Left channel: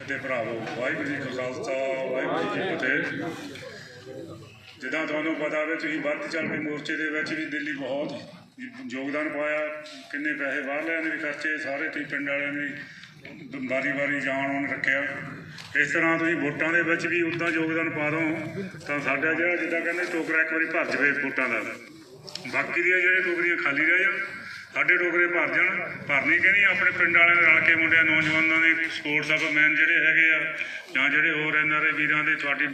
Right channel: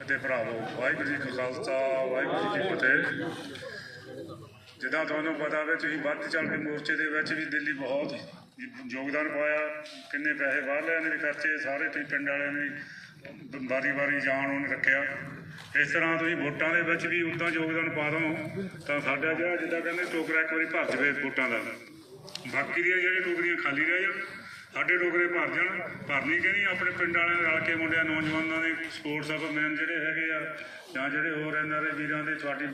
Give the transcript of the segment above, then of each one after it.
ਤੇ ਭਰਾਵੋ, ਵਾਹਿਗੁਰੂ ਜੀ ਕਾ ਖਾਲਸਾ ਵਾਹਿਗੁਰੂ ਜੀ ਕੀ ਫਤਿਹ। ਜਿੱਦਾਂ ਤੁਹਾਨੂੰ ਪਤਾ ਵੇ, ਤੁਸੀਂ ਵੱਧ ਚੱਲ ਕੇ ਮੋਰਚੇ ਦੇ ਵਿੱਚ ਵੀ ਦਿੱਲੀ ਬਹੁਤ ਯੋਗਦਾਨ ਪਾਇਆ। ਕਿੰਨੇ ਪੈਸੇ ਬਾਹਰਲਿਆਂ ਨੇ ਵੀ ਖਰਚੇ, ਸਾਰੇ ਤੁਸੀਂ ਪਿੰਡ ਵਾਲਿਆਂ ਨੇ ਵਾਰੀ ਵਾਰੀ ਜਾਣ ਉਹਨੇ ਰੱਖਿਆ। ਇਸ ਤਰ੍ਹਾਂ ਤੁਸੀਂ ਵੋਟਾਂ ਦੇ ਵਿੱਚ ਵੀ ਉੱਦਾਂ ਯੋਗਦਾਨ ਪਾ ਦਿਓ ਤਾਂ ਸਾਡਾ ਜਿਹੜਾ ਜਿੱਦਾਂ ਕਹਿੰਦੇ ਟੋਕਰਾ ਇੱਕ ਵਾਰੀ ਭਰ ਜਾਵੇ ਵੋਟਾਂ ਦਾ। ਬਾਕੀ ਦੀਆਂ ਜਿਹੜੀਆਂ ਟੋਕਰੀਆਂ ਖਾਲੀ ਰਹਿ ਜਾਣ, ਸਾਡੇ ਟੋਕਰੇ ਭਰ ਜਾਣ। ਭਰਨੀ ਕਿ ਨਹੀਂ, ਆਪਣੇ ਪਿੰਡ ਵਾਲਿਆਂ ਨੇ ਰਲ ਕੇ ਮੁੰਡਿਆਂ ਨੌਜਵਾਨਾਂ ਦੇ ਸਪੋਰਟਸ ਆਫ ਮੈਨ ਜਿਹੜੇ ਹੈਗੇ ਆ ਜਾਂ ਜਿਹੜੇ ਹੋਰ ਇਹਨਾਂ ਦੇ ਵੀਰਾਂ ਦੇ ਤੁਹਾਡੀ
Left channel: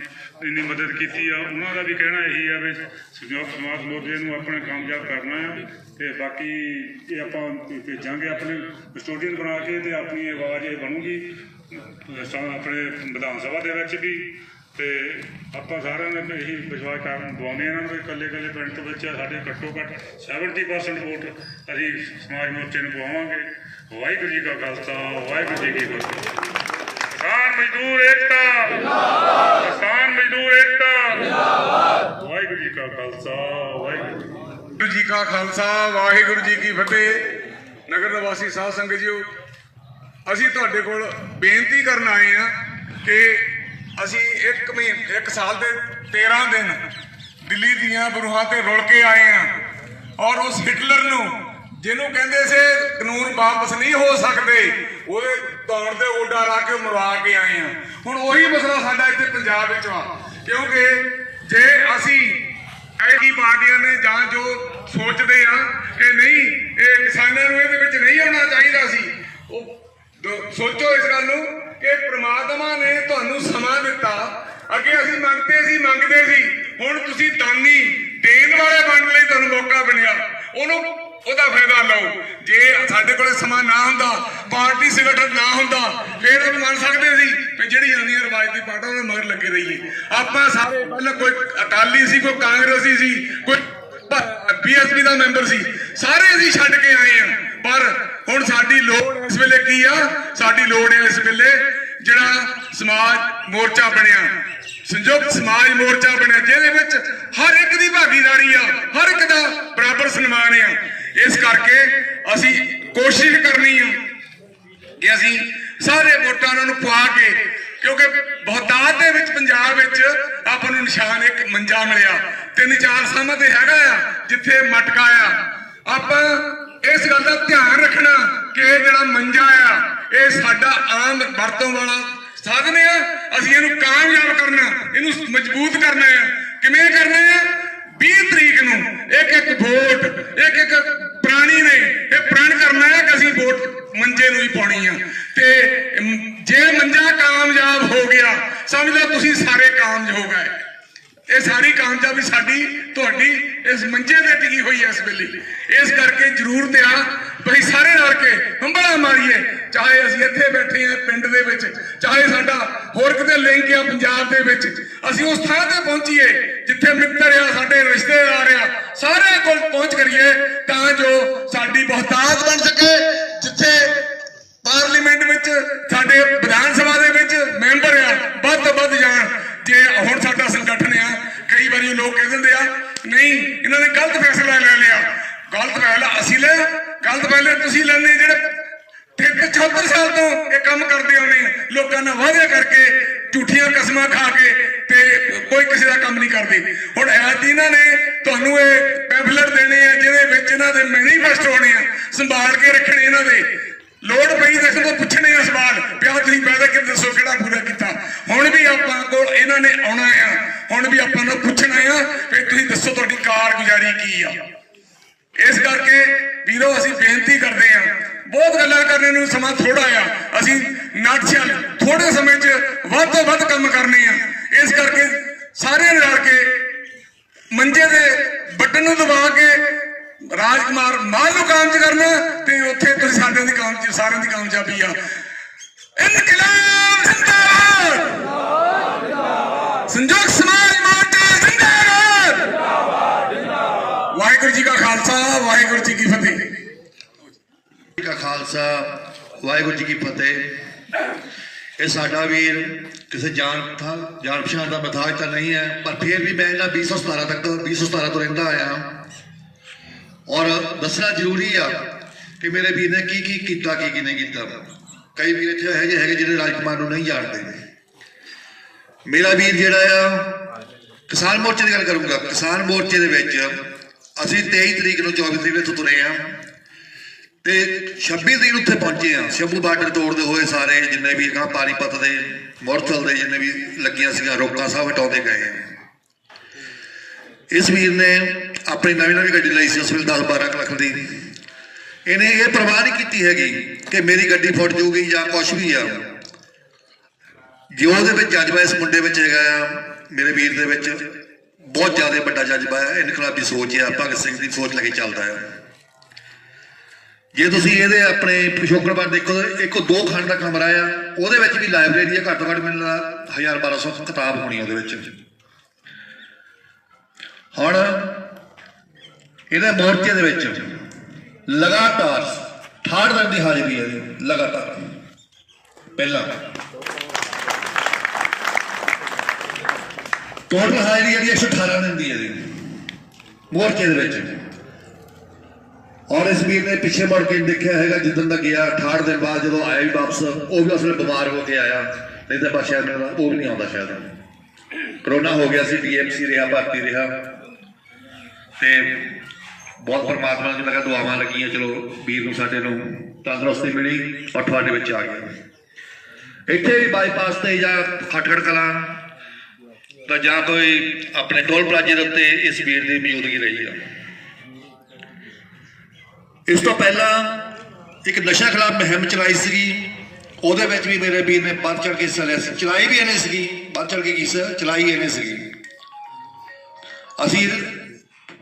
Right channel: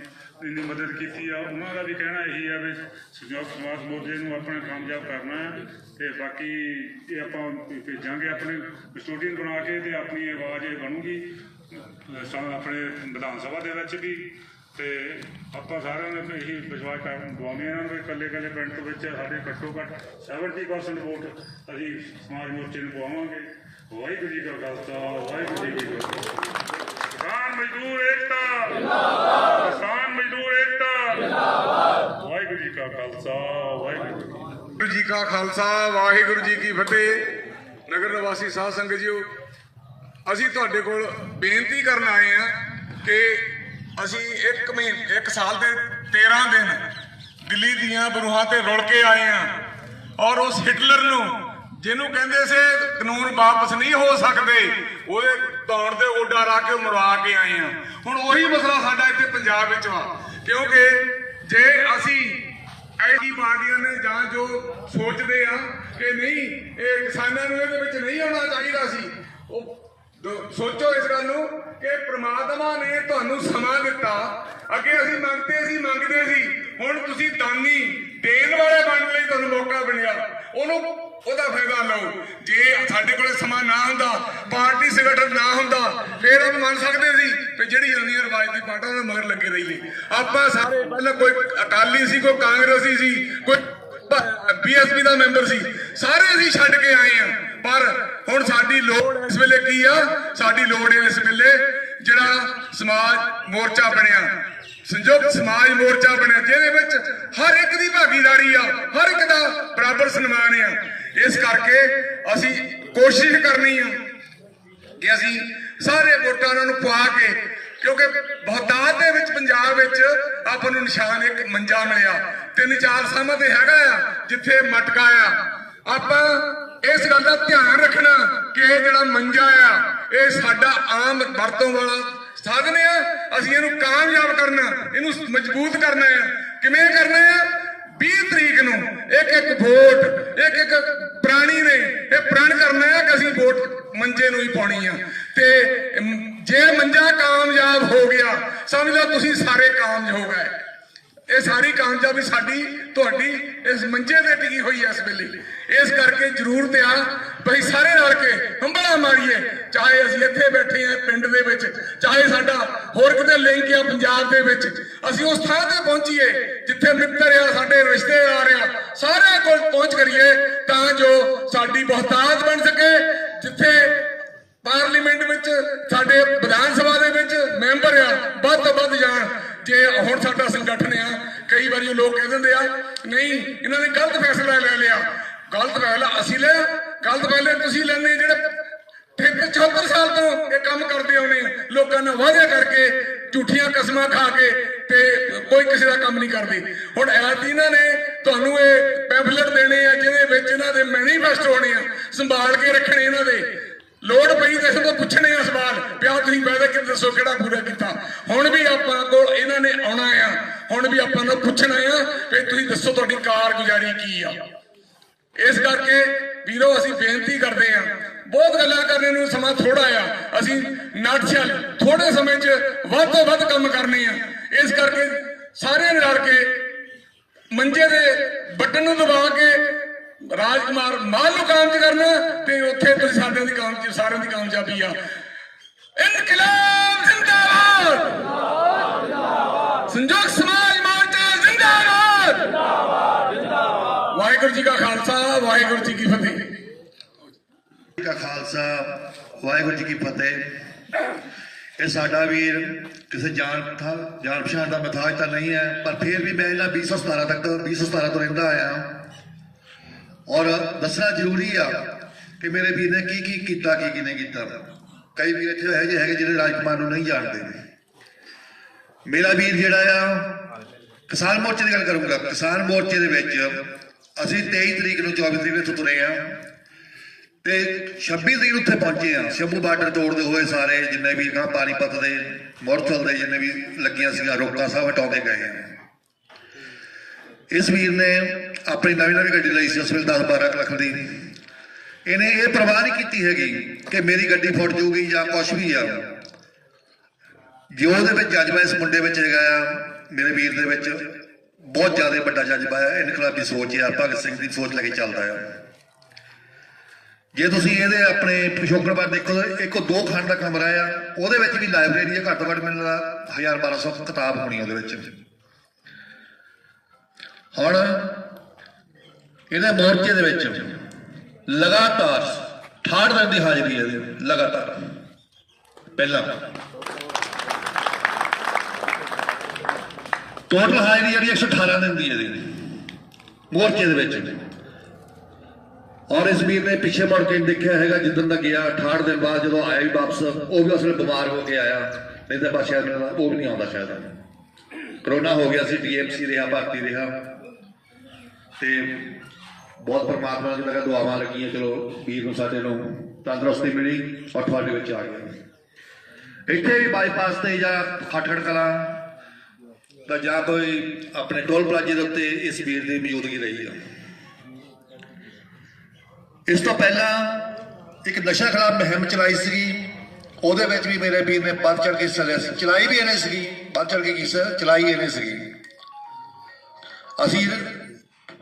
ਇੰਨੀ ਮਦਦ ਕੀਤੀ ਆ, ਉਹਨਾਂ ਦਾ ਵੀ ਕਹਿਣਾ ਇਹੀ ਆ ਵੀ ਸੰਯੁਕਤ ਸਮਾਜ ਮੋਰਚੇ ਨੂੰ ਆਪਣੇ ਕਾਮਯਾਬ ਕਰਨਾ ਆ। ਅਤੇ ਬਾਕੀ ਇਹ ਆਪਾਂ ਭੇਜਾਂਗੇ ਆਪਣੇ ਕਸਟੋਡੀਅਨ ਬਣਾ ਕੇ, ਅਤੇ ਆਪਣੀ ਆਵਾਜ਼ ਇਹ ਬਣੂਗੀ ਆਪਣੇ ਵਿਧਾਨ ਸਭਾ ਦੇ ਵਿੱਚ ਵੀ। ਅਤੇ ਆਪਾਂ ਸਾਰਿਆਂ ਨੇ ਇਹੀ ਵਿਸ਼ਵਾਸ ਦਵਾਉਂਦੇ ਇਹਨਾਂ ਨੂੰ, ਇਕੱਲੇ ਇਕੱਲੇ ਪਿੰਡ ਤੋਂ ਵਿੱਚ ਸਾਡੇ ਘੱਟੋ ਘੱਟ 70% ਵੋਟ ਅਸੀਂ ਸਮਾਜ ਮੋਰਚੇ ਨੂੰ ਪਵਾਵਾਂਗੇ। ਵਾਹਿਗੁਰੂ ਜੀ ਕਾ ਖਾਲਸਾ ਵਾਹਿਗੁਰੂ ਜੀ ਕੀ ਫਤਿਹ। ਕਿਸਾਨ ਮਜ਼ਦੂਰ ਏਕਤਾ ਜਿੰਦਾਬਾਦ, ਕਿਸਾਨ ਮਜ਼ਦੂਰ ਏਕਤਾ ਜਿੰਦਾਬਾਦ। ਵਾਹਿਗੁਰੂ ਜੀ ਕਾ ਖਾਲਸਾ ਵਾਹਿਗੁਰੂ ਜੀ ਕਾ ਖਾਲਸਾ ਵਾਹਿਗੁਰੂ ਜੀ ਕੀ ਫਤਿਹ। ਨਗਰ ਨਿਵਾਸੀ ਸਾਧ ਸੰਗਤ ਜੀਓ, ਅਸੀਂ ਤੁਹਾਡੇ ਕੋਲ ਬੇਨਤੀ ਕਰਨ ਆਏ ਹਾਂ ਕਿ ਅਸੀਂ ਇੱਕ ਸਾਲ ਦੇ 13 ਦਿਨ ਦਿੱਲੀ ਦੀਆਂ ਬਰੂਹਾਂ ਤੇ ਰੁਲ ਕੇ ਆਏ ਹਾਂ ਔਰ ਉਸ ਹਿਟਲਰ ਨੂੰ ਜਿਹਨੂੰ ਕਹਿੰਦੇ ਸੀ ਕਾਨੂੰਨ ਵਾਪਸ ਨਹੀਂ ਹੋ ਸਕਦੇ, ਉਹਦੇ ਤੌਰ ਤੇ ਓਡਾ ਲਾ ਕੇ ਮਰਵਾ ਕੇ ਆਏ ਹਾਂ। ਹੁਣ ਉਹੀ ਮਸਲਾ ਸਾਡਾ ਇੱਥੇ ਪੰਜਾਬ ਵਿੱਚ ਆ, ਕਿਉਂਕਿ ਜੇ ਅਸੀਂ ਐਡੀ ਪਾਰਟੀਆਂ ਨੇ ਜਾਂ ਜੋ ਸੋਚਦੇ ਆ ਕਿ ਨਹੀਂ ਇਹ ਕਿਸਾਨਾਂ ਨੂੰ ਇਹਦੇ ਵਿੱਚ ਨਹੀਂ ਆਉਣਾ ਚਾਹੀਦਾ ਸੀ, ਉਹ ਸੋਚੋ ਇਸ ਗੱਲ ਨੂੰ ਕਿ ਪ੍ਰਮਾਤਮਾ ਨੇ ਤੁਹਾਨੂੰ ਸਮਾਂ ਦਿੱਤਾ। ਅੱਗੇ ਅਸੀਂ ਮੰਗਦੇ ਸੀ, ਹੁਣ ਤੁਸੀਂ ਦਾਨੀ ਦੇਣ ਵਾਲੇ ਬਣਨ ਲਈ ਤੁਹਾਨੂੰ ਮੌਕਾ ਬਣਿਆ, ਉਹਦਾ ਫਾਇਦਾ ਲਓ। ਜੇ ਸਾਡੇ ਕੋਲ ਸਮਾਂ ਨਾ ਹੁੰਦਾ, ਪਾਰਟੀ ਸੰਗਠਨ ਨਾ ਹੁੰਦਾ, ਫਿਰ ਆਪਾਂ ਮੰਨ ਸਕਦੇ ਸੀ ਕਿ ਜਿਹੜੀ ਆਉਂਦੀ ਰਵਾਇਤੀ ਪਾਰਟੀ ਉਹਦੇ ਮਗਰ ਲੱਗੇ ਰਹੀਏ। ਆਪਾਂ ਸਾਰੇ ਪਹਿਲਾਂ ਕੋਈ ਅਕਾਲੀ ਸੀ, ਕੋਈ ਕਾਂਗਰਸੀ ਸੀ, ਕੋਈ BSP ਦਾ ਮੈਂਬਰ ਸੀ, ਸਾਰੇ ਅਸੀਂ ਛੱਡ ਕੇ ਆਏ ਹਾਂ। ਪਰ ਹੁਣ ਸਾਡੀ ਲੋੜ ਇਸ ਵੇਲੇ ਕੀ ਆ? ਸਾਡੀ ਲੋੜ ਹੈ ਇਸ ਵੇਲੇ ਜਿਹੜਾ ਸਮਾਜ ਮੋਰਚਾ ਬਣਿਆ, ਸੰਯੁਕਤ ਸਮਾਜ ਮੋਰਚਾ ਬਣਿਆ, ਜਿਹਦੇ ਵਿੱਚ ਹਰ ਇੱਕ ਦੀ ਭਾਗੀਦਾਰੀ ਆ, ਹਰ ਇੱਕ ਦਾ ਬਰਾਬਰ ਸਨਮਾਨ ਆ। ਇਸ ਕਰਕੇ ਅਸੀਂ ਕੋਸ਼ਿਸ਼ ਕਰਨੀ ਆ ਕਿ ਅਸੀਂ ਸਾਰੇ ਵੋਟਾਂ ਉਹਨਾਂ ਨੂੰ ਪਵਾ ਕੇ, ਕਿਉਂਕਿ ਬਹੁਤਾਤ ਦੇ ਵਿੱਚ ਪੰਜਾਬ ਵਿੱਚ ਆਪਾਂ ਨੂੰ ਨਿਸ਼ਾਨ ਇੱਕ ਮੰਜਾ ਮਿਲਿਆ, 3-4 ਸਾਹਾਂ ਤੇ ਹੈਗਾ ਆ ਜਿੱਥੇ ਮਟਕਾ ਆ। ਆਪਾਂ ਇਸ ਗੱਲ ਦਾ ਧਿਆਨ ਰੱਖਣਾ ਕਿ ਇਹ ਜਿਹੜਾ ਮੰਜਾ ਆ ਇਹ ਸਾਡਾ ਆਮ ਵਰਤੋਂ ਵਾਲਾ ਸਾਧਨ ਆ। ਅਸੀਂ ਇਹਨੂੰ ਕਾਮਯਾਬ ਕਰਨਾ, ਇਹਨੂੰ ਮਜ਼ਬੂਤ ਕਰਨਾ ਆ। ਕਿਵੇਂ ਕਰਨਾ ਆ? 20 ਤਰੀਕ ਨੂੰ ਇੱਕ ਵੋਟ ਇੱਕ ਪ੍ਰਾਣੀ ਨੇ ਇਹ ਪ੍ਰਣ ਕਰਨਾ ਹੈ ਕਿ ਅਸੀਂ ਵੋਟ ਮੰਜੇ ਨੂੰ ਹੀ ਪਾਉਣੀ ਆ। ਤੇ ਜੇ ਮੰਜਾ ਕਾਮਯਾਬ ਹੋ ਗਿਆ, ਸਮਝ ਲਓ ਤੁਸੀਂ ਸਾਰੇ ਕਾਮਯਾਬ ਹੋ ਗਏ। ਇਹ ਸਾਰੀ ਕਾਮਯਾਬੀ ਸਾਡੀ ਤੁਹਾਡੀ ਇਸ ਮੰਜੇ ਤੇ ਟਿਕੀ ਹੋਈ ਹੈ ਇਸ ਵੇਲੇ। ਇਸ ਕਰਕੇ ਜ਼ਰੂਰਤ ਆ ਭਈ ਸਾਰੇ ਰਲ ਕੇ ਹੰਬੜਾ ਮਾਰੀਏ, ਚਾਹੇ ਅਸੀਂ ਇੱਥੇ ਬੈਠੇ ਹਾਂ ਪਿੰਡ ਦੇ ਵਿੱਚ, ਚਾਹੇ ਸਾਡਾ ਹੋਰ ਕਿਤੇ ਲਿੰਕ ਆ ਪੰਜਾਬ ਦੇ ਵਿੱਚ। ਅਸੀਂ ਉਸ ਥਾਂ ਤੇ ਪਹੁੰਚੀਏ ਜਿੱਥੇ ਮਿੱਤਰ ਆ, ਸਾਡੇ ਰਿਸ਼ਤੇਦਾਰ ਆ, ਸਾਰਿਆਂ ਕੋਲ ਪਹੁੰਚ ਕਰੀਏ ਤਾਂ ਜੋ ਸਾਡੀ ਬਹੁਤਾਤ ਬਣ ਸਕੇ। ਜਿੱਥੇ ਪਾਰਲੀਮੈਂਟ ਵਿੱਚ ਸਾਡੇ ਵਿਧਾਨ ਸਭਾ ਦੇ ਵਿੱਚ ਮੈਂਬਰ ਆ ਵੱਧ ਤੋਂ ਵੱਧ ਜਾਣ। ਜੇ ਹੁਣ ਸਾਡਾ ਸੰਗਠਨ ਆ, ਕਈ ਵਾਰੀ ਲੋਕ ਕਹਿ ਦਿੰਦੇ ਆ ਨਹੀਂ ਇਹਨਾਂ ਨੇ ਗਲਤ ਫੈਸਲਾ ਲੈ ਲਿਆ। ਗਲਤ ਫੈਸਲਾ ਅਸੀਂ ਲਿਆ? ਗਲਤ ਫੈਸਲਾ ਤੁਸੀਂ ਲੈਣੇ ਜਿਹੜੇ 74 ਸਾਲ ਤੋਂ ਇਹ ਕੰਮ ਕਰਦੇ ਆਉਣੇ ਆ, ਲੋਕਾਂ ਨਾਲ ਵਾਅਦੇ ਕਰਕੇ, ਝੂਠੀਆਂ ਕਸਮਾਂ ਖਾ ਕੇ, ਤੇ ਕੋਈ ਕਿਸੇ ਦਾ ਕੰਮ ਨਹੀਂ ਕਰਦੇ। ਹੁਣ ਐਤ ਇਹਨਾਂ ਨੇ ਤੁਹਾਨੂੰ ਇਹ ਪੈਂਫਲੇਟ ਦੇਣੇ ਆ ਜਿਹਦੇ ਵਿੱਚ ਇਹਨਾਂ ਦੇ ਮੈਨੀਫੈਸਟੋ ਹੋਣੇ ਆ, ਸੰਭਾਲ ਕੇ ਰੱਖਣੇ। ਇਹਨਾਂ ਦੇ ਲੋੜ ਪਈ ਦੱਸੋ ਤਾਂ ਪੁੱਛਣੇ ਆ ਸਵਾਲ, ਪਿਆ ਤੁਸੀਂ ਪੈਦਾ ਕਿ ਦੱਸੋ ਕਿਹੜਾ ਪੂਰਾ ਕੀਤਾ। ਹੁਣ ਵੀ ਆਪਾਂ ਕੋਲ ਇਹਨਾਂ ਨੇ ਆਉਣਾ ਆ, ਹੁਣ ਵੀ ਆਪਾਂ ਨੂੰ ਪੁੱਛਣਾ ਆ ਕਿ ਤੁਸੀਂ ਦੱਸੋ ਤੁਹਾਡੀ ਕਾਰਗੁਜ਼ਾਰੀ ਕੀ ਆ। ਇਸ ਕਰਕੇ ਵੀਰੋ ਅਸੀਂ ਬੇਨਤੀ ਕਰਦੇ ਆ, ਬਹੁਤ ਗੱਲਾਂ ਕਰਨ ਨੂੰ ਸਮਾਂ ਥੋੜਾ ਆ, ਅਸੀਂ ਨਾਟਸ਼ਲ ਥੋੜੇ ਸਮੇਂ 'ਚ ਵੱਧ ਤੋਂ ਵੱਧ ਕੰਮ ਕਰਨੇ ਆ। ਇਸ ਕਰਕੇ ਸਾਰਿਆਂ ਨੇ ਰਲ ਕੇ ਮੰਜੇ ਦੇ ਬਟਨ ਨੂੰ ਦਬਾ ਕੇ ਰਾਜਕੁਮਾਰ ਮਾਲ ਨੂੰ ਕਾਮਯਾਬ ਕਰਨਾ, ਤੇ ਉੱਥੇ ਤੁਸੀਂ ਸਾਰਿਆਂ ਦੀ ਕਾਮਯਾਬੀ ਆ। ਇਨਕਲਾਬ ਜ਼ਿੰਦਾਬਾਦ, ਸੰਯੁਕਤ ਸਮਾਜ ਮੋਰਚਾ ਜ਼ਿੰਦਾਬਾਦ। ਵਾਹਿਗੁਰੂ ਜੀ ਕਾ ਖਾਲਸਾ ਵਾਹਿਗੁਰੂ ਜੀ ਕੀ ਫਤਿਹ। ਜੀ ਕਾ ਖਾਲਸਾ ਵਾਹਿਗੁਰੂ ਜੀ ਕੀ ਫਤਿਹ। ਇਹ ਸਾਡਾ ਵੀਰ ਕਿਸੇ ਜਾਣ ਪਛਾਣ ਦਾ ਮਥਾਜ ਤਾਂ ਨਹੀਂ ਹੈ, ਪਰ ਫਿਰ ਵੀ ਮੈਂ ਇਹਨਾਂ 2017 ਤੋਂ ਰਹਿੰਦਾ ਆਇਆ ਔਰ ਦੱਸਣਾ ਜ਼ਰੂਰੀ ਆ ਕਿ ਮੇਰੇ ਵੀਰ ਨੇ ਕੀ ਕੀਤਾ, ਕੀ ਨਹੀਂ ਕੀਤਾ। ਕਈ ਵੀਰ ਇੱਥੇ ਇਹੋ ਜਿਹੇ ਹੈਗੇ ਜਿਹੜੇ ਰਾਜਕੁਮਾਰ ਨੂੰ ਨਹੀਂ ਜਾਣਦੇ। ਮੇਰਾ ਵੀਰ ਜਿਹੜਾ ਆ ਕਿਸਾਨ ਮੋਰਚੇ ਦੀ ਗੱਲ ਕਰੂੰਗਾ। ਕਿਸਾਨ ਮੋਰਚੇ ਦੇ ਵਿੱਚ ਅਸੀਂ 23 ਤਰੀਕ ਨੂੰ 24 ਤਰੀਕ ਨੂੰ ਇੱਥੋਂ ਤੁਰੇ ਆ ਤੇ 26 ਤਰੀਕ ਨੂੰ ਉੱਥੇ ਪਹੁੰਚੇ ਆ। ਸ਼ੰਭੂ ਬਾਰਡਰ ਤੋੜਦੇ ਹੋਏ ਸਾਰੇ ਜਿੰਨੇ ਵੀ ਗਾਂ ਪਾਣੀਪਤ ਦੇ ਮੁਰਥਲ ਦੇ ਜਿੰਨੇ ਵੀ ਲੱਗੀਆਂ ਸੀਗੀਆਂ ਰੋਕਾਂ ਸਭ ਹਟਾਉਂਦੇ ਗਏ ਆ। ਇਸ ਵੀਰ ਨੇ ਆਪਣੀ ਨਵੀਂ ਗੱਡੀ ਲਈ ਸੀ ਉਸ ਵੇਲੇ 10-12 ਲੱਖ ਦੀ। ਇਹਨੇ ਇਹ ਪਰਵਾਹ ਨਹੀਂ ਕੀਤੀ ਹੈਗੀ ਕਿ ਮੇਰੀ ਗੱਡੀ ਫੁੱਟ ਜਾਊਗੀ ਜਾਂ ਕੁਛ ਵੀ ਆ। ਜੋ ਉਹਦੇ ਵਿੱਚ ਜਜ਼ਬਾ ਇਸ ਮੁੰਡੇ ਵਿੱਚ ਹੈਗਾ ਆ, ਮੇਰੇ ਵੀਰ ਦੇ ਵਿੱਚ ਬਹੁਤ ਜ਼ਿਆਦਾ ਵੱਡਾ ਜਜ਼ਬਾ ਹੈ, ਇਨਕਲਾਬੀ ਸੋਚ ਆ, ਭਗਤ ਸਿੰਘ ਦੀ ਸੋਚ ਲੈ ਕੇ ਚੱਲਦਾ ਆ। ਜੇ ਤੁਸੀਂ ਇਹਦੇ ਆਪਣੇ ਪਿਛੋਕੜ ਬਾਰੇ ਦੇਖੋ, ਇੱਕ 2 ਖੰਡ ਦਾ ਕਮਰਾ ਆ, ਉਹਦੇ ਵਿੱਚ ਵੀ ਲਾਇਬ੍ਰੇਰੀ ਆ, ਘੱਟੋ ਘੱਟ ਮੈਨੂੰ 1000-1200 ਕਿਤਾਬ ਹੋਣੀ ਉਹਦੇ ਵਿੱਚ। ਹੁਣ ਇਹਦੇ ਮੋਰਚੇ ਦੇ ਵਿੱਚ ਲਗਾਤਾਰ 68 ਦਿਨ ਦੀ ਹਾਜ਼ਰੀ ਹੈ ਇਹਦੀ ਲਗਾਤਾਰ। ਪਹਿਲਾਂ ਟੋਟਲ ਹਾਜ਼ਰੀ ਜਿਹੜੀ 118 ਦਿਨ ਦੀ ਹੈ ਇਹਦੀ ਮੋਰਚੇ ਦੇ ਵਿੱਚ। ਔਰ ਇਸ ਵੀਰ ਨੇ ਪਿੱਛੇ ਮੁੜ ਕੇ ਦੇਖਿਆ ਹੈਗਾ ਜਿੱਦਣ ਦਾ ਗਿਆ 68 ਦਿਨ ਬਾਅਦ ਜਦੋਂ ਆਇਆ ਵੀ ਵਾਪਸ, ਉਹ ਵੀ ਉਸਨੇ ਬਿਮਾਰ ਹੋ ਕੇ ਆਇਆ, ਨਹੀਂ ਤਾਂ ਬਸ ਸ਼ਾਇਦ ਉਹ ਵੀ ਨਹੀਂ ਆਉਂਦਾ। ਸ਼ਾਇਦ ਕਰੋਨਾ ਹੋ ਗਿਆ ਸੀ, DMC ਰਿਹਾ, ਭਰਤੀ ਰਿਹਾ ਤੇ ਬਹੁਤ ਪਰਮਾਤਮਾ ਦੀ ਲਗਾ ਦੁਆਵਾਂ ਲੱਗੀਆਂ, ਚਲੋ ਵੀਰ ਨੂੰ ਸਾਡੇ ਨੂੰ ਤੰਦਰੁਸਤੀ ਮਿਲੀ ਔਰ ਤੁਹਾਡੇ ਵਿੱਚ ਆ ਗਿਆ। ਇੱਥੇ ਵੀ ਬਾਈਪਾਸ ਤੇ ਜਾਂ ਖਟਖੜ ਕਲਾਂ ਤਾਂ ਜਾਂ ਕੋਈ ਆਪਣੇ ਟੋਲ ਪਲਾਜ਼ੇ ਦੇ ਉੱਤੇ ਇਸ ਵੀਰ ਦੀ ਮੌਜੂਦਗੀ ਰਹੀ ਆ। ਇਸ ਤੋਂ ਪਹਿਲਾਂ ਇੱਕ ਨਸ਼ਾ ਖਿਲਾਫ ਮੁਹਿੰਮ ਚਲਾਈ ਸੀਗੀ, ਉਹਦੇ ਵਿੱਚ ਵੀ ਮੇਰੇ ਵੀਰ ਨੇ ਵੱਧ ਚੜ ਕੇ ਹਿੱਸਾ ਲਿਆ ਸੀ। ਚਲਾਈ ਵੀ ਇਹਨੇ ਸੀਗੀ, ਵੱਧ ਚੜ ਕੇ ਚਲਾਈ ਇਹਨੇ ਸੀਗੀ। ਅਸੀਂ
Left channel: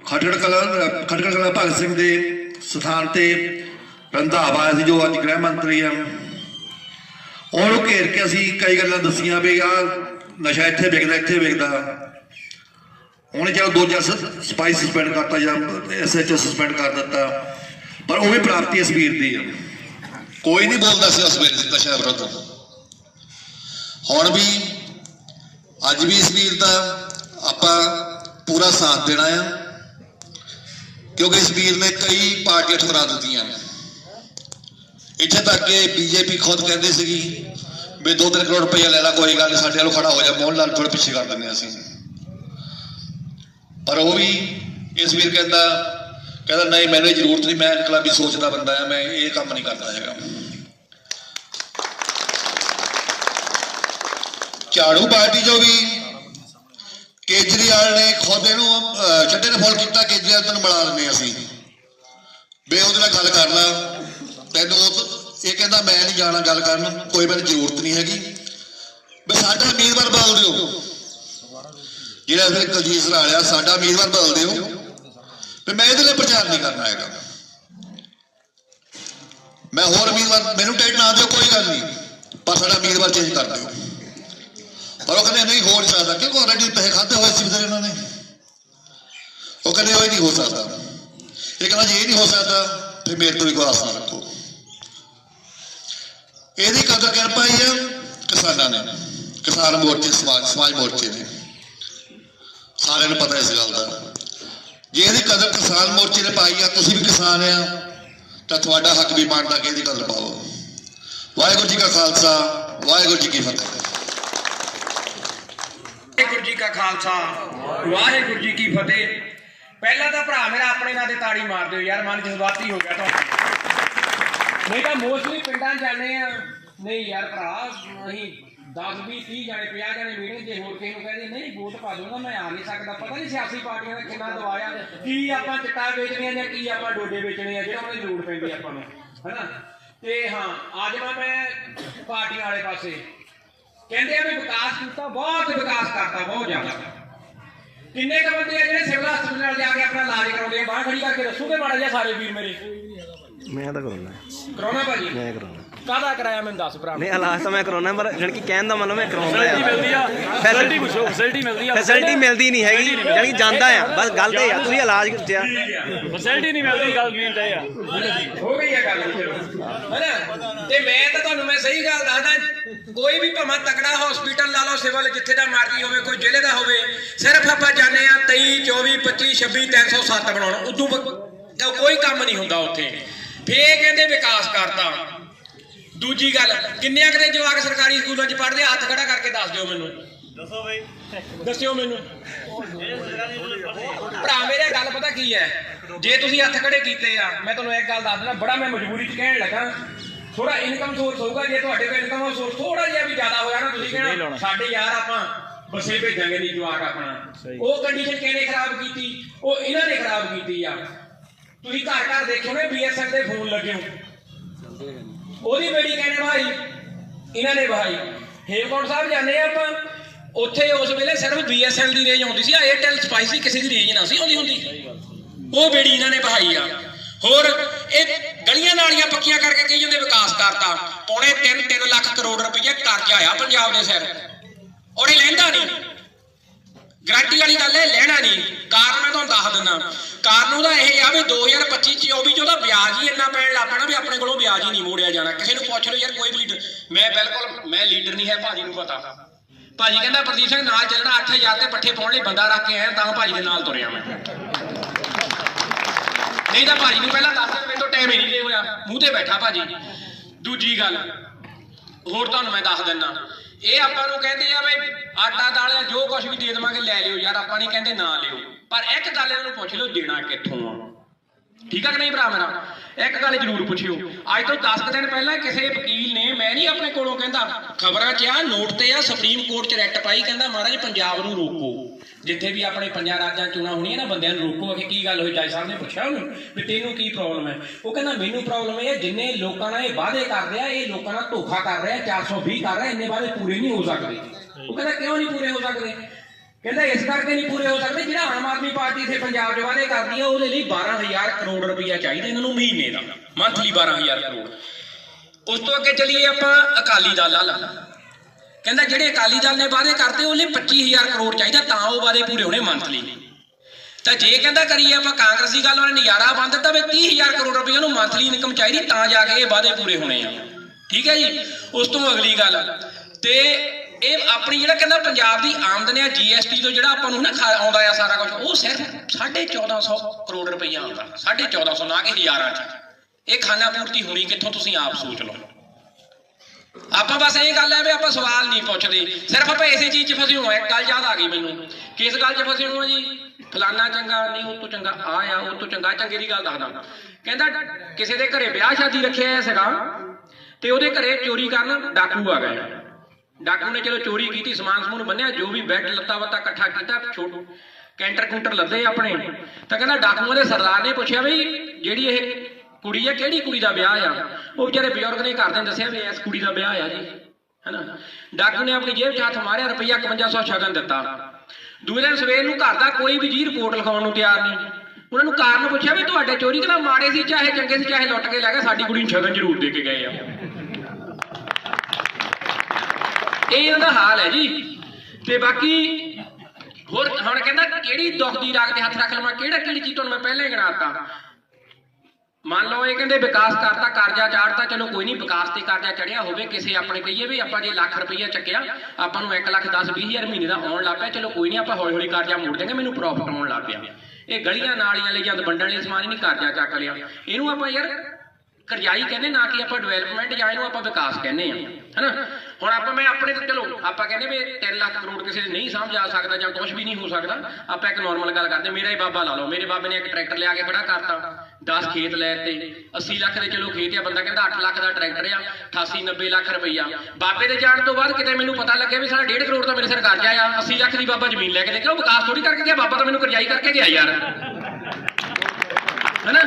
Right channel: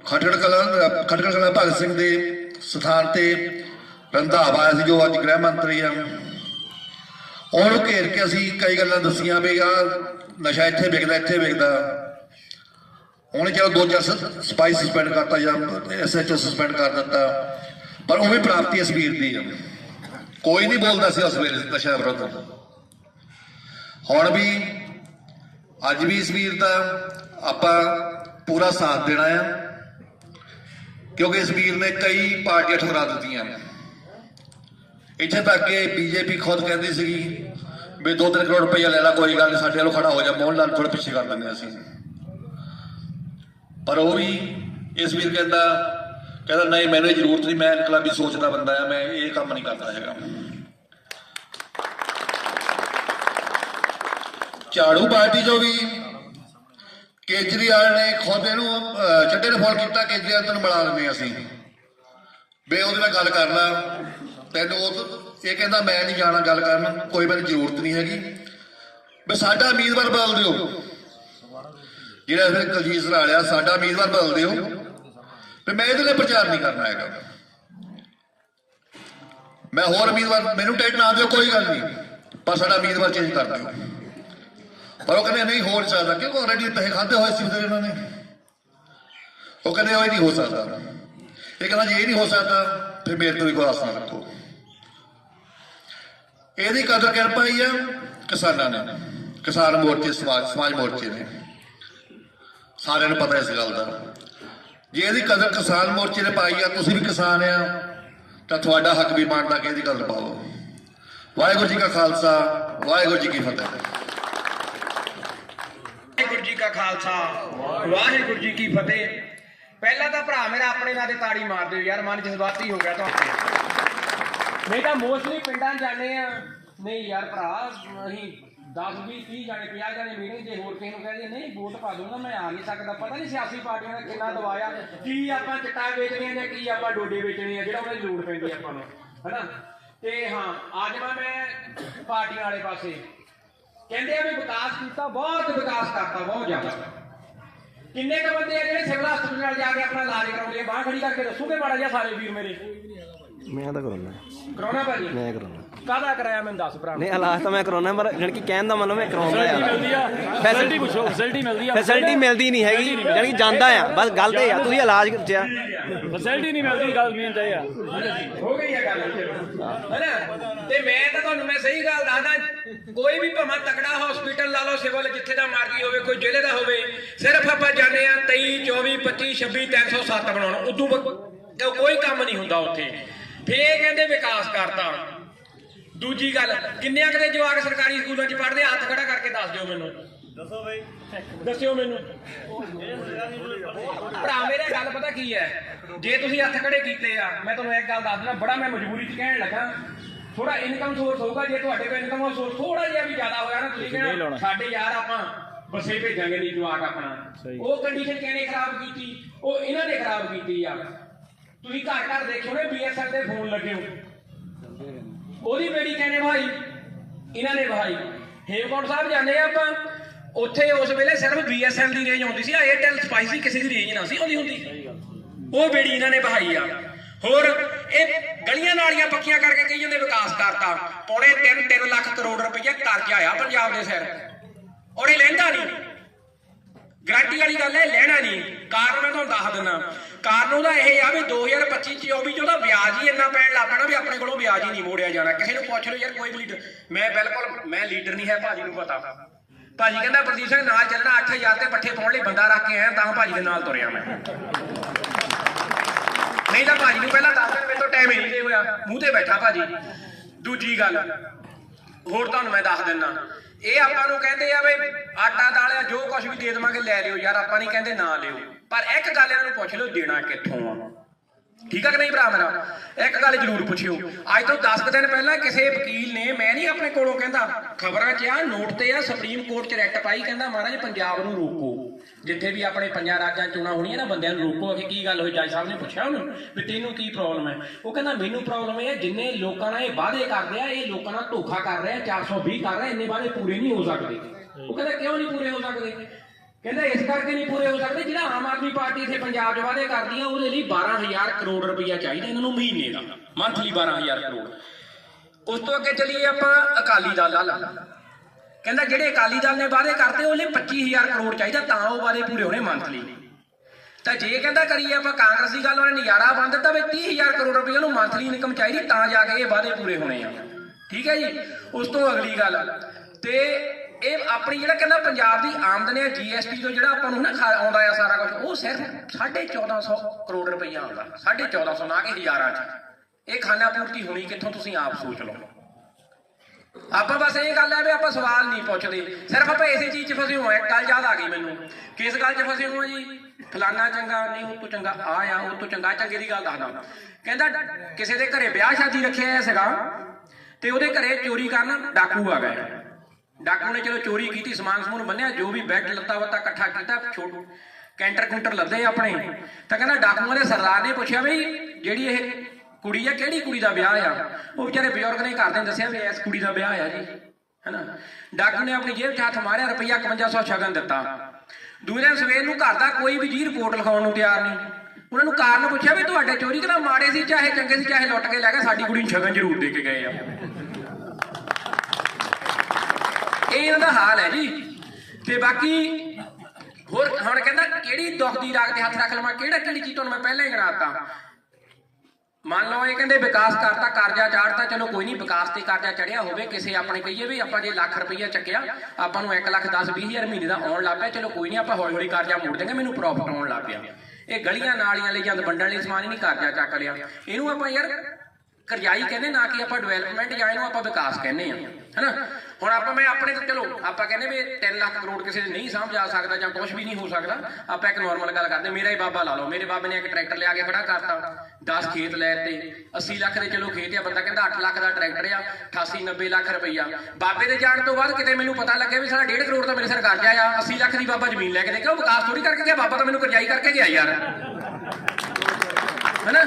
ਖਟਖੜ ਕਲਾਂ ਭਗਤ ਸਿੰਘ ਦੇ ਸਥਾਨ ਤੇ ਰੰਧਾਵਾ ਆਇਆ ਸੀ ਜੋ ਅੱਜ ਗ੍ਰਹਿ ਮੰਤਰੀ ਆ, ਉਹਨੂੰ ਘੇਰ ਕੇ ਅਸੀਂ ਕਈ ਗੱਲਾਂ ਦੱਸੀਆਂ ਵੀ ਆ ਨਸ਼ਾ ਇੱਥੇ ਵਿਕਦਾ, ਇੱਥੇ ਵਿਕਦਾ। ਹੁਣ ਚਲੋ 2 ਸਿਪਾਹੀ ਸਸਪੈਂਡ ਕਰਤਾ ਜਾਂ SHO ਸਸਪੈਂਡ ਕਰ ਦਿੱਤਾ, ਪਰ ਉਹ ਵੀ ਪ੍ਰਾਪਤੀ ਇਸ ਵੀਰ ਦੀ ਆ। ਕੋਈ ਨਹੀਂ ਬੋਲਦਾ ਸੀ ਉਸ ਵੇਲੇ ਨਸ਼ਾ ਵਿਰੁੱਧ। ਹੁਣ ਵੀ ਅੱਜ ਵੀ ਇਸ ਵੀਰ ਦਾ ਆਪਾਂ ਪੂਰਾ ਸਾਥ ਦੇਣਾ ਆ, ਕਿਉਂਕਿ ਇਸ ਵੀਰ ਨੇ ਕਈ ਪਾਰਟੀਆਂ ਠੁਕਰਾ ਦਿੱਤੀਆਂ। ਇੱਥੇ ਤੱਕ ਕਿ BJP ਖੁਦ ਕਹਿੰਦੀ ਸੀਗੀ ਵੀ 2-3 ਕਰੋੜ ਰੁਪਈਆ ਲੈ ਲਾ, ਕੋਈ ਗੱਲ ਨਹੀਂ, ਸਾਡੇ ਵੱਲੋਂ ਖੜਾ ਹੋ ਜਾ, ਮੋਹਨ ਲਾਲ ਥੋੜੇ ਪਿੱਛੇ ਕਰ ਦਿੰਦੇ ਅਸੀਂ। ਪਰ ਉਹ ਵੀ ਇਸ ਵੀਰ ਕਹਿੰਦਾ ਨਹੀਂ, ਮੈਨੂੰ ਜ਼ਰੂਰਤ ਨਹੀਂ, ਮੈਂ ਇਨਕਲਾਬੀ ਸੋਚ ਦਾ ਬੰਦਾ ਆ, ਮੈਂ ਇਹ ਕੰਮ ਨਹੀਂ ਕਰਦਾ ਹੈਗਾ। ਝਾੜੂ ਪਾਰਟੀ ਜੋ ਵੀ ਕੇਜਰੀਵਾਲ ਨੇ ਖੁਦ ਇਹਨੂੰ ਚੱਡੇ ਨੂੰ ਫੋਨ ਕੀਤਾ, ਕੇਜਰੀਵਾਲ ਤੈਨੂੰ ਮਿਲਾ ਦਿੰਦੇ ਅਸੀਂ ਵੀ ਉਹਦੇ ਨਾਲ ਗੱਲ ਕਰ ਲਾ, ਤੈਨੂੰ ਇਹ ਕਹਿੰਦਾ ਮੈਂ ਨਹੀਂ ਜਾਣਾ ਗੱਲ ਕਰਨ, ਕੋਈ ਮੈਨੂੰ ਜ਼ਰੂਰਤ ਨਹੀਂ ਹੈਗੀ ਵੀ ਸਾਡਾ ਉਮੀਦਵਾਰ ਬਦਲ ਦਿਓ। ਜਿਹੜਾ ਫਿਰ ਕੁਲਜੀਤ ਸਰਾੜਿਆ ਸਾਡਾ ਉਮੀਦਵਾਰ ਬਦਲ ਦਿਓ ਤੇ ਮੈਂ ਇਹਦੇ ਲਈ ਪ੍ਰਚਾਰ ਨਹੀਂ ਕਰਨਾ ਹੈਗਾ। ਮੈਂ ਹੋਰ ਉਮੀਦਵਾਰ ਮੈਨੂੰ ਟਿਕਟ ਨਾ ਦਿਓ ਕੋਈ ਗੱਲ ਨਹੀਂ, ਪਰ ਸਾਡਾ ਉਮੀਦਵਾਰ ਚੇਂਜ ਕਰ ਦਿਓ। ਪਰ ਉਹ ਕਹਿੰਦੇ ਨਹੀਂ ਹੋ ਨਹੀਂ ਸਕਦਾ, ਕਿਉਂਕਿ ਆਲਰੇਡੀ ਪੈਸੇ ਖਾਧੇ ਹੋਏ ਸੀ ਫਿਰ ਇਹਨਾਂ ਨੇ। ਉਹ ਕਹਿੰਦੇ ਉਹ ਨਹੀਂ ਹੋ ਸਕਦਾ। ਇਹ ਕਹਿੰਦਾ ਜੇ ਇਹ ਨਹੀਂ ਹੋ ਸਕਦਾ ਫਿਰ ਮੇਰੇ ਤੋਂ ਵੀ ਕੋਈ ਆਸ ਨਾ ਰੱਖੋ। ਇਹਦੀ ਕਦਰ ਕਰ ਪਾਈ ਆ ਕਿਸਾਨਾਂ ਨੇ, ਕਿਸਾਨ ਮੋਰਚੇ, ਸਮਾਜ ਮੋਰਚੇ ਨੇ, ਸਾਰਿਆਂ ਨੂੰ ਪਤਾ ਇਸ ਗੱਲ ਦਾ। ਜੇ ਇਹਦੀ ਕਦਰ ਕਿਸਾਨ ਮੋਰਚੇ ਨੇ ਪਾਈ ਆ, ਤੁਸੀਂ ਵੀ ਕਿਸਾਨ ਆ ਤਾਂ ਤੁਹਾਡਾ ਹੱਕ ਵੀ ਬਣਦਾ ਕਿ ਇਹਦੀ ਕਦਰ ਪਾਓ। ਵਾਹਿਗੁਰੂ ਜੀ ਕਾ ਖਾਲਸਾ, ਵਾਹਿਗੁਰੂ ਜੀ ਕੀ ਫਤਿਹ। ਵਾਹਿਗੁਰੂ ਜੀ ਕਾ ਖਾਲਸਾ, ਵਾਹਿਗੁਰੂ ਜੀ ਕੀ ਫਤਿਹ। ਪਹਿਲਾਂ ਤਾਂ ਭਰਾ ਮੇਰਾ ਆਪਣੇ ਨਾਂ ਤੇ ਤਾੜੀ ਮਾਰ ਦਿਓ ਯਾਰ, ਮਨ ਜਜ਼ਬਾਤੀ ਹੋ ਗਿਆ ਤੁਹਾਨੂੰ। ਨਹੀਂ ਤਾਂ ਮੋਸਟਲੀ ਪਿੰਡਾਂ 'ਚ ਜਾਂਦੇ ਆ, ਨਹੀਂ ਯਾਰ ਭਰਾ ਅਸੀਂ 10, 20, 30 ਜਾਣੇ 50 ਜਾਣੇ ਮੀਟਿੰਗ ਜੇ ਹੋਰ ਕਿਸੇ ਨੂੰ ਕਹਿੰਦੇ ਨਹੀਂ ਵੋਟ ਪਾ ਦੂੰਗਾ ਮੈਂ ਆ ਨਹੀਂ ਸਕਦਾ। ਪਤਾ ਨਹੀਂ ਸਿਆਸੀ ਪਾਰਟੀਆਂ ਦਾ ਕਿੰਨਾ ਦਵਾਇਆ, ਕੀ ਆਪਾਂ ਚਿੱਟਾ ਵੇਚਦੇ ਆ ਜਾਂ ਕੀ ਆਪਾਂ ਡੋਡੇ ਵੇਚਣੇ ਆ, ਜਿਹੜਾ ਉਹਨਾਂ ਦੀ ਲੋੜ ਪੈਂਦੀ ਆਪਾਂ ਨੂੰ, ਹਨਾ। ਤੇ ਹਾਂ ਅੱਜ ਮੈਂ ਪਾਰਟੀਆਂ ਵਾਲੇ ਪਾਸੇ ਕਹਿੰਦੇ ਆ ਵੀ ਵਿਕਾਸ ਕੀਤਾ, ਬਹੁਤ ਵਿਕਾਸ ਕਰਤਾ, ਬਹੁਤ ਜ਼ਿਆਦਾ। ਕਿੰਨੇ ਕੁ ਬੰਦੇ ਆ ਜਿਹੜੇ ਸਿਵਲ ਹਸਪਤਾਲ ਜਾ ਕੇ ਆਪਣਾ ਇਲਾਜ ਕਰਾਉਂਦੇ ਆ? ਬਾਹਰ ਖੜੀ ਕਰਕੇ ਦੱਸੂਗੇ ਮਾੜਾ ਜਿਹਾ ਸਾਰੇ ਵੀਰ ਮੇਰੇ। ਮੈਂ ਤਾਂ ਕਰਾਉਣਾ ਭਾਜੀ ਮੈਂ ਕਰਾਉਣਾ। ਕਾਹਦਾ ਕਰਾਇਆ ਮੈਨੂੰ ਦੱਸ ਭਰਾ। ਨਹੀਂ ਇਲਾਜ ਤਾਂ ਮੈਂ ਕਰਾਉਣਾ, ਪਰ ਜਾਣੀ ਕਿ ਕਹਿਣ ਦਾ ਮਤਲਬ ਮੈਂ ਕਰਾਉਂਦਾ ਆ। ਫੈਸਿਲਿਟੀ ਮਿਲਦੀ ਨਹੀਂ ਹੈਗੀ, ਜਾਣੀ ਜਾਂਦਾ ਆ, ਬਸ ਗੱਲ ਤੇ ਆ ਤੁਸੀਂ ਇਲਾਜ ਕਿੱਥਿਆ ਫੈਸਿਲਿਟੀ ਨਹੀਂ ਮਿਲਦੀ, ਗੱਲ ਮੇਨ ਤੇ ਆ। ਹੋ ਗਈ ਆ ਗੱਲ, ਹੈਨਾ। ਤੇ ਮੈਂ ਤਾਂ ਤੁਹਾਨੂੰ ਮੈਂ ਸਹੀ ਗੱਲ ਦੱਸਦਾ, ਕੋਈ ਵੀ ਭਾਵੇਂ ਤਕੜਾ ਹਸਪੀਟਲ ਲਾ ਲਓ, ਸਿਵਲ ਜਿੱਥੇ ਦਾ ਮਰਜ਼ੀ ਹੋਵੇ, ਕੋਈ ਜ਼ਿਲ੍ਹੇ ਦਾ ਹੋਵੇ, ਸਿਰਫ ਆਪਾਂ ਜਾਂਦੇ ਆ 23, 24, 25, 26, 307 ਬਣਾਉਣ, ਉਦੋਂ ਕੋਈ ਕੰਮ ਨਹੀਂ ਹੁੰਦਾ ਉੱਥੇ। ਫੇਰ ਕਹਿੰਦੇ ਵਿਕਾਸ ਕਰਤਾ। ਦੂਜੀ ਗੱਲ, ਕਿੰਨਿਆਂ ਕਿਤੇ ਜਵਾਕ ਸਰਕਾਰੀ ਸਕੂਲਾਂ 'ਚ ਪੜ੍ਹਦੇ ਹੱਥ ਖੜਾ ਕਰਕੇ ਦੱਸ ਦਿਓ ਮੈਨੂੰ, ਦੱਸਿਓ ਮੈਨੂੰ ਭਰਾ ਮੇਰੇ। ਗੱਲ ਪਤਾ ਕੀ ਹੈ, ਜੇ ਤੁਸੀਂ ਹੱਥ ਖੜੇ ਕੀਤੇ ਆ, ਮੈਂ ਤੁਹਾਨੂੰ ਇੱਕ ਗੱਲ ਦੱਸ ਦਿੰਦਾ, ਬੜਾ ਮੈਂ ਮਜਬੂਰੀ 'ਚ ਕਹਿਣ ਲੱਗਾ, ਥੋੜਾ ਇਨਕਮ ਸੋਰਸ ਹੋਊਗਾ। ਜੇ ਤੁਹਾਡੇ ਕੋਲ ਇਨਕਮ ਸੋਰਸ ਥੋੜਾ ਜਿਹਾ ਵੀ ਜ਼ਿਆਦਾ ਹੋਇਆ ਨਾ, ਤੁਸੀਂ ਕਹਿਣਾ ਸਾਡੇ ਯਾਰ ਆਪਾਂ ਬੱਸੇ ਭੇਜਾਂਗੇ ਨਹੀਂ ਜਵਾਕ ਆਪਣਾ। ਉਹ ਕੰਡੀਸ਼ਨ ਕਿਹਨੇ ਖਰਾਬ ਕੀਤੀ? ਉਹ ਇਹਨਾਂ ਨੇ ਖਰਾਬ ਕੀਤੀ ਆ। ਤੁਸੀਂ ਘਰ ਘਰ ਦੇਖਿਓ ਨਾ BSNL ਦੇ ਫੋਨ ਲੱਗੇ ਹੋ, ਉਹਦੀ ਬੇੜੀ ਕਹਿੰਦੇ ਭਾਈ ਇਹਨਾਂ ਨੇ ਭਾਈ। ਹੇਮਕੁੰਟ ਸਾਹਿਬ ਜਾਂਦੇ ਆ ਆਪਾਂ, ਉੱਥੇ ਉਸ ਵੇਲੇ ਸਿਰਫ BSNL ਦੀ ਰੇਂਜ ਆਉਂਦੀ ਸੀ, ਏਅਰਟੈਲ ਸਪਾਈਸ ਦੀ ਕਿਸੇ ਦੀ ਰੇਂਜ ਨਾ ਸੀ ਆਉਂਦੀ ਹੁੰਦੀ। ਉਹ ਬੇੜੀ ਇਹਨਾਂ ਨੇ ਬਹਾਈ ਆ। ਹੋਰ ਇਹ ਗਲੀਆਂ ਨਾਲੀਆਂ ਪੱਕੀਆਂ ਕਰਕੇ ਕਈ ਜਾਂਦੇ ਵਿਕਾਸ ਕਰਤਾ। ਪੌਣੇ 3 ਲੱਖ ਕਰੋੜ ਰੁਪਈਆ ਕਰਜ਼ਾ ਆ ਪੰਜਾਬ ਦੇ ਸਿਰ, ਔਰ ਇਹ ਲੈਂਦਾ ਨਹੀਂ। ਗਰੰਟੀ ਵਾਲੀ ਗੱਲ ਹੈ, ਲੈਣਾ ਨਹੀਂ। ਕਾਰਨ ਮੈਂ ਤੁਹਾਨੂੰ ਦੱਸ ਦਿੰਦਾ, ਕਾਰਨ ਉਹਦਾ ਇਹ ਆ ਵੀ 2025-24 ਚ ਉਹਦਾ ਵਿਆਜ ਹੀ ਇੰਨਾ ਪੈਣ ਲੱਗ ਪੈਣਾ ਵੀ ਆਪਣੇ ਕੋਲੋਂ ਵਿਆਜ ਹੀ ਨਹੀਂ ਮੋੜਿਆ ਜਾਣਾ। ਕਿਸੇ ਨੂੰ ਪੁੱਛ ਲਓ ਯਾਰ, ਕੋਈ ਵੀ ਲੀਡਰ, ਮੈਂ ਲੀਡਰ ਨਹੀਂ ਹੈ, ਭਾਜੀ ਨੂੰ ਪਤਾ। ਭਾਜੀ ਕਹਿੰਦਾ ਪ੍ਰਦੀਪ ਸਿੰਘ ਨਾਲ ਚੱਲਣਾ, 8000 ਦੇ ਪੱਠੇ ਪਾਉਣ ਲਈ ਬੰਦਾ ਰੱਖ ਕੇ ਆਇਆ, ਤਾਂ ਭਾਜੀ ਦੇ ਨਾਲ ਤੁਰਿਆ ਮੈਂ। ਨਹੀਂ ਤਾਂ ਭਾਜੀ ਨੂੰ ਪਹਿਲਾਂ ਦੱਸ ਦਿਓ, ਮੇਰੇ ਤੋਂ ਟਾਈਮ ਹੀ ਨਹੀਂ ਦੇ ਹੋਇਆ, ਮੂੰਹ ਤੇ ਬੈਠਾ ਭਾਜੀ। ਦੂਜੀ ਗੱਲ ਹੋਰ ਤੁਹਾਨੂੰ ਮੈਂ ਦੱਸ ਦਿੰਦਾ, ਇਹ ਆਪਾਂ ਨੂੰ ਕਹਿੰਦੇ ਆ ਵੀ ਆਟਾ ਦਾਲਿਆ ਜੋ ਕੁਝ ਵੀ ਦੇ ਦੇਵਾਂਗੇ ਲੈ ਲਿਓ ਯਾਰ, ਆਪਾਂ ਨਹੀਂ ਕਹਿੰਦੇ ਨਾ ਲਿਓ। ਪਰ ਇੱਕ ਗੱਲ ਇਹਨਾਂ ਨੂੰ ਪੁੱਛ ਲਿਓ, ਦੇਣਾ ਕਿੱਥੋਂ ਆ? ਠੀਕ ਆ ਕਿ ਨਹੀਂ ਭਰਾ ਮੇਰਾ? ਇੱਕ ਗੱਲ ਜ਼ਰੂਰ ਪੁੱਛਿਓ। ਅੱਜ ਤੋਂ 10 ਦਿਨ ਪਹਿਲਾਂ ਕਿਸੇ ਵਕੀਲ ਨੇ, ਮੈਂ ਨਹੀਂ ਆਪਣੇ ਕੋਲੋਂ ਕਹਿੰਦਾ, ਖਬਰਾਂ 'ਚ ਆ, ਨੋਟ ਤੇ ਆ, ਸੁਪਰੀਮ ਕੋਰਟ 'ਚ ਰਿਟ ਪਾਈ, ਕਹਿੰਦਾ ਮਹਾਰਾਜ ਪੰਜਾਬ ਨੂੰ ਰੋਕੋ, ਜਿੱਥੇ ਵੀ ਆਪਣੇ 5 ਰਾਜਾਂ ਚੋਣਾਂ ਹੋਣੀਆਂ ਨਾ, ਬੰਦਿਆਂ ਨੂੰ ਰੋਕੋ। ਕਿ ਕੀ ਗੱਲ ਹੋਈ? ਜੱਜ ਸਾਹਿਬ ਨੇ ਪੁੱਛਿਆ ਉਹਨੂੰ ਵੀ ਤੈਨੂੰ ਕੀ ਪ੍ਰੋਬਲਮ ਹੈ? ਉਹ ਕਹਿੰਦਾ ਮੈਨੂੰ ਪ੍ਰੋਬਲਮ ਇਹ ਹੈ, ਜਿੰਨੇ ਲੋਕਾਂ ਨਾਲ ਇਹ ਵਾਅਦੇ ਕਰਦੇ ਆ, ਇਹ ਲੋਕਾਂ ਨਾਲ ਧੋਖਾ ਕਰ ਰਿਹਾ, 420 ਕਰ ਰਿਹਾ, ਇੰਨੇ ਵਾਅਦੇ ਪੂਰੇ ਨਹੀਂ ਹੋ ਸਕਦੇ। ਉਹ ਕਹਿੰਦਾ ਕਿਉਂ ਨਹੀਂ ਪੂਰੇ ਹੋ ਸਕਦੇ? ਕਹਿੰਦਾ ਇਸ ਕਰਕੇ ਨਹੀਂ ਪੂਰੇ ਹੋ ਸਕਦੇ, ਜਿਹੜਾ ਆਮ ਆਦਮੀ ਪਾਰਟੀ ਇੱਥੇ ਪੰਜਾਬ 'ਚ ਵਾਅਦੇ ਕਰਦੀ ਹੈ, ਉਹਦੇ ਲਈ 12,000 ਕਰੋੜ ਰੁਪਈਆ ਚਾਹੀਦਾ ਇਹਨਾਂ ਨੂੰ ਮਹੀਨੇ ਦਾ, ਮੰਥਲੀ 12,000 ਕਰੋੜ। ਉਸ ਤੋਂ ਅੱਗੇ ਚੱਲੀਏ ਆਪਾਂ ਅਕਾਲੀ ਦਲ ਵੱਲ। ਕਹਿੰਦਾ ਜਿਹੜੇ ਅਕਾਲੀ ਦਲ ਨੇ ਵਾਅਦੇ ਕਰਤੇ, ਉਹ ਲਈ 25,000 ਕਰੋੜ ਚਾਹੀਦਾ, ਤਾਂ ਉਹ ਵਾਅਦੇ ਪੂਰੇ ਹੋਣੇ ਮੰਥਲੀ। ਤਾਂ ਜੇ ਕਹਿੰਦਾ ਕਰੀਏ ਆਪਾਂ ਕਾਂਗਰਸ ਦੀ ਗੱਲ, ਉਹਨੇ ਨਜ਼ਾਰਾ ਬੰਦ ਦਿੱਤਾ ਵੀ 30,000 ਕਰੋੜ ਰੁਪਏ ਉਹਨੂੰ ਮੰਥਲੀ ਇਨਕਮ ਚਾਹੀਦੀ, ਤਾਂ ਜਾ ਕੇ ਇਹ ਵਾਅਦੇ ਪੂਰੇ ਹੋਣੇ ਆ। ਠੀਕ ਹੈ ਜੀ। ਉਸ ਤੋਂ ਅਗਲੀ ਗੱਲ, ਤੇ ਇਹ ਆਪਣੀ ਜਿਹੜਾ ਕਹਿੰਦਾ ਪੰਜਾਬ ਦੀ ਆਮਦਨ ਆ GST ਤੋਂ ਜਿਹੜਾ ਆਪਾਂ ਨੂੰ ਨਾ ਆਉਂਦਾ ਆ ਸਾਰਾ ਕੁਝ, ਉਹ ਸਿਰਫ 1450 ਕਰੋੜ ਰੁਪਈਆ ਆਉਂਦਾ। 1450, ਨਾ ਕਿ ਹਜ਼ਾਰਾਂ 'ਚ। ਇਹ ਖਾਨਾ ਪੂਰਤੀ ਹੋਣੀ ਕਿੱਥੋਂ, ਤੁਸੀਂ ਆਪ ਸੋਚ ਲਓ। ਆਪਾਂ ਬਸ ਇਹ ਗੱਲ ਹੈ ਵੀ ਆਪਾਂ ਸਵਾਲ ਨਹੀਂ ਪੁੱਛਦੇ, ਸਿਰਫ ਆਪਾਂ ਇਸੇ ਚੀਜ਼ 'ਚ ਫਸੇ ਹੋਏ। ਇੱਕ ਗੱਲ ਯਾਦ ਆ ਗਈ ਮੈਨੂੰ, ਕਿਸ ਗੱਲ 'ਚ ਫਸੇ ਹੋਏ ਜੀ? ਫਲਾਨਾ ਚੰਗਾ ਨਹੀਂ, ਉਹ ਤੋਂ ਚੰਗਾ ਆ, ਉਹ ਤੋਂ ਚੰਗਾ। ਚੰਗੇ ਦੀ ਗੱਲ ਦੱਸਦਾ, ਕਹਿੰਦਾ ਕਿਸੇ ਦੇ ਘਰੇ ਵਿਆਹ ਸ਼ਾਦੀ ਰੱਖਿਆ ਸੀਗਾ, ਤੇ ਉਹਦੇ ਘਰੇ ਚੋਰੀ ਕਰਨ ਡਾਕੂ ਆ ਗਏ। ਡਾਕੂ ਨੇ ਚਲੋ ਚੋਰੀ ਕੀਤੀ, ਸਮਾਨ ਸਮੂਨ ਬੰਨਿਆ, ਜੋ ਵੀ ਬੈੱਡ ਲੱਤਾ ਵੱਤਾ ਇਕੱਠਾ ਕੀਤਾ, ਕੈਂਟਰ ਕੁੰਟਰ ਲੱਦੇ ਆਪਣੇ। ਤਾਂ ਕਹਿੰਦਾ ਡਾਕੂਆਂ ਦੇ ਸਰਦਾਰ ਨੇ ਪੁੱਛਿਆ ਵੀ ਜਿਹੜੀ ਇਹ ਕੁੜੀ ਆ, ਕਿਹੜੀ ਕੁੜੀ ਦਾ ਵਿਆਹ ਆ? ਉਹ ਵਿਚਾਰੇ ਬਜ਼ੁਰਗ ਨੇ ਘਰ ਦੇ ਦੱਸਿਆ ਵੀ ਇਸ ਕੁੜੀ ਦਾ ਵਿਆਹ ਆ ਜੀ, ਹੈਨਾ। ਡਾਕੂ ਨੇ ਆਪਣੀ ਜੇਬ 'ਚ ਹੱਥ ਮਾਰਿਆ, ਰੁਪਈਆ 5100 ਸ਼ਗਨ ਦਿੱਤਾ। ਦੂਜੇ ਦਿਨ ਸਵੇਰ ਨੂੰ ਘਰ ਦਾ ਕੋਈ ਵੀ ਜੀ ਰਿਪੋਰਟ ਲਿਖਾਉਣ ਨੂੰ ਤਿਆਰ ਨਹੀਂ। ਉਹਨਾਂ ਨੂੰ ਕਾਰਨ ਪੁੱਛਿਆ ਵੀ ਤੁਹਾਡੇ ਚੋਰੀ ਕਹਿੰਦਾ ਮਾੜੇ ਸੀ ਚਾਹੇ ਚੰਗੇ ਸੀ, ਚਾਹੇ ਲੁੱਟ ਕੇ ਲੈ ਗਏ, ਸਾਡੀ ਕੁੜੀ ਨੂੰ ਸ਼ਗਨ ਜ਼ਰੂਰ ਦੇ ਕੇ ਗਏ ਆ। ਇਹ ਇਹਨਾਂ ਦਾ ਹਾਲ ਹੈ ਜੀ। ਤੇ ਬਾਕੀ ਹੋਰ ਹੁਣ ਕਹਿੰਦਾ ਕਿਹੜੀ ਦੁੱਖ ਦੀ ਰਾਗ ਤੇ ਹੱਥ ਰੱਖ ਲਵਾਂ, ਕਿਹੜੀ ਚੀਜ਼ ਤੁਹਾਨੂੰ ਮੈਂ ਪਹਿਲਾਂ ਹੀ ਗਿਣਾਤਾ। ਮੰਨ ਲਓ ਇਹ ਕਹਿੰਦੇ ਵਿਕਾਸ ਕਰਤਾ, ਕਰਜ਼ਾ ਚਾੜਤਾ, ਚਲੋ ਕੋਈ ਨਹੀਂ, ਵਿਕਾਸ ਤੇ ਕਰਜ਼ਾ ਚੜਿਆ ਹੋਵੇ ਕਿਸੇ ਆਪਣੇ ਕਹੀਏ ਵੀ ਆਪਾਂ ਜੇ ਲੱਖ ਰੁਪਈਆ ਚੱਕਿਆ, ਆਪਾਂ ਨੂੰ 1,10,20,000 ਮਹੀਨੇ ਦਾ ਆਉਣ ਲੱਗ ਪਿਆ, ਚਲੋ ਕੋਈ ਨਹੀਂ ਆਪਾਂ ਹੌਲੀ ਹੌਲੀ ਕਰਜ਼ਾ ਮੋੜ ਦੇਂਗੇ, ਮੈਨੂੰ ਪ੍ਰੋਫਿਟ ਆਉਣ ਲੱਗ ਪਿਆ। ਇਹ ਗਲੀਆਂ ਨਾਲੀਆਂ ਲਈ ਜਦ ਵੰਡਣ ਲਈ ਸਮਾਨ ਹੀ ਨਹੀਂ ਕਰਜ਼ਾ ਚੱਕ ਲਿਆ, ਇਹਨੂੰ ਆਪਾਂ ਯਾਰ ਕਰਜ਼ਾਈ ਕਹਿੰਦੇ, ਨਾ ਕਿ ਆਪਾਂ ਡਿਵੈਲਪਮੈਂਟ, ਜਾਂ ਇਹਨੂੰ ਆਪਾਂ ਵਿਕਾਸ ਕਹਿੰਦੇ ਆ, ਹੈਨਾ। ਹੁਣ ਆਪਾਂ ਮੈਂ ਆਪਣੇ ਚਲੋ ਆਪਾਂ ਕਹਿੰਦੇ ਵੀ 3 ਲੱਖ ਕਰੋੜ ਕਿਸੇ ਨੇ ਨਹੀਂ ਸਮਝ ਆ ਸਕਦਾ ਜਾਂ ਕੁਝ ਵੀ ਨਹੀਂ ਹੋ ਸਕਦਾ, ਆਪਾਂ ਇੱਕ ਨੋਰਮਲ ਗੱਲ ਕਰਦੇ। ਮੇਰਾ ਹੀ ਬਾਬਾ ਲਾ ਲਓ, ਮੇਰੇ ਬਾਬੇ ਨੇ ਇੱਕ ਟਰੈਕਟਰ ਲਿਆ ਕੇ ਖੜਾ ਕਰਤਾ, 10 ਖੇਤ ਲੈ ਤੇ 80 ਲੱਖ ਦੇ ਚਲੋ ਖੇਤ ਆ, ਬੰਦਾ ਕਹਿੰਦਾ 8 ਲੱਖ ਦਾ ਟਰੈਕਟਰ ਆ, 88-90 ਲੱਖ ਰੁਪਈਆ। ਬਾਬੇ ਦੇ ਜਾਣ ਤੋਂ ਬਾਅਦ ਕਿਤੇ ਮੈਨੂੰ ਪਤਾ ਲੱਗਿਆ ਵੀ ਸਾਡਾ 1.5 ਕਰੋੜ ਦਾ ਮੇਰੇ ਸਿਰ ਕਰਜ਼ਾ ਆ, 80 ਲੱਖ ਦੀ ਬਾਬਾ ਜ਼ਮੀਨ ਲੈ ਕੇ ਦੇ ਕੇ, ਉਹ ਵਿਕਾਸ ਥੋੜੀ ਕਰਕੇ ਗਿਆ, ਬਾਬਾ ਤਾਂ ਮੈਨੂੰ ਕਰਜ਼ਾਈ ਕਰਕੇ ਗਿਆ ਯਾਰ, ਹੈਨਾ।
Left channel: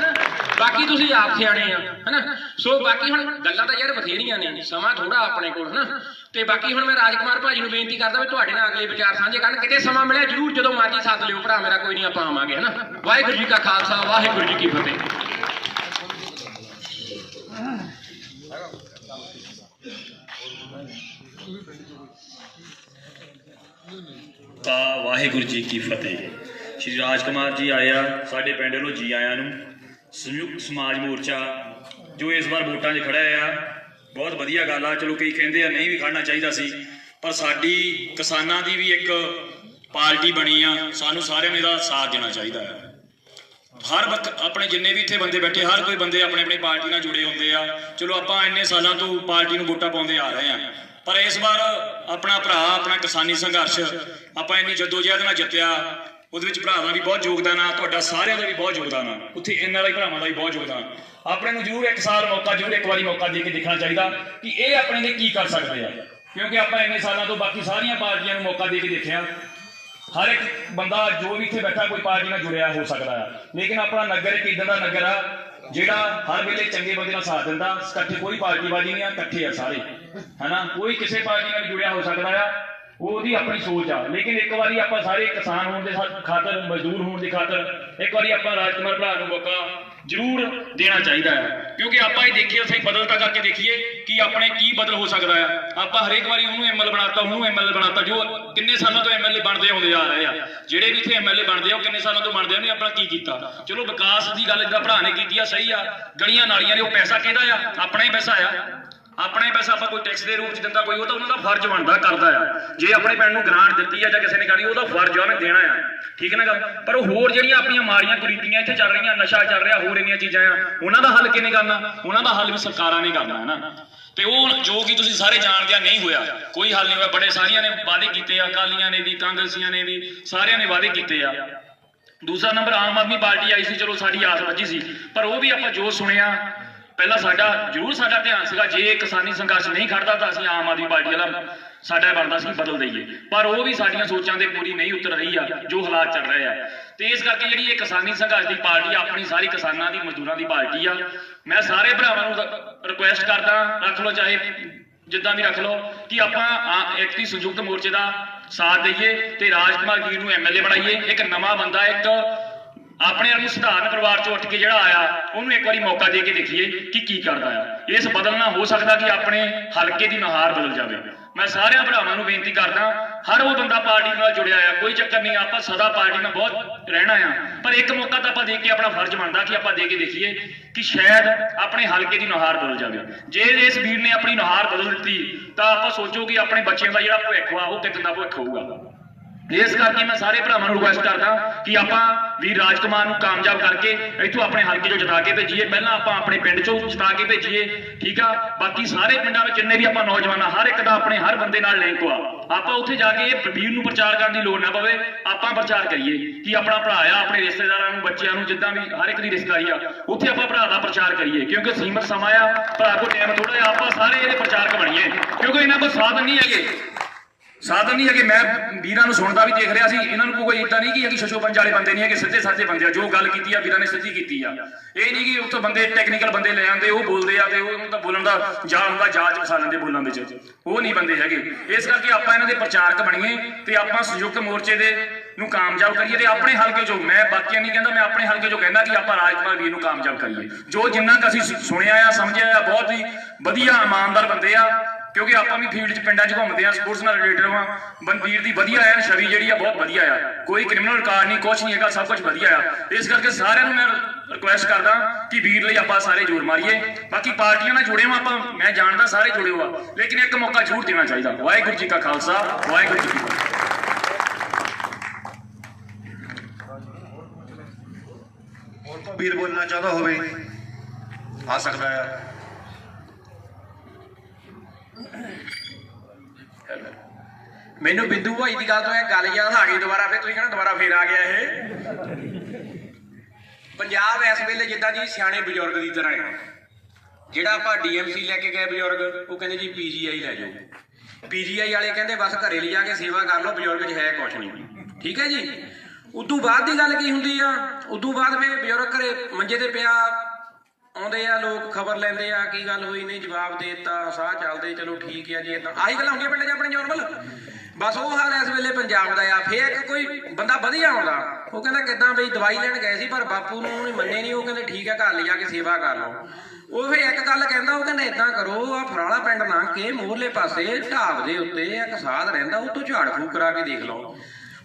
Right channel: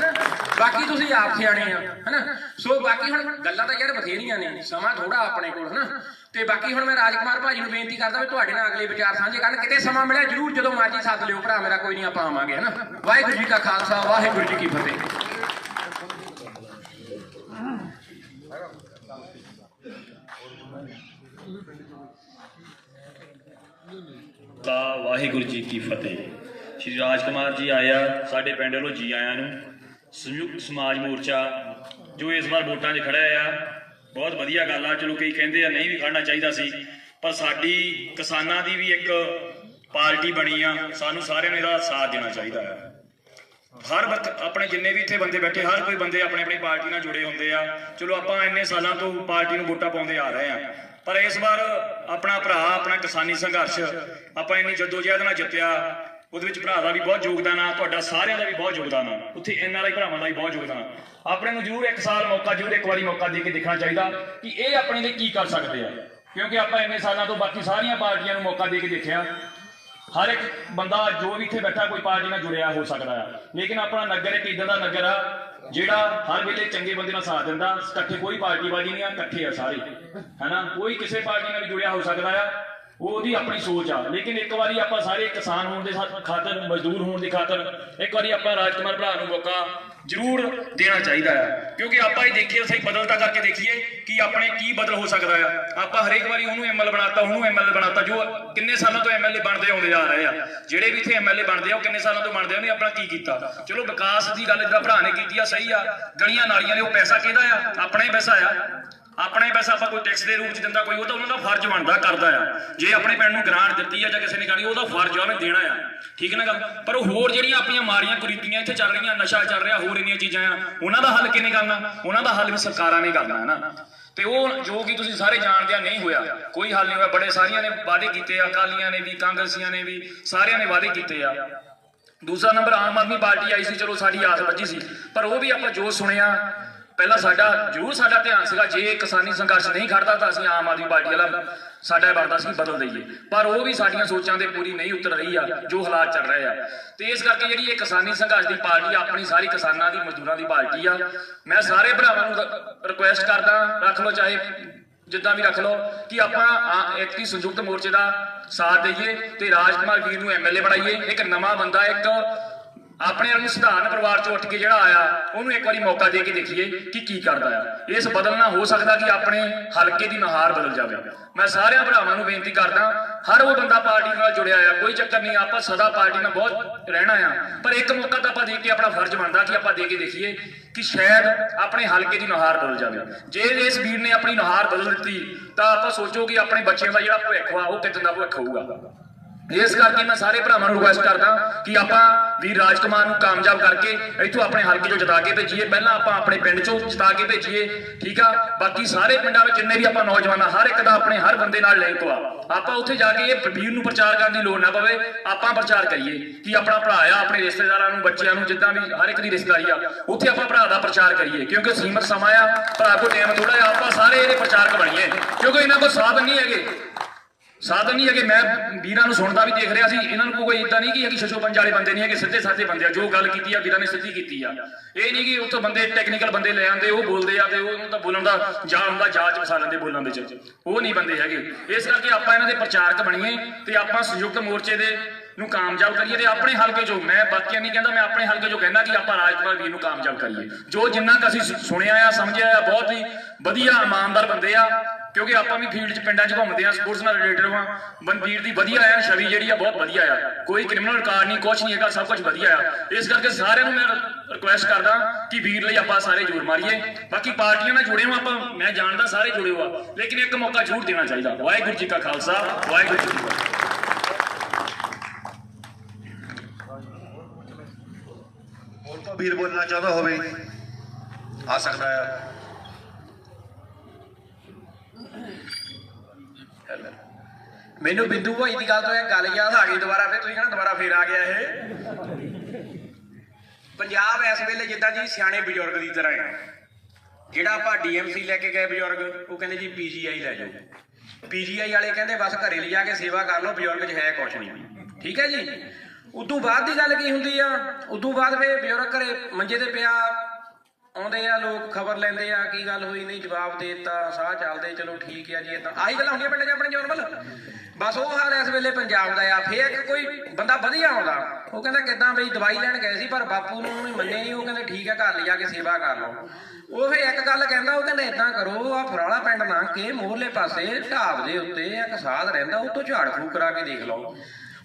ਬਾਕੀ ਤੁਸੀਂ ਆਪ ਸਿਆਣੇ ਆ, ਹੈਨਾ। ਸੋ ਬਾਕੀ ਹੁਣ ਗੱਲਾਂ ਤਾਂ ਯਾਰ ਬਥੇਰੀਆਂ ਨੇ, ਸਮਾਂ ਥੋੜਾ ਆਪਣੇ ਕੋਲ, ਹੈਨਾ। ਤੇ ਬਾਕੀ ਹੁਣ ਮੈਂ ਰਾਜਕੁਮਾਰ ਭਾਜੀ ਨੂੰ ਬੇਨਤੀ ਕਰਦਾ ਵੀ ਤੁਹਾਡੇ ਨਾਲ ਅਗਲੇ ਵਿਚਾਰ ਸਾਂਝੇ ਕਰਨ, ਕਿਤੇ ਸਮਾਂ ਮਿਲਿਆ ਜਰੂਰ, ਜਦੋਂ ਮਰਜ਼ੀ ਸੱਦ ਲਿਓ ਭਰਾ ਮੇਰਾ, ਕੋਈ ਨਹੀਂ ਆਪਾਂ ਆਵਾਂਗੇ, ਹੈਨਾ। ਵਾਹਿਗੁਰੂ ਜੀ ਕਾ ਖਾਲਸਾ, ਵਾਹਿਗੁਰੂ ਜੀ ਕੀ ਫਤਿਹ। ਵਾਹਿਗੁਰੂ ਜੀ ਕੀ ਫਤਿਹ। ਸ਼੍ਰੀ ਰਾਜਕੁਮਾਰ ਜੀ ਆਇਆ ਸਾਡੇ ਪਿੰਡ ਵੱਲੋਂ ਜੀ ਆਇਆਂ ਨੂੰ। ਸੰਯੁਕਤ ਸਮਾਜ ਮੋਰਚਾ ਜੋ ਇਸ ਵਾਰ ਵੋਟਾਂ 'ਚ ਖੜਿਆ ਆ, ਬਹੁਤ ਵਧੀਆ ਗੱਲ ਆ। ਚਲੋ ਕਈ ਕਹਿੰਦੇ ਆ ਨਹੀਂ ਵੀ ਖੜਨਾ ਚਾਹੀਦਾ ਸੀ, ਪਰ ਸਾਡੀ ਕਿਸਾਨਾਂ ਦੀ ਵੀ ਇੱਕ ਪਾਰਟੀ ਬਣੀ ਆ, ਸਾਨੂੰ ਸਾਰਿਆਂ ਨੇ ਇਹਦਾ ਸਾਥ ਦੇਣਾ ਚਾਹੀਦਾ ਹੈ। ਆਪਣੇ ਜਿੰਨੇ ਵੀ ਇੱਥੇ ਬੰਦੇ ਬੈਠੇ ਹਰ ਕੋਈ ਬੰਦੇ ਆਪਣੀ ਪਾਰਟੀ ਨਾਲ ਜੁੜੇ ਹੁੰਦੇ ਆ। ਚਲੋ ਆਪਾਂ ਇੰਨੇ ਸਾਲਾਂ ਤੋਂ ਪਾਰਟੀ ਨੂੰ ਵੋਟਾਂ ਪਾਉਂਦੇ ਆ ਰਹੇ ਆ, ਪਰ ਇਸ ਵਾਰ ਆਪਣਾ ਭਰਾ ਆਪਣਾ ਕਿਸਾਨੀ ਸੰਘਰਸ਼ ਆਪਾਂ ਇੰਨੀ ਜੱਦੋਜਹਿਦ ਨਾਲ ਜਿੱਤਿਆ। ਉਹਦੇ ਵਿੱਚ ਭਰਾ ਦਾ ਵੀ ਬਹੁਤ ਯੋਗਦਾਨ ਆ, ਤੁਹਾਡਾ ਸਾਰਿਆਂ ਦਾ ਵੀ ਬਹੁਤ ਯੋਗਦਾਨ ਆ, ਉੱਥੇ NRI ਭਰਾਵਾਂ ਦਾ ਵੀ ਬਹੁਤ ਯੋਗਦਾਨ। ਆਪਣੇ ਨੂੰ ਜ਼ਰੂਰ ਇੱਕ ਵਾਰੀ ਮੌਕਾ ਦੇ ਕੇ ਦੇਖਣਾ ਚਾਹੀਦਾ ਕਿ ਇਹ ਆਪਣੇ ਲਈ ਕੀ ਕਰ ਸਕਦੇ ਆ, ਕਿਉਂਕਿ ਆਪਾਂ ਇੰਨੇ ਸਾਲਾਂ ਤੋਂ ਬਾਕੀ ਸਾਰੀਆਂ ਪਾਰਟੀਆਂ ਨੂੰ ਮੌਕਾ ਦੇ ਕੇ ਦੇਖਿਆ। ਹਰ ਇੱਕ ਬੰਦਾ ਜੋ ਵੀ ਇੱਥੇ ਬੈਠਾ ਕੋਈ ਪਾਰਟੀ ਨਾਲ ਜੁੜਿਆ ਹੋ ਸਕਦਾ ਆ, ਲੇਕਿਨ ਆਪਣਾ ਨਗਰ ਇੱਕ ਇੱਦਾਂ ਦਾ ਨਗਰ ਆ ਜਿਹੜਾ ਹਰ ਵੇਲੇ ਚੰਗੇ ਬੰਦੇ ਨਾਲ ਸਾਥ ਦਿੰਦਾ। ਇਕੱਠੇ ਕੋਈ ਪਾਰਟੀਬਾਜ਼ੀ ਨਹੀਂ ਆ, ਇਕੱਠੇ ਆ ਸਾਰੇ, ਹੈਨਾ। ਕੋਈ ਕਿਸੇ ਪਾਰਟੀ ਨਾਲ ਜੁੜਿਆ ਹੋ ਸਕਦਾ ਆ, ਉਹਦੀ ਆਪਣੀ ਸੋਚ ਆ। ਲੇਕਿਨ ਇੱਕ ਵਾਰੀ ਆਪਾਂ ਸਾਰੇ ਕਿਸਾਨ ਹੋਣ ਦੇ ਖਾਤਰ, ਮਜ਼ਦੂਰ ਹੋਣ ਦੀ ਖਾਤਰ ਇੱਕ ਵਾਰੀ ਆਪਾਂ ਰਾਜਕੁਮਾਰ ਭਰਾ ਨੂੰ ਮੌਕਾ ਜ਼ਰੂਰ ਦੇਣਾ ਚਾਹੀਦਾ ਹੈ, ਕਿਉਂਕਿ ਆਪਾਂ ਇਹ ਦੇਖੀਏ ਸਹੀ ਬਦਲਤਾ ਕਰਕੇ ਦੇਖੀਏ ਕਿ ਆਪਣੇ ਕੀ ਬਦਲ ਹੋ ਸਕਦਾ ਆ। ਆਪਾਂ ਹਰੇਕ ਵਾਰੀ ਉਹਨੂੰ ML ਬਣਾਤਾ, ਉਹਨੂੰ ML ਬਣਾਤਾ, ਜੋ ਕਿੰਨੇ ਸਾਲਾਂ ਤੋਂ MLA ਬਣਦੇ ਆਉਂਦੇ ਆ ਰਹੇ ਆ। ਜਿਹੜੇ ਵੀ ਇੱਥੇ MLA ਬਣਦੇ ਆ ਉਹ ਕਿੰਨੇ ਸਾਲਾਂ ਤੋਂ ਬਣਦੇ ਆ, ਉਹਨੇ ਆਪਣਾ ਕੀ ਕੀਤਾ। ਚਲੋ ਵਿਕਾਸ ਦੀ ਗੱਲ ਜਿਹੜਾ ਭਰਾ ਨੇ ਕੀਤੀ ਆ ਸਹੀ ਆ, ਗਲੀਆਂ ਨਾਲੀਆਂ ਨੇ ਉਹ ਪੈਸਾ ਕਿਹਦਾ ਆ, ਆਪਣਾ ਹੀ ਪੈਸਾ ਆ। ਆਪਣਾ ਹੀ ਪੈਸਾ ਆਪਾਂ ਕੋਈ ਟੈਕਸ ਦੇ ਰੂਪ ਚ ਦਿੰਦਾ, ਕੋਈ ਉਹ ਤਾਂ ਉਹਨਾਂ ਦਾ ਫਰਜ਼ ਬਣਦਾ ਕਰਦਾ ਆ। ਜੇ ਆਪਣੇ ਪਿੰਡ ਨੂੰ ਗ੍ਰਾਂਟ ਦਿੱਤੀ ਆ ਜਾਂ ਕਿਸੇ ਨੇ ਕਰੀ, ਉਹਦਾ ਫਰਜ਼ ਆ ਉਹਨੇ ਦੇਣਾ ਆ, ਠੀਕ ਨਾ ਗੱਲ। ਪਰ ਉਹ ਹੋਰ ਜਿਹੜੀਆਂ ਆਪਣੀਆਂ ਮਾੜੀਆਂ ਕੁਰੀਤੀਆਂ ਇੱਥੇ ਚੱਲ ਰਹੀਆਂ, ਨਸ਼ਾ ਚੱਲ ਰਿਹਾ, ਹੋਰ ਇੰਨੀਆਂ ਚੀਜ਼ਾਂ ਆ, ਉਹਨਾਂ ਦਾ ਹੱਲ ਕਿਹਨੇ ਕਰਨਾ? ਉਹਨਾਂ ਦਾ ਹੱਲ ਵੀ ਸਰਕਾਰਾਂ ਨੇ ਕਰਨਾ ਨਾ। ਤੇ ਉਹ ਜੋ ਕਿ ਤੁਸੀਂ ਸਾਰੇ ਜਾਣਦੇ ਆ ਨਹੀਂ ਹੋਇਆ, ਕੋਈ ਹੱਲ ਨਹੀਂ ਹੋਇਆ। ਬੜੇ ਸਾਰੀਆਂ ਨੇ ਵਾਅਦੇ ਕੀਤੇ ਆ, ਅਕਾਲੀਆਂ ਨੇ ਵੀ, ਕਾਂਗਰਸੀਆਂ ਨੇ ਵੀ, ਸਾਰਿਆਂ ਨੇ ਵਾਅਦੇ ਕੀਤੇ ਆ। ਦੂਸਰਾ ਨੰਬਰ ਆਮ ਆਦਮੀ ਪਾਰਟੀ ਆਈ ਸੀ, ਚਲੋ ਸਾਡੀ ਆਸ ਵੱਜੀ ਸੀ, ਪਰ ਉਹ ਵੀ ਆਪਾਂ ਜੋ ਸੁਣਿਆ ਪਹਿਲਾਂ ਸਾਡਾ ਧਿਆਨ ਸੀਗਾ ਜੇ ਕਿਸਾਨੀ ਸੰਘਰਸ਼ ਨਹੀਂ ਖੜਦਾ ਤਾਂ ਅਸੀਂ ਆਮ ਆਦਮੀ ਪਾਰਟੀ ਵਾਲਾ ਸਾਡਾ ਬਣਦਾ ਸੀ ਬਦਲ ਦਈਏ, ਪਰ ਉਹ ਵੀ ਸਾਡੀਆਂ ਸੋਚਾਂ ਦੇ ਪੂਰੀ ਨਹੀਂ ਉਤਰ ਰਹੀ ਆ ਜੋ ਹਾਲਾਤ ਚੱਲ ਰਹੇ ਆ। ਤੇ ਇਸ ਕਰਕੇ ਜਿਹੜੀ ਇਹ ਕਿਸਾਨੀ ਸੰਘਰਸ਼ ਦੀ ਪਾਰਟੀ ਆਪਣੀ ਸਾਰੀ ਕਿਸਾਨਾਂ ਦੀ, ਮਜ਼ਦੂਰਾਂ ਦੀ ਪਾਰਟੀ ਆ। ਮੈਂ ਸਾਰੇ ਭਰਾਵਾਂ ਨੂੰ ਰਿਕੁਐਸਟ ਕਰਦਾ, ਰੱਖ ਲਓ ਚਾਹੇ ਜਿੱਦਾਂ ਵੀ ਰੱਖ ਲਓ, ਕਿ ਆਪਾਂ ਇੱਕ ਸੰਯੁਕਤ ਮੋਰਚੇ ਦਾ ਸਾਥ ਦਈਏ ਤੇ ਰਾਜਕੁਮਾਰ ਵੀਰ ਨੂੰ MLA ਬਣਾਈਏ। ਇੱਕ ਨਵਾਂ ਬੰਦਾ, ਇੱਕ ਆਪਣੇ ਨੂੰ ਸਧਾਰਨ ਪਰਿਵਾਰ ਚੋਂ ਉੱਠ ਕੇ ਜਿਹੜਾ ਆਇਆ, ਉਹਨੂੰ ਇੱਕ ਵਾਰੀ ਮੌਕਾ ਦੇ ਕੇ ਦੇਖੀਏ ਕਿ ਕੀ ਕਰਦਾ ਆ। ਇਸ ਬਦਲਣਾ ਹੋ ਸਕਦਾ ਕਿ ਆਪਣੇ ਹਲਕੇ ਦੀ ਨੁਹਾਰ ਬਦਲ ਜਾਵੇ। ਮੈਂ ਸਾਰਿਆਂ ਭਰਾਵਾਂ ਨੂੰ ਬੇਨਤੀ ਕਰਦਾ, ਹਰ ਉਹ ਬੰਦਾ ਪਾਰਟੀ ਨਾਲ ਜੁੜਿਆ ਆ, ਕੋਈ ਚੱਕਰ ਨਹੀਂ, ਆਪਾਂ ਸਦਾ ਪਾਰਟੀ ਨਾਲ ਬਹੁਤ ਰਹਿਣਾ ਆ, ਪਰ ਇੱਕ ਮੌਕਾ ਤਾਂ ਆਪਾਂ ਦੇ ਕੇ ਆਪਣਾ ਫਰਜ਼ ਬਣਦਾ ਕਿ ਆਪਾਂ ਦੇ ਕੇ ਦੇਖੀਏ ਕਿ ਸ਼ਾਇਦ ਆਪਣੇ ਹਲਕੇ ਦੀ ਨੁਹਾਰ ਬਦਲ ਜਾਵੇ। ਜੇ ਇਸ ਵੀਰ ਨੇ ਆਪਣੀ ਨੁਹਾਰ ਬਦਲ ਦਿੱਤੀ ਤਾਂ ਆਪਾਂ ਸੋਚੋ ਕਿ ਆਪਣੇ ਬੱਚਿਆਂ ਦਾ ਜਿਹੜਾ ਭਵਿੱਖ ਆ ਉਹ ਕਿੱਦਾਂ ਦਾ ਭਵਿੱਖ ਹੋਊਗਾ। ਇਸ ਕਰਕੇ ਮੈਂ ਸਾਰੇ ਭਰਾਵਾਂ ਨੂੰ ਰਿਕੁਐਸਟ ਕਰਦਾ ਕਿ ਆਪਾਂ ਵੀਰ ਰਾਜਕੁਮਾਰ ਨੂੰ ਕਾਮਯਾਬ ਕਰਕੇ ਇੱਥੋਂ ਆਪਣੇ ਹਲਕੇ ਚੋਂ ਜਿਤਾ ਕੇ ਭੇਜੀਏ। ਪਹਿਲਾਂ ਆਪਾਂ ਆਪਣੇ ਪਿੰਡ ਚੋਂ ਜਿਤਾ ਕੇ ਭੇਜੀਏ, ਠੀਕ ਆ। ਬਾਕੀ ਸਾਰੇ ਪਿੰਡਾਂ ਵਿੱਚ ਜਿੰਨੇ ਵੀ ਆਪਾਂ ਨੌਜਵਾਨ ਆ, ਹਰ ਇੱਕ ਦਾ ਆਪਣੇ ਹਰ ਬੰਦੇ ਨਾਲ ਲਿੰਕ ਆ। ਆਪਾਂ ਉੱਥੇ ਜਾ ਕੇ ਇਹ ਵੀਰ ਨੂੰ ਪ੍ਰਚਾਰ ਕਰਨ ਦੀ ਲੋੜ ਨਾ ਪਵੇ, ਆਪਾਂ ਪ੍ਰਚਾਰ ਕਰੀਏ ਕਿ ਆਪਣਾ ਭਰਾ ਆ, ਆਪਣੇ ਰਿਸ਼ਤੇਦਾਰਾਂ ਨੂੰ, ਬੱਚਿਆਂ ਨੂੰ, ਜਿੱਦਾਂ ਵੀ ਹਰ ਇੱਕ ਦੀ ਰਿਸ਼ਤੇਦਾਰੀ ਆ, ਉੱਥੇ ਆਪਾਂ ਭਰਾ ਦਾ ਪ੍ਰਚਾਰ ਕਰੀਏ, ਕਿਉਂਕਿ ਸੀਮਤ ਸਮਾਂ ਆ, ਭਰਾ ਕੋਲ ਟਾਈਮ ਥੋੜਾ ਜਿਹਾ। ਆਪਾਂ ਸਾਰੇ ਇਹਦੇ ਪ੍ਰਚਾਰਕ ਬਣੀਏ, ਕਿਉਂਕਿ ਇਹਨਾਂ ਕੋਲ ਸਾਧਨ ਨਹੀਂ ਹੈਗੇ। ਮੈਂ ਵੀਰਾਂ ਨੂੰ ਸੁਣਦਾ ਵੀ ਦੇਖ ਰਿਹਾ ਸੀ, ਇਹਨਾਂ ਨੂੰ ਕੋਈ ਇਦਾਂ ਨਹੀਂ ਕਿ ਸ਼ਸ਼ੋਪੰਜ ਵਾਲੇ ਬੰਦੇ ਨਹੀਂ ਹੈਗੇ, ਸਿੱਧੇ ਸਾਧੇ ਬੰਦੇ ਆ। ਜੋ ਗੱਲ ਕੀਤੀ ਆ ਵੀਰਾਂ ਨੇ ਸਿੱਧੀ ਕੀਤੀ ਆ। ਇਹ ਨਹੀਂ ਕਿ ਉੱਥੋਂ ਬੰਦੇ ਟੈਕਨੀਕਲ ਬੰਦੇ ਲੈ ਆਉਂਦੇ, ਉਹ ਬੋਲਦੇ ਆ ਤੇ ਉਹਨੂੰ ਤਾਂ ਬੋਲਣ ਦਾ ਜਾਚ ਫਸਾ ਲੈਂਦੇ ਬੋਲਣ ਦੇ ਚ, ਉਹ ਨਹੀਂ ਬੰਦੇ ਹੈਗੇ। ਇਸ ਕਰਕੇ ਆਪਾਂ ਇਹਨਾਂ ਦੇ ਪ੍ਰਚਾਰਕ ਬਣੀਏ ਤੇ ਆਪਾਂ ਸੰਯੁਕਤ ਮੋਰਚੇ ਦੇ ਨੂੰ ਕਾਮਯਾਬ ਕਰੀਏ। ਤੇ ਆਪਣੇ ਹਲਕੇ ਚੋਂ, ਮੈਂ ਬਾਕੀਆਂ ਨਹੀਂ ਕਹਿੰਦਾ, ਮੈਂ ਆਪਣੇ ਹਲਕੇ ਚੋਂ ਕਹਿੰਦਾ ਕਿ ਆਪਾਂ ਰਾਜਕੁਮਾਰ ਵੀਰ ਨੂੰ ਕਾਮਯਾਬ ਕਰੀਏ। ਜੋ ਜਿੰਨਾ ਕੁ ਅਸੀਂ ਸੁਣਿਆ ਆ, ਸਮਝਿਆ ਆ, ਬਹੁਤ ਹੀ ਵਧੀਆ ਇਮਾਨਦਾਰ ਬੰਦੇ ਆ, ਕਿਉਂਕਿ ਆਪਾਂ ਵੀ ਫੀਲਡ 'ਚ ਪਿੰਡਾਂ 'ਚ ਘੁੰਮਦੇ ਆ, ਸਪੋਰਟਸ ਨਾਲ ਰਿਲੇਟਡ ਆ। ਵੀਰ ਦੀ ਵਧੀਆ ਆ, ਛਵੀ ਜਿਹੜੀ ਆ ਬਹੁਤ ਵਧੀਆ ਆ, ਕੋਈ ਕ੍ਰਿਮੀਨਲ ਰਿਕਾਰਡ ਨਹੀਂ, ਕੁਛ ਨਹੀਂ ਹੈਗਾ, ਸਭ ਕੁਝ ਵਧੀਆ ਆ। ਇਸ ਕਰਕੇ ਸਾਰਿਆਂ ਨੂੰ ਮੈਂ ਰਿਕੁਐਸਟ ਕਰਦਾ ਕਿ ਵੀਰ ਲਈ ਆਪਾਂ ਸਾਰੇ ਜ਼ੋਰ ਮਾਰੀਏ। ਬਾਕੀ ਪਾਰਟੀਆਂ ਨਾਲ ਜੁੜੇ ਹੋ ਆਪਾਂ, ਮੈਂ ਜਾਣਦਾ ਸਾਰੇ ਜੁੜੇ ਹੋ ਆ, ਲੇਕਿਨ ਇੱਕ ਮੌਕਾ ਜ਼ਰੂਰ ਦੇਣਾ ਚਾਹੀਦਾ। ਵਾਹਿਗੁਰੂ ਜੀ ਕਾ ਖਾਲਸਾ, ਵਾਹਿਗੁਰੂ ਜੀ ਕੀ ਫਤਿਹ। ਹੋਰ ਤਾਂ ਵੀਰ ਬੋਲਣਾ ਚਾਹੁੰਦਾ ਹੋਵੇ ਆ ਸਕਦਾ ਆ। ਮੈਨੂੰ ਬਿੰਦੂ ਭਾਈ ਦੀ ਗੱਲ ਤੋਂ ਇਹ ਗੱਲ ਯਾਦ ਆ ਗਈ ਦੁਬਾਰਾ, ਫਿਰ ਤੁਸੀਂ ਕਹਿੰਦੇ ਦੁਬਾਰਾ ਫੇਰ ਆ ਗਿਆ ਇਹ। ਪੰਜਾਬ ਇਸ ਵੇਲੇ ਜਿੱਦਾਂ ਜੀ ਸਿਆਣੇ ਬਜ਼ੁਰਗ ਦੀ ਤਰ੍ਹਾਂ ਆ। ਜਿਹੜਾ ਆਪਾਂ DMC ਲੈ ਕੇ ਗਏ ਬਜ਼ੁਰਗ, ਉਹ ਕਹਿੰਦੇ ਜੀ PGI ਲੈ ਜਾਓ। PGI ਵਾਲੇ ਕਹਿੰਦੇ ਬਸ ਘਰੇ ਲਿਜਾ ਕੇ ਸੇਵਾ ਕਰ ਲਓ, ਬਜ਼ੁਰਗ 'ਚ ਹੈ ਕੁਛ ਨਹੀਂ, ਠੀਕ ਹੈ ਜੀ। ਉਦੋਂ ਬਾਅਦ ਦੀ ਗੱਲ ਕੀ ਹੁੰਦੀ ਆ? ਉਦੋਂ ਬਾਅਦ ਵੇ ਬਜ਼ੁਰਗ ਘਰੇ ਮੰਜੇ ਤੇ ਪਿਆ, ਆਉਂਦੇ ਆ ਲੋਕ, ਖਬਰ ਲੈਂਦੇ ਆ ਕੀ ਗੱਲ ਹੋਈ, ਨਹੀਂ ਜਵਾਬ ਦੇ ਦਿੱਤਾ, ਸਾਹ ਚੱਲਦੇ, ਚਲੋ ਠੀਕ ਆ ਜੀ। ਏਦਾਂ ਆਹੀ ਗੱਲਾਂ ਹੁੰਦੀਆਂ ਪਿੰਡ 'ਚ ਆਪਣੇ ਨੋਰਮਲ। ਬਸ ਉਹ ਹਾਲ ਇਸ ਵੇਲੇ ਪੰਜਾਬ ਦਾ ਆ। ਫੇਰ ਕੋਈ ਬੰਦਾ ਵਧੀਆ ਆਉਂਦਾ, ਉਹ ਕਹਿੰਦਾ ਕਿੱਦਾਂ ਬਈ ਦਵਾਈ ਲੈਣ ਗਏ ਸੀ ਪਰ ਬਾਪੂ ਨੂੰ ਉਹਨੇ ਮੰਨੇ ਨਹੀਂ, ਉਹ ਕਹਿੰਦੇ ਠੀਕ ਹੈ ਘਰ ਲਿਜਾ ਕੇ ਸੇਵਾ ਕਰ ਲਓ। ਉਹ ਫਿਰ ਇੱਕ ਗੱਲ ਕਹਿੰਦਾ, ਉਹ ਕਹਿੰਦਾ ਏਦਾਂ ਕਰੋ, ਆ ਫਰਾਲਾ ਪਿੰਡ ਨਾ ਕੇ ਮੋਹਰਲੇ ਪਾਸੇ ਢਾਬ ਦੇ ਉੱਤੇ ਇੱਕ ਸਾਧ ਰਹਿੰਦਾ, ਉਹ ਤੋਂ ਝਾੜ ਫੂਕ ਕਰਾ ਕੇ ਦੇਖ ਲਓ।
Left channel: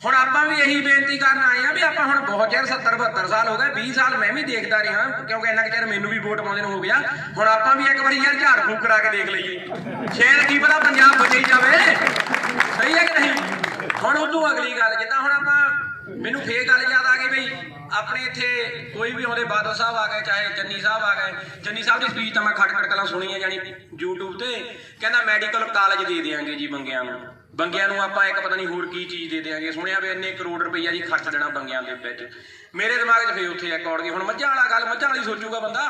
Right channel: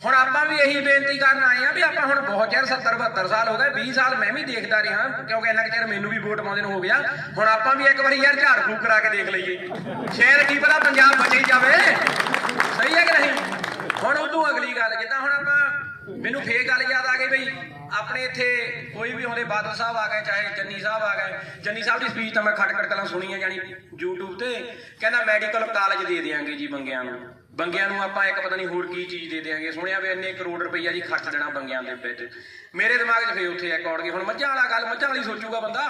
ਹੁਣ ਆਪਾਂ ਵੀ ਇਹੀ ਬੇਨਤੀ ਕਰਨ ਆਏ ਆ ਵੀ ਆਪਾਂ ਹੁਣ ਬਹੁਤ ਚਿਰ 70-72 ਸਾਲ ਹੋ ਗਏ, 20 ਸਾਲ ਮੈਂ ਵੀ ਦੇਖਦਾ ਰਿਹਾ, ਕਿਉਂਕਿ ਇੰਨਾ ਚਿਰ ਮੈਨੂੰ ਵੀ ਵੋਟ ਪਾਉਂਦੇ ਨੂੰ ਹੋ ਗਿਆ। ਹੁਣ ਆਪਾਂ ਵੀ ਇੱਕ ਵਾਰੀ ਯਾਰ ਝਾੜ ਫੂਕ ਕਰਾ ਕੇ ਦੇਖ ਲਈਏ, ਸ਼ਾਇਦ ਕੀ ਪਤਾ ਪੰਜਾਬ ਬਚੇ ਹੀ ਜਾਵੇ। ਸਹੀ ਹੈ ਕਿ ਨਹੀਂ? ਹੁਣ ਉਦੋਂ ਅਗਲੀ ਗੱਲ ਜਿੱਦਾਂ ਹੁਣ ਆਪਾਂ, ਮੈਨੂੰ ਫੇਰ ਗੱਲ ਯਾਦ ਆ ਗਈ ਬਈ ਆਪਣੇ ਇੱਥੇ ਕੋਈ ਵੀ ਆਉਂਦੇ, ਬਾਦਲ ਸਾਹਿਬ ਆ ਗਏ, ਚਾਹੇ ਚੰਨੀ ਸਾਹਿਬ ਆ ਗਏ। ਚੰਨੀ ਸਾਹਿਬ ਦੀ ਸਪੀਚ ਤਾਂ ਮੈਂ ਖਟਖਟ ਕਲਾਂ ਸੁਣੀ ਹੈ, ਜਾਨੀ YouTube ਤੇ। ਕਹਿੰਦਾ ਮੈਡੀਕਲ ਕਾਲਜ ਦੇ ਦਿਆਂਗੇ ਜੀ ਬੰਗਿਆਂ ਨੂੰ, ਬੰਗਿਆਂ ਨੂੰ ਆਪਾਂ ਇੱਕ ਪਤਾ ਨਹੀਂ ਹੋਰ ਕੀ ਚੀਜ਼ ਦੇ ਦਿਆਂਗੇ। ਸੁਣਿਆ ਵੀ ਇੰਨੇ ਕਰੋੜ ਰੁਪਈਆ ਜੀ ਖਰਚ ਦੇਣਾ ਬੰਗਿਆਂ ਦੇ ਵਿੱਚ। ਮੇਰੇ ਦਿਮਾਗ 'ਚ ਫੇਰ ਉੱਥੇ ਇੱਕ ਔੜ ਗਈ। ਹੁਣ ਮੱਝਾਂ ਵਾਲਾ ਗੱਲ, ਮੱਝਾਂ ਵਾਲੀ ਸੋਚੂਗਾ ਬੰਦਾ,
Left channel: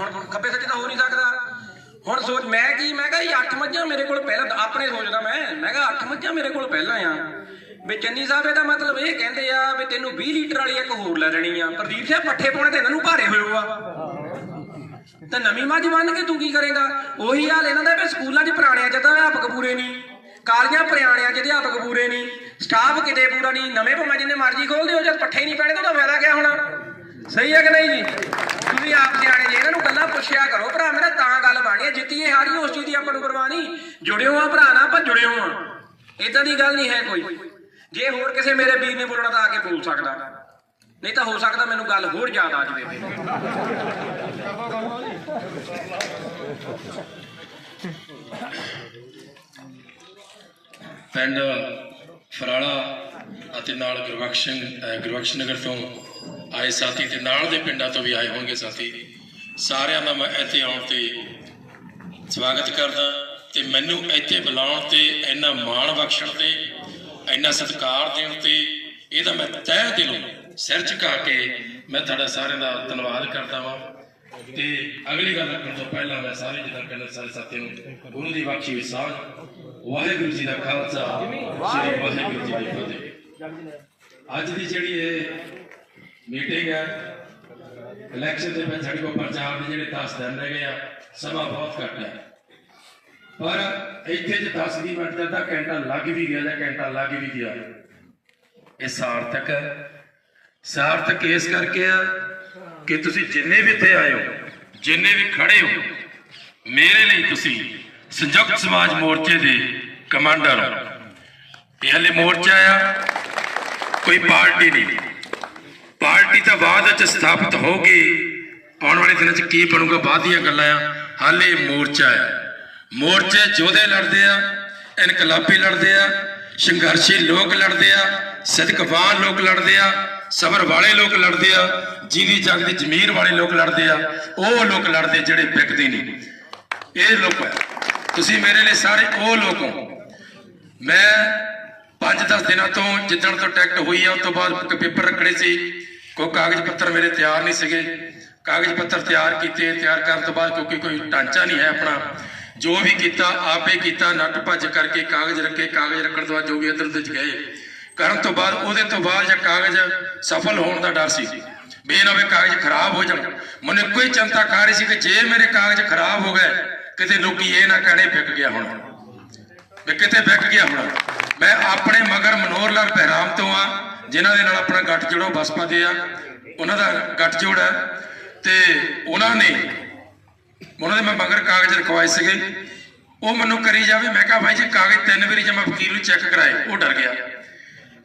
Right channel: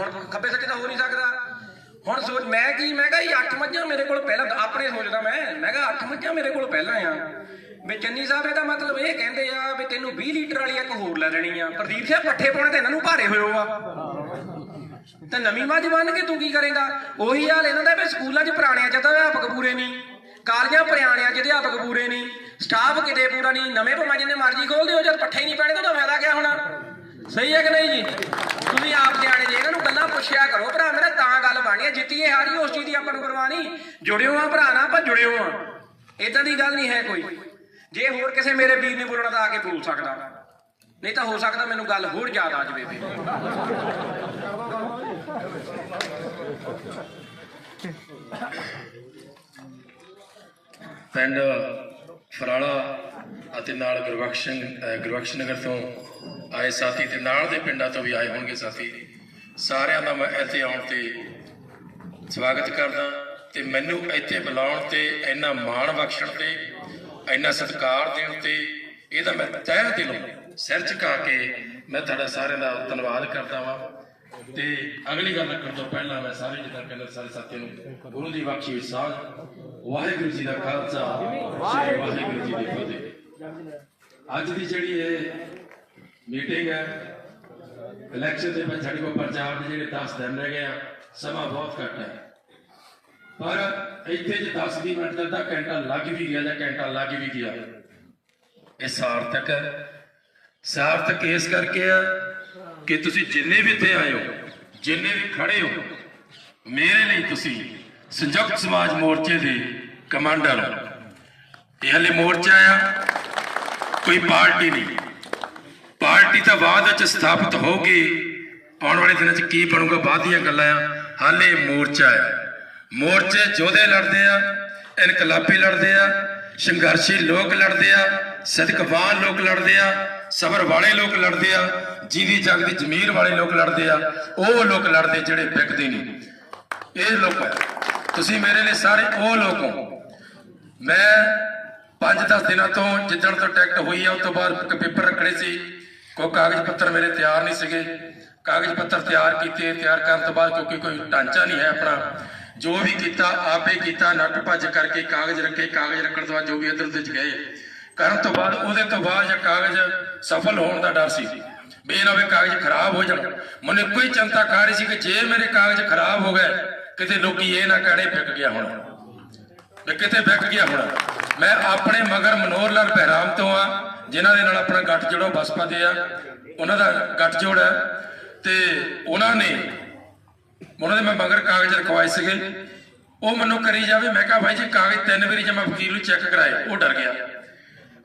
ਹੁਣ ਖੱਬੇ ਸੱਜੇ ਤਾਂ ਹੋ ਨਹੀਂ ਸਕਦਾ। ਹੁਣ ਸੋਚ ਮੈਂ ਕਿਹਾ ਜੀ 8 ਮੱਝਾਂ ਮੇਰੇ ਕੋਲ ਪਹਿਲਾਂ, ਆਪਣੇ ਸੋਚਦਾ ਮੈਂ ਕਿਹਾ 8 ਮੱਝਾਂ ਮੇਰੇ ਕੋਲ ਪਹਿਲਾਂ ਆ। ਵੀ ਚੰਨੀ ਸਾਹਿਬ ਇਹਦਾ ਮਤਲਬ ਇਹ ਕਹਿੰਦੇ ਆ ਵੀ ਤੈਨੂੰ 20 ਲੀਟਰ ਵਾਲੀ ਇੱਕ ਹੋਰ ਲੈ ਲੈਣੀ ਆ। ਪ੍ਰਦੀਪ ਸਿੰਘ ਪੱਠੇ ਪਾਉਣੇ ਤੇ ਇਹਨਾਂ ਨੂੰ ਭਾਰੇ ਹੋਏ ਆ, ਤੇ ਨਵੀਂ ਮੱਝ ਬੰਨ ਕੇ ਤੂੰ ਕੀ ਕਰੇਗਾ? ਉਹੀ ਹਾਲ ਇਹਨਾਂ ਦਾ ਵੀ ਸਕੂਲਾਂ 'ਚ ਪੁਰਾਣਿਆਂ 'ਚ ਤਾਂ ਅਧਿਆਪਕ ਪੂਰੇ ਨਹੀਂ, ਕਾਲਜਾਂ ਪੁਰਾਣਿਆਂ 'ਚ ਅਧਿਆਪਕ ਪੂਰੇ ਨਹੀਂ, ਸਟਾਫ ਕਿਤੇ ਪੂਰਾ ਨਹੀਂ। ਨਵੇਂ ਭਾਵੇਂ ਜਿੰਨੇ ਮਰਜ਼ੀ ਖੋਲਦੇ ਹੋ, ਜਦ ਪੱਠੇ ਨਹੀਂ ਪੈਣੇ ਤਾਂ ਉਹਦਾ ਫਾਇਦਾ ਕਿਆ ਹੋਣਾ? ਸਹੀ ਹੈ ਕਿ ਨਹੀਂ ਜੀ? ਤੁਸੀਂ ਆਪ ਸਿਆਣੇ ਜੇ, ਇਹਨਾਂ ਨੂੰ ਗੱਲਾਂ ਪੁੱਛਿਆ ਕਰੋ ਭਰਾ ਮੇਰਾ, ਤਾਂ ਗੱਲ ਬਣਨੀ ਹੈ। ਜਿੱਤੀਏ ਹਾਰੀਏ ਉਸ ਚੀਜ਼ ਦੀ ਆਪਾਂ ਨੂੰ ਪਰਵਾਹ ਨਹੀਂ। ਜੁੜਿਓ ਆ ਭਰਾ ਨਾਲ, ਆਪਾਂ ਜੁੜਿਓ ਆ, ਏਦਾਂ ਦੀ ਗੱਲ ਨਹੀਂ ਹੈ ਕੋਈ। ਜੇ ਹੋਰ ਕਿਸੇ ਮੇਰੇ ਵੀਰ ਨੇ ਬੋਲਣਾ ਤਾਂ ਆ ਕੇ ਬੋਲ ਸਕਦਾ, ਨਹੀਂ ਤਾਂ ਹੋ ਸਕਦਾ ਮੈਨੂੰ ਗੱਲ ਹੋਰ ਯਾਦ ਆ ਜਾਵੇ। ਪਿੰਡ ਫਰਾਲਾ ਅਤੇ ਨਾਲ ਗੁਰਬਖਸ਼ ਨਗਰ ਤੋਂ ਆਏ ਸਾਥੀ ਤੇ ਨਾਲ ਦੇ ਪਿੰਡਾਂ ਤੋਂ ਵੀ ਆਏ ਹੋਣਗੇ ਸਾਥੀ, ਸਾਰਿਆਂ ਦਾ ਮੈਂ ਇੱਥੇ ਆਉਣ ਤੇ ਸਵਾਗਤ ਕਰਦਾ। ਤੇ ਮੈਨੂੰ ਇੱਥੇ ਬੁਲਾਉਣ ਤੇ ਇੰਨਾ ਮਾਣ ਬਖਸ਼ਣ ਤੇ ਇੰਨਾ ਸਤਿਕਾਰ ਦੇਣ ਤੇ ਇਹਦਾ ਮੈਂ ਤਹਿ ਦਿਲੋਂ ਸਿਰ ਝੁਕਾ ਕੇ ਮੈਂ ਤੁਹਾਡਾ ਸਾਰਿਆਂ ਦਾ ਧੰਨਵਾਦ ਕਰਦਾ ਵਾਂ। ਤੇ ਅਗਲੀ ਗੱਲ ਰੱਖਣ ਤੋਂ ਪਹਿਲਾਂ ਮੈਂ ਸਾਰੇ ਜਿੱਦਾਂ ਕਹਿੰਦੇ ਸਾਰੇ ਸਾਥੀ ਨੂੰ ਗੁਰੂ ਦੀ ਬਖਸ਼ੀ ਹੋਈ ਸਾਂਝ, ਵਾਹਿਗੁਰੂ ਜੀ ਦਾ ਖਾਲਸਾ, ਸ੍ਰੀ ਵਾਹਿਗੁਰੂ ਜੀ ਦੀ ਫਤਿਹ। ਅੱਜ ਦੀ ਜਿਹੜੀ ਇਹ ਮੀਟਿੰਗ ਹੈ, ਇਲੈਕਸ਼ਨ ਦੇ ਵਿੱਚ ਸਾਡੇ ਕੋਲ ਪ੍ਰਚਾਰ ਦੇ ਜਿਹੜੇ 10 ਦਿਨ ਰਹਿ ਗਏ ਆ, ਸਮਾਂ ਬਹੁਤ ਘੱਟ ਹੈ, ਪਰ ਇੱਥੇ ਜੇ 10-20 ਮਿੰਟ ਦਾ ਅੱਧਾ ਘੰਟਾ ਲੱਗ ਵੀ ਗਿਆ ਜਾਂ ਘੰਟਾ ਲੱਗ ਵੀ ਗਿਆ, ਇਹ ਸਾਰਥਕ ਹੈ। ਸਾਰਥਕ ਇਸ ਕਰਕੇ ਆ ਕਿ ਤੁਸੀਂ ਜਿੰਨੇ ਵੀ ਇੱਥੇ ਆਏ ਹੋ, ਜਿੰਨੇ ਵੀ ਖੜੇ ਹੋ, ਮੇਰੇ ਲਈ ਤੁਸੀਂ ਸੰਯੁਕਤ ਸਮਾਜ ਮੋਰਚੇ ਦੇ ਕਮਾਂਡਰ ਹੋ। ਇਹ ਹਲੇ ਮੋਰਚਾ ਆ, ਕੋਈ ਪਾਰਟੀ ਨਹੀਂ। ਪਾਰਟੀ ਤਾਂ ਬਾਅਦ ਵਿੱਚ ਸਥਾਪਿਤ ਹੋਊਗੀ, ਆਉਣ ਵਾਲੇ ਦਿਨਾਂ 'ਚ ਕੀ ਬਣੂਗਾ ਬਾਅਦ ਦੀਆਂ ਗੱਲਾਂ ਆ। ਹਾਲੇ ਮੋਰਚਾ ਹੈ। ਮੋਰਚੇ ਯੋਧੇ ਲੜਦੇ ਆ, ਇਨਕਲਾਬੀ ਲੜਦੇ ਆ, ਸੰਘਰਸ਼ੀ ਲੋਕ ਲੜਦੇ ਆ, ਸਦਕਵਾਨ ਲੋਕ ਲੜਦੇ ਆ, ਸਬਰ ਵਾਲੇ ਲੋਕ ਲੜਦੇ ਆ, ਜਿਹਦੀ ਜੰਗ ਦੀ ਜ਼ਮੀਰ ਵਾਲੇ ਲੋਕ ਲੜਦੇ ਆ। ਉਹ ਲੋਕ ਲੜਦੇ ਜਿਹੜੇ ਵਿਕਦੇ ਨਹੀਂ। ਇਹ ਲੋਕ ਹੈ, ਤੁਸੀਂ ਮੇਰੇ ਲਈ ਸਾਰੇ ਉਹ ਲੋਕ ਹੋ। ਮੈਂ 5-10 ਦਿਨਾਂ ਤੋਂ, ਜਿੱਦਣ ਤੋਂ ਟਿਕਟ ਹੋਈ ਆ ਉਸ ਤੋਂ ਬਾਅਦ ਪੇਪਰ ਰੱਖਣੇ ਸੀ, ਕੋਈ ਕਾਗਜ਼ ਪੱਤਰ ਮੇਰੇ ਤਿਆਰ ਨਹੀਂ ਸੀਗੇ। ਕਾਗਜ਼ ਪੱਤਰ ਤਿਆਰ ਕੀਤੇ, ਤਿਆਰ ਕਰਨ ਤੋਂ ਬਾਅਦ ਕਿਉਂਕਿ ਕੋਈ ਢਾਂਚਾ ਨਹੀਂ ਹੈ ਆਪਣਾ, ਜੋ ਵੀ ਕੀਤਾ ਆਪੇ ਕੀਤਾ, ਨੱਠ ਭੱਜ ਕਰਕੇ ਕਾਗਜ਼ ਰੱਖੇ। ਕਾਗਜ਼ ਰੱਖਣ ਤੋਂ ਬਾਅਦ ਜੋ ਵੀ ਇੱਧਰ ਉੱਧਰ ਗਏ ਕਰਨ ਤੋਂ ਬਾਅਦ, ਉਹਦੇ ਤੋਂ ਬਾਅਦ ਜੇ ਕਾਗਜ਼ ਸਫਲ ਹੋਣ ਦਾ ਡਰ ਸੀ ਵੀ ਇਹ ਨਾ ਹੋਵੇ ਕਾਗਜ਼ ਖਰਾਬ ਹੋ ਜਾਣ। ਮੈਨੂੰ ਇੱਕੋ ਹੀ ਚਿੰਤਾ ਕਰ ਰਹੀ ਸੀ ਕਿ ਜੇ ਮੇਰੇ ਕਾਗਜ਼ ਖਰਾਬ ਹੋ ਗਏ, ਕਿਤੇ ਲੋਕੀ ਇਹ ਨਾ ਕਹਿਣੇ ਵਿਕ ਗਿਆ ਹੋਣਾ, ਵੀ ਕਿਤੇ ਵਿਕ ਗਿਆ ਹੋਣਾ। ਮੈਂ ਆਪਣੇ ਮਗਰ ਮਨੋਹਰ ਲਾਲ ਬਹਿਰਾਮ ਤੋਂ ਆ, ਜਿਨ੍ਹਾਂ ਦੇ ਨਾਲ ਆਪਣਾ ਗੱਠ ਜੋੜੋ ਬਸਪਾ ਦੇ ਆ, ਉਹਨਾਂ ਦਾ ਗੱਠ ਜੋੜ ਹੈ। ਤੇ ਉਹਨਾਂ ਦੇ ਮੈਂ ਮਗਰ ਕਾਗਜ਼ ਰਖਵਾਏ ਸੀਗੇ। ਉਹ ਮੈਨੂੰ ਕਰੀ ਜਾਵੇ, ਮੈਂ ਕਿਹਾ ਭਾਈ ਜੀ ਕਾਗਜ਼ 3 ਵਾਰੀ ਜੇ ਮੈਂ ਵਕੀਲ ਨੂੰ ਚੈੱਕ ਕਰਾਏ, ਉਹ ਡਰ ਗਿਆ।